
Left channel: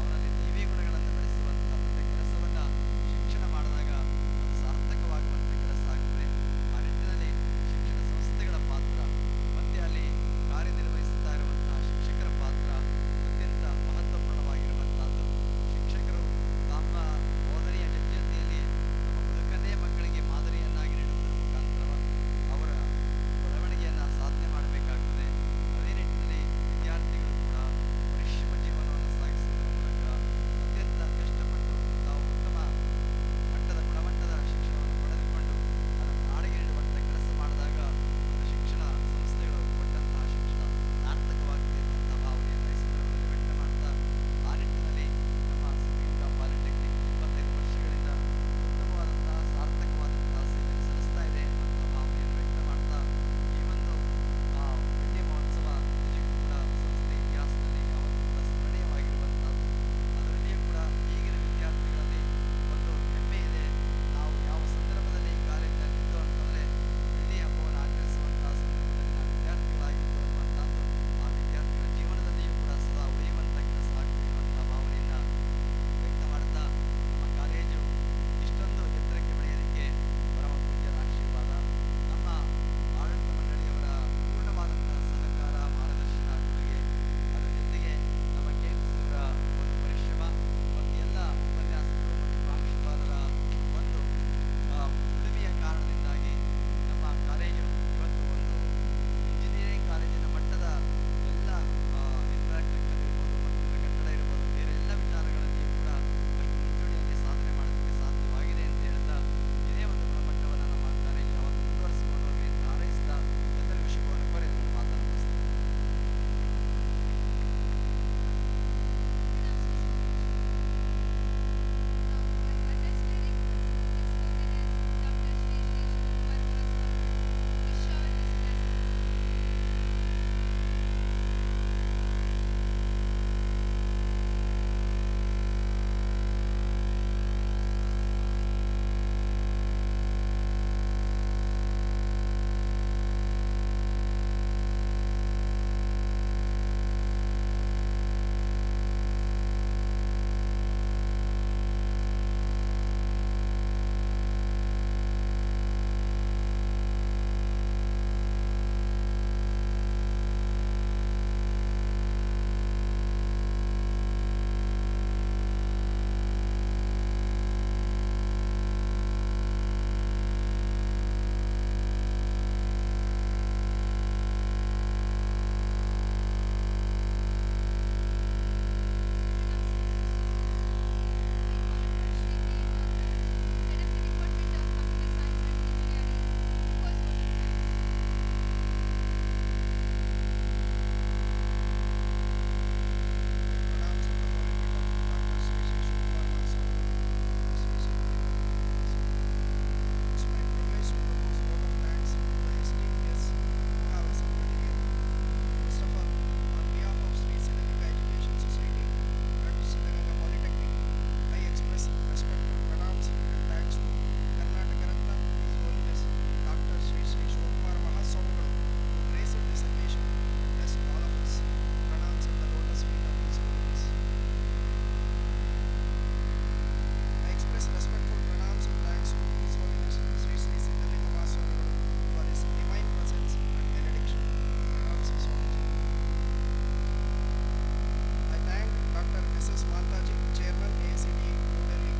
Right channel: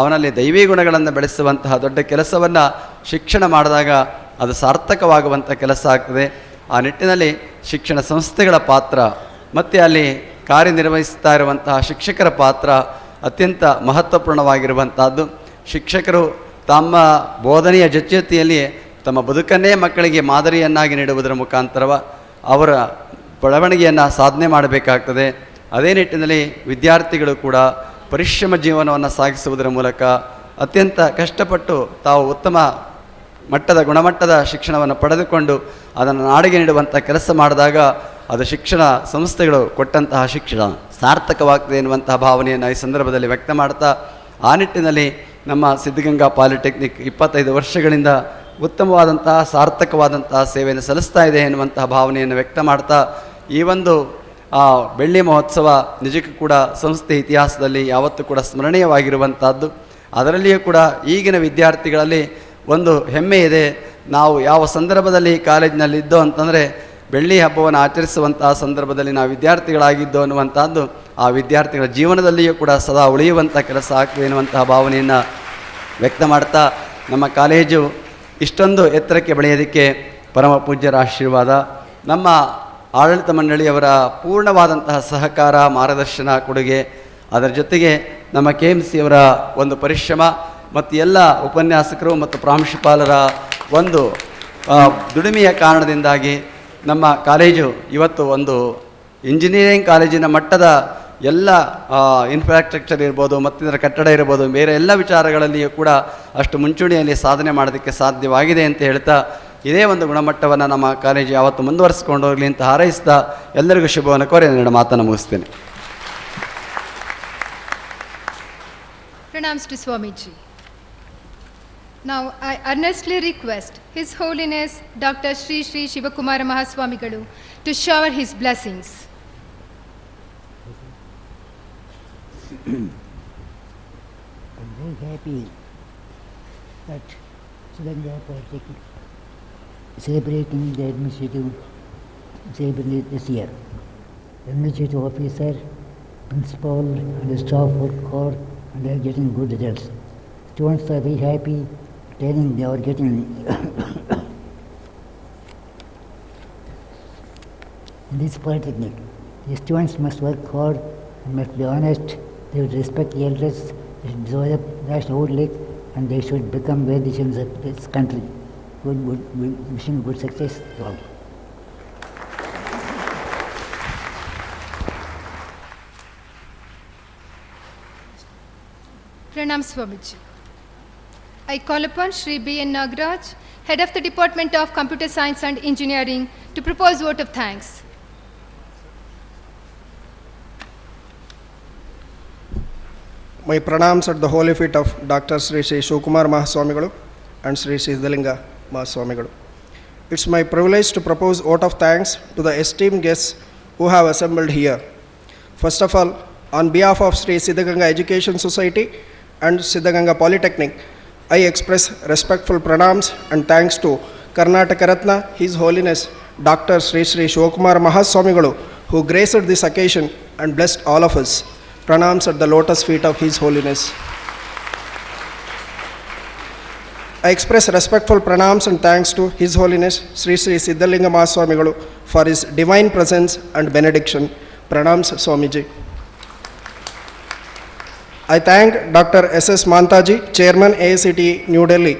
ಅವನಲ್ಲಿ ದೈವಿ ಗುಣಗಳನ್ನು ಬೆಳೆಸುವಂತಹ ದೊಡ್ಡ ಕೆಲಸವನ್ನು ಶಿಕ್ಷಣ ಮಾಡಿದಾಗ ಅದು ಸಾರ್ಥಕವಾಗುವಂಥ ಕೆಲಸ ಆಗ್ತದೆ. ಆ ನಿಟ್ಟಿನಲ್ಲಿ ಶಿಕ್ಷಣ ಸಂಸ್ಥೆಗಳ ಪಾತ್ರ ಮತ್ತು ಅಲ್ಲಿ ಕಾರ್ಯನಿರ್ವಹಿಸ್ತಾ ಇರುವಂತಹ ಶಿಕ್ಷಕರ ಪಾತ್ರ ಅತ್ಯಂತ ಮಹತ್ವಪೂರ್ಣವಾಗಿರುವಂಥದ್ದು. ಶಿಕ್ಷಕರು ತಮ್ಮ ಬೋಧನೆಯ ಜೊತೆಯಲ್ಲಿ ತಮ್ಮ ಬದುಕನ್ನೇ ಮಕ್ಕಳಿಗೆ ಮಾದರಿಯನ್ನಾಗಿ ನೀಡುವುದರ ಮುಖಾಂತರ ಅವರ ಬೆಳವಣಿಗೆಯನ್ನು ಸಾಧನೆ ಮಾಡಬೇಕಾಗ್ತದೆ. ಅದೇ ನಿಟ್ಟಿನಲ್ಲಿ ವಿದ್ಯಾರ್ಥಿಗಳು ಕೂಡ ಪರಿಶ್ರಮ ಜೀವನವನ್ನು ಸಾಗಿಸುವುದರ ಮೂಲಕ ಅತ್ಯಂತ ಕಷ್ಟಪಟ್ಟು ತಾವು ಉತ್ತಮ ಮಟ್ಟದ ಗುಣಮಟ್ಟದ ಶಿಕ್ಷಣವನ್ನು ಪಡೆದುಕೊಂಡು ಅದನ್ನು ನಾಡಿಗೆ ನೀಡುವಂಥ ಕೆಲಸ ಮಾಡಿದಾಗ ಅದು ಶಿಕ್ಷಣ ಸಂಸ್ಥೆಗಳು ಕೊಟ್ಟಂತಹ ಶಿಕ್ಷಣ ಸಾರ್ಥಕವಾಗ್ತದೆ ಎನ್ನುವಂತಹ ಭಾವನೆಯನ್ನು ಈ ಸಂದರ್ಭದಲ್ಲಿ ವ್ಯಕ್ತ ಮಾಡ್ತಾ, ಆ ನಿಟ್ಟಿನಲ್ಲಿ ನಮ್ಮ ಸಿದ್ಧಗಂಗಾ ಪಾಲಿಟೆಕ್ನಿಕ್ 25 ವರ್ಷಗಳಿಂದ ಉತ್ತಮವಾದಂತಹ ಸಾರ್ಥಕವಾದಂತಹ ಸೇವೆಯನ್ನು ಸಲ್ಲಿಸ್ತಾ ಇದೆ ಎನ್ನುವಂತಹ ಭಾವನೆಯನ್ನು ವ್ಯಕ್ತ ಮಾಡ್ತಾ, ಈ ಒಂದು ಬೆಳ್ಳಿ ಮಹೋತ್ಸವ ನಿಜಕ್ಕೂ ಕೂಡ ಸಂಸ್ಥೆ ಇತಿಹಾಸದಲ್ಲಿ ಯಾವತ್ತೂ ಕೂಡ ಸ್ಮರಣೀಯವಾಗಿರುವಂಥದ್ದು. ಅದರಲ್ಲಿಯೂ ಕೂಡ ಈಗಿನ ವಿದ್ಯಾರ್ಥಿಗಳಲ್ಲಿ ಒಂದು ಹೆಮ್ಮೆ ಇದೆ. ನಾವು ಯಾವ ಸಂದರ್ಭದಲ್ಲಿ ಕಾಲೇಜಿನಲ್ಲಿ ಇದ್ದೋ ಅಂತಂದರೆ ಬೆಳ್ಳಿ ಹಬ್ಬವನ್ನು ಆಚರಿಸುವಂತಹ ಸಂದರ್ಭದಲ್ಲಿ ನಾವು ವಿದ್ಯಾರ್ಥಿಗಳಾಗಿದ್ದೋ ಅನ್ನುವಂಥದ್ದು ಆ ವಿದ್ಯಾರ್ಥಿಗಳ ಜೀವನದಲ್ಲಿಯೂ ಕೂಡ ಸದಾ ಉಳಿಯುವಂಥ ಕೆಲಸ ಆಗ್ತದೆ ಎನ್ನುವಂತಹ ಭಾವನೆಯನ್ನು ವ್ಯಕ್ತ ಮಾಡ್ತಾ, ನಮ್ಮ ಕಾಲೇಜು ಇಷ್ಟೊಂದು ಎತ್ತರಕ್ಕೆ ಬೆಳೆಯೋದಕ್ಕೆ ಪರಮ ಪೂಜ್ಯರ ಆಶೀರ್ವಾದ, ನಮ್ಮ ಆಡಳಿತ ಮಂಡಳಿಯವರ ಪೂರ್ಣವಾದಂತಹ ಸಹಕಾರ ಮಾರ್ಗದರ್ಶನ ಕೊಡುಗೆ, ಅದರ ಜೊತೆಗೆ ನಮ್ಮ KMC ಅವರ ಒಂದು ಪರಿಶ್ರಮ ಮತ್ತು ಎಲ್ಲ ಉಪನ್ಯಾಸಕರು ಮತ್ತು ಪ್ರಾಂಶುಪಾಲರ ಒಂದು ದುಡಿಮೆಯ ಕಾರಣದಿಂದಾಗಿ ನಮ್ಮ ಕಾಲೇಜು ಇವತ್ತು ಒಂದು ಇಂಜಿನಿಯರಿಂಗ್ ಕಾಲೇಜಿನ ಮಟ್ಟದ ಎಲ್ಲ ಇನ್ಫ್ರಾಸ್ಟ್ರಕ್ಚರ್ ಇರ್ಬೋದು, ಮತ್ತಿತರ ಕಟ್ಟಡ ಇರ್ಬೋದು, ಬೇರೆ ಎಲ್ಲ ವಿಚಾರಗಳಲ್ಲಿಯೂ ಕೂಡ ಅಷ್ಟು ಮುಂಚೂಣಿಯಲ್ಲಿ ಸಾಧನೆ ಮಾಡೋದಕ್ಕೆ ಸಾಧ್ಯವಾಗಿದೆ ಅಂತ ಹೇಳ್ತಾ, ಇದೇ ಒಂದು ಗುಣಮಟ್ಟವನ್ನು ನಮ್ಮ ಕಾಲೇಜು ಯಾವತ್ತು ಮುಂದುವರಿಸಿಕೊಂಡು ಹೋಗಲಿ ಅಂತ ಹಾರೈಸ್ತಾ ಎಲ್ಲರಿಗೂ ಶುಭವನ್ನು ಕೋರಿ ನನ್ನ ಮಾತನ್ನು ಮುಗಿಸ್ತೇನೆ. Pranams to Swamiji. Now I earnestly request His Holiness Dr. Sri Sri Shivakumara Mahaswamigalu to shower his blessings. I'm very happy that Siddaganga Polytechnic celebrating the administrative Jubilee this year. Administrative officer, principal and the staff work hard and they are getting good results. Students are very happy telling they are getting this polytechnic. The students must work hard and must be honest, they should respect the elders, they should develop national outlook and they should become well-wishers of this country. Wishing good success to all. Pranam Swamiji. I call upon Shri B.N. Nagaraj, Head of the Department of Computer Science and Engineering, to propose vote of thanks. My pranams at the holy feet of Dr. Sri Shivakumar Mahaswamigalu and Sri Siddaganga Mahaswamigalu. It's my privilege to propose vote of thanks to the esteemed guests who have assembled here. First of all, on behalf of Sri Siddaganga Education Society and Siddaganga Polytechnic, I express respectful pranams and thanks to Karnataka Ratna, His Holiness Dr. Sri Shivakumar Mahaswamigalu, who graced this occasion and blessed all of us. Pranams at the lotus feet of His Holiness. I express respectful pranams and thanks to His Holiness Sri Siddaganga Mahaswamigalu for his divine presence and benediction. Pranams Swamiji. I thank Dr. S.S. Mantaji, Chairman AICTE New Delhi,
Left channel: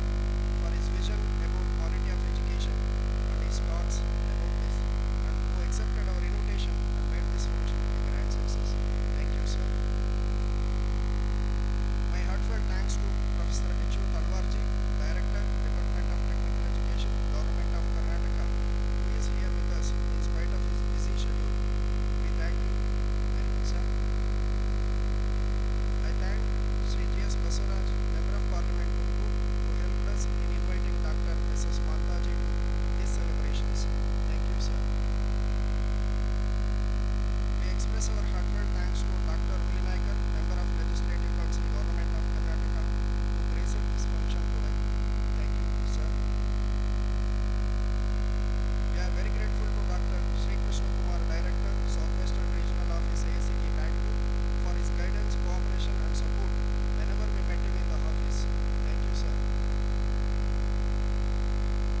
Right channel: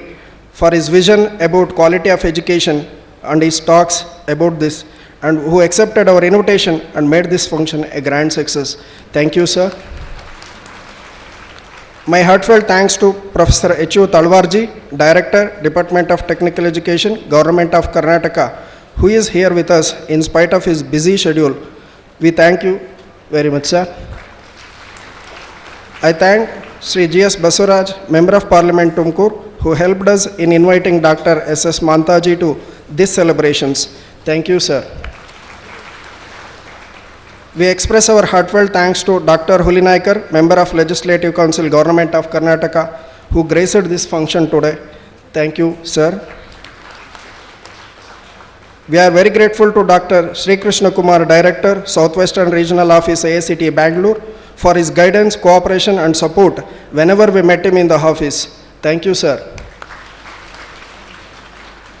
for his vision about quality of education and his talks about this, and who accepted our invitation and made this function a grand success. Thank you, sir. My heartfelt thanks to Professor H.U. Talwarji, Director, Department of Technical Education, Government of Karnataka, who is here with us in spite of his busy schedule. We thank you very much, sir. I thank Sri G.S. Basuraj, Member of Parliament Tumkur, who helped us in inviting Dr. S.S. Mantaji to these celebrations. Thank you, sir. We express our heartfelt thanks to Dr. Hulinaikar, Member of Legislative Council, Government of Karnataka, who graced this function today. Thank you, sir. We are very grateful to Dr. Sri Krishna Kumar, Director, Southwestern Regional Office, AICTE Bangalore, for his guidance, cooperation and support whenever we met him in the office. Thank you, sir.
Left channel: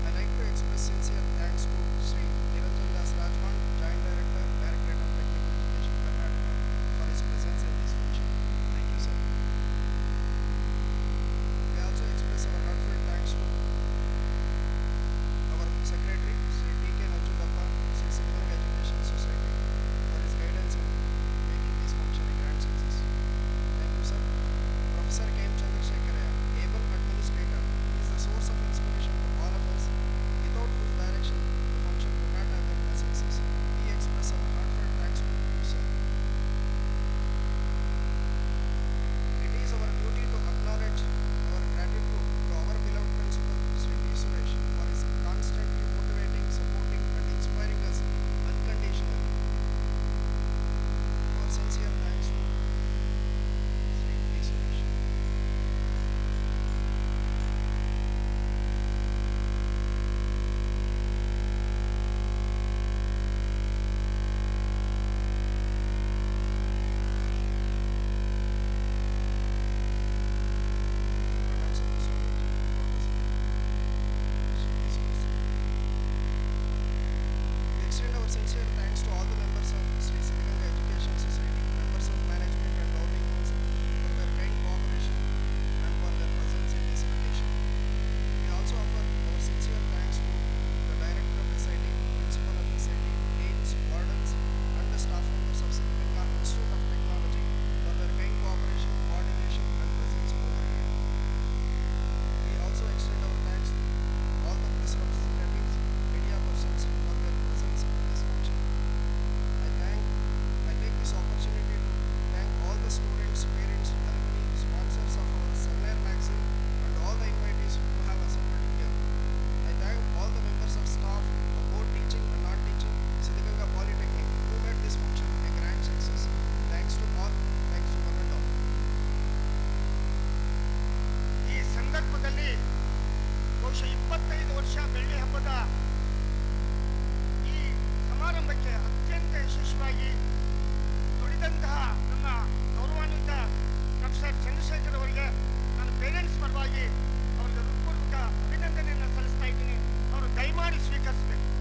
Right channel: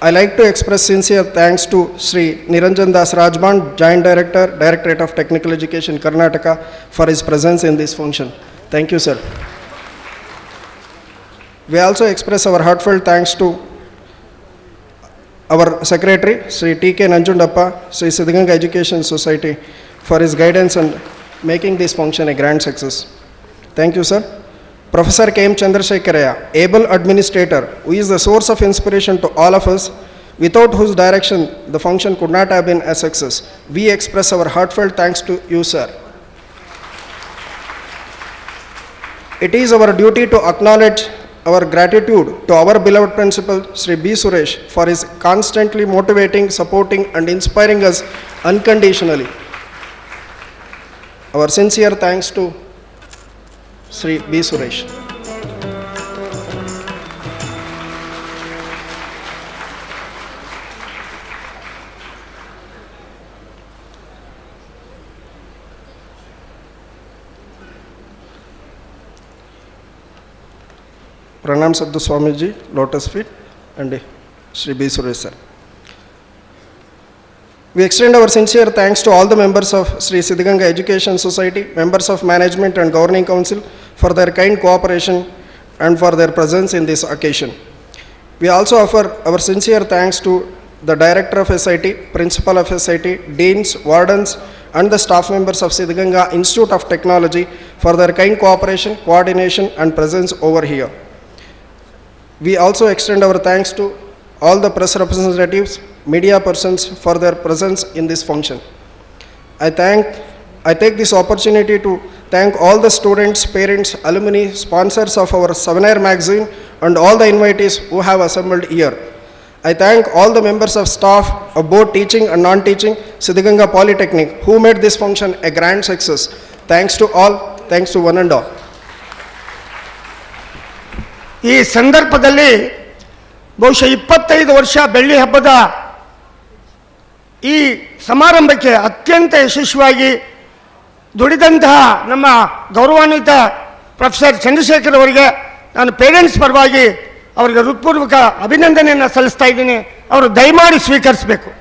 I like to express sincere thanks to Sri Niranjan Das Rajban, Joint Director, Directorate of Technical Education, Karnataka, for his presence in this function. Thank you, sir. We also express our heartfelt thanks to our Secretary, Sri T.K. Nanjundappa, Sri Siddaganga Education Society, for his guidance and making this function a grand success. Thank you, sir. Professor K.M. Chandrasekharaya, able administrator, who is the source of inspiration to all of us, without whose direction the function could not have been a success. We express our heartfelt thanks to you, sir. It is our duty to acknowledge our gratitude to our beloved principal, Sri B. Suresh, for his constantly motivating, supporting and inspiring us unconditionally. Our sincere thanks to Sri B. Suresh. Pranam Sadhu Swamiji, Lotus Feet, and Sri B. Suresh, sir. We extend our sincere thanks to all the members of Sri Siddaganga Education Society, members of Management and Governing Council for their kind cooperation and for their presence in this occasion. We also offer our sincere thanks to the Director of SIT, Principal of SIT, Deans, Wardens, and the staff members of Siddaganga Institute of Technology for their kind cooperation, coordination, and presence over here. We also extend our thanks to all the press representatives, media persons for their presence in this function. I take this opportunity to thank all the students, parents, alumni, sponsors of our Souvenir magazine and all the invitees who have assembled here. I thank all the members of staff of both teaching and non-teaching Siddaganga Polytechnic who made this function a grand success. Thanks to all, thanks to one and all. ಈ ಸಂದರ್ಭದಲ್ಲಿ ಬಹುಶಃ 25 ವರ್ಷ ಬೆಳ್ಳಿ ಹಬ್ಬದ ಈ ಸಮಾರಂಭಕ್ಕೆ ಅತ್ಯಂತ ಯಶಸ್ವಿಯಾಗಿ ದುಡಿದಂತಹ ನಮ್ಮ ಗೌರವಾನ್ವಿತ ಪ್ರೊಫೆಸರ್ ಚಂದ್ರಶೇಖರ್ ಅವರಿಗೆ ನಾನು ಪೇರೆಂಟ್ಸ್ ಪರವಾಗಿ ಅವರಿಗೆ ಹೃತ್ಪೂರ್ವಕ ಅಭಿನಂದನೆಯನ್ನು ಸಲ್ಲಿಸ್ತಾ ಇದ್ದೀನಿ. ಅವರು ದಯಮಾಡಿ ಸ್ವೀಕರಿಸಬೇಕು.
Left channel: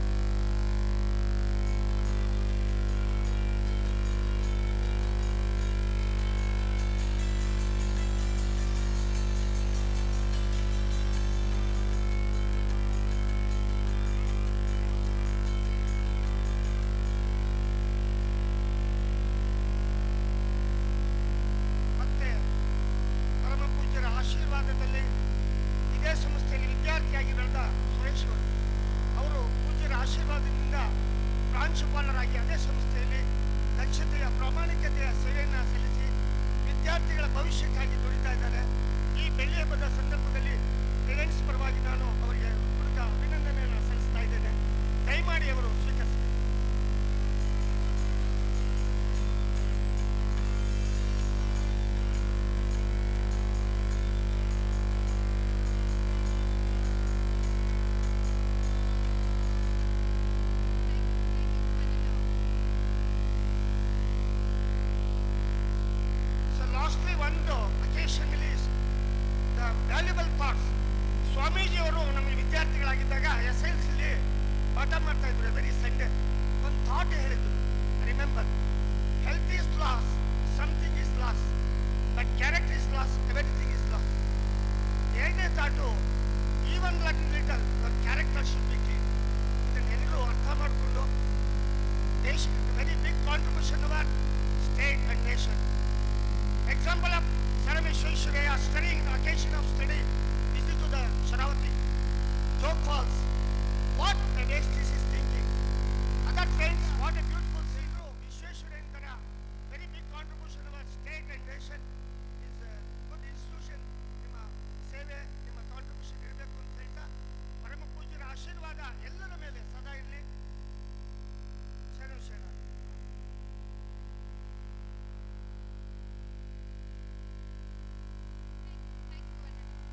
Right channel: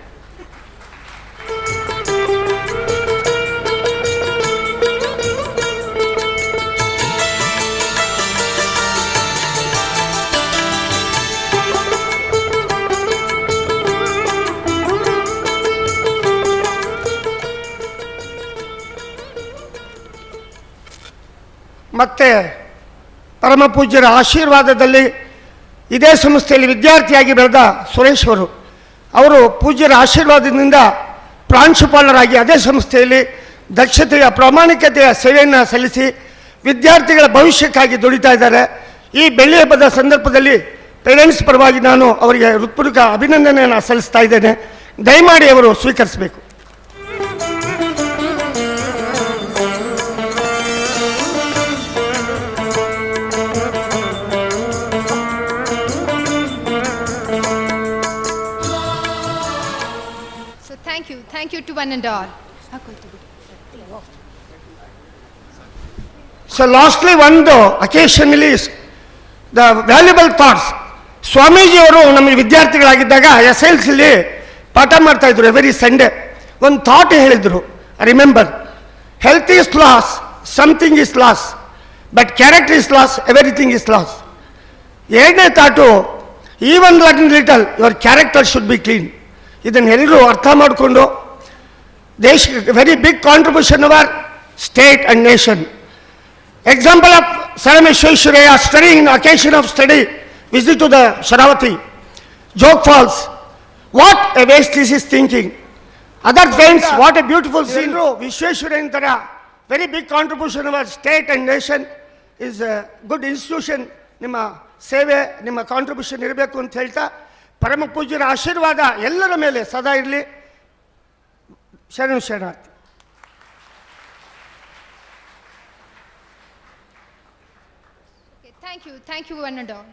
ಮತ್ತು ಪರಮ ಪೂಜ್ಯರ ಆಶೀರ್ವಾದದಲ್ಲಿ ಇದೇ ಸಂಸ್ಥೆಯಲ್ಲಿ ವಿದ್ಯಾರ್ಥಿಯಾಗಿ ಬೆಳೆದ ಸುರೇಶ್ ಅವರು ಪೂಜ್ಯರ ಆಶೀರ್ವಾದದಿಂದ ಪ್ರಾಂಶುಪಾಲರಾಗಿ ಅದೇ ಸಂಸ್ಥೆಯಲ್ಲಿ ದಕ್ಷತೆಯ ಪ್ರಾಮಾಣಿಕತೆಯ ಸೇವೆಯನ್ನು ಸಲ್ಲಿಸಿ ವಿದ್ಯಾರ್ಥಿಗಳ ಭವಿಷ್ಯಕ್ಕಾಗಿ ದುಡಿತಾ ಇದ್ದಾರೆ. ಈ ಬೆಳ್ಳಿ ಹಬ್ಬದ ಸಂದರ್ಭದಲ್ಲಿ ಪೇರೆಂಟ್ಸ್ ಪರವಾಗಿ ನಾನು ಅವರಿಗೆ ಹೃತ್ಪೂರ್ವಕ ಅಭಿನಂದನೆಯನ್ನು ಸಲ್ಲಿಸ್ತಾ ಇದ್ದೇನೆ. ದಯಮಾಡಿ ಅವರು ಸ್ವೀಕರಿಸಬೇಕು. So thank you to one and all. So lastly, occasionally the valuable thoughts. Swamiji ಅವರು ನಮ್ಮ ವಿದ್ಯಾರ್ಥಿಗಳಾಗಿದ್ದಾಗ SLCಲಿ ಪಾಠ ಮಾಡ್ತಾ ಇದ್ರು ಎವ್ರಿ ಸಂಡೇ. ಒಂದು ಥಾಟ್ ಹೇಳಿದ್ರು, remember, health is lost, something is lost, but character is lost, everything is lost. ಎರಡನೇ thought, even little your character should be clean. ಇದನ್ನೆಲ್ಲರೂ ಅರ್ಥ ಮಾಡಿಕೊಂಡು ದೇಶಕ್ಕೆ very big contribution our state and nation. Example of Saram Vishweshwaraya studying in occasion of study, visit to the Sharavati, Joke Falls. What a waste this is thinking. Other friends, what a beautiful scene. Vishweshwaraya ತರ very big contribution of our state and nation is a good institution. ನಿಮ್ಮ ಸೇವೆ, ನಿಮ್ಮ contribution ಇರಬೇಕು ಅಂತ ಹೇಳ್ತಾ, ಪರಮ ಪೂಜ್ಯರ ಆಶೀರ್ವಾದ ಎಲ್ಲರ ಮೇಲೆ ಸದಾ ಇರಲಿ. ಶರಣಾರ್ಥಿ. Thank you one and all.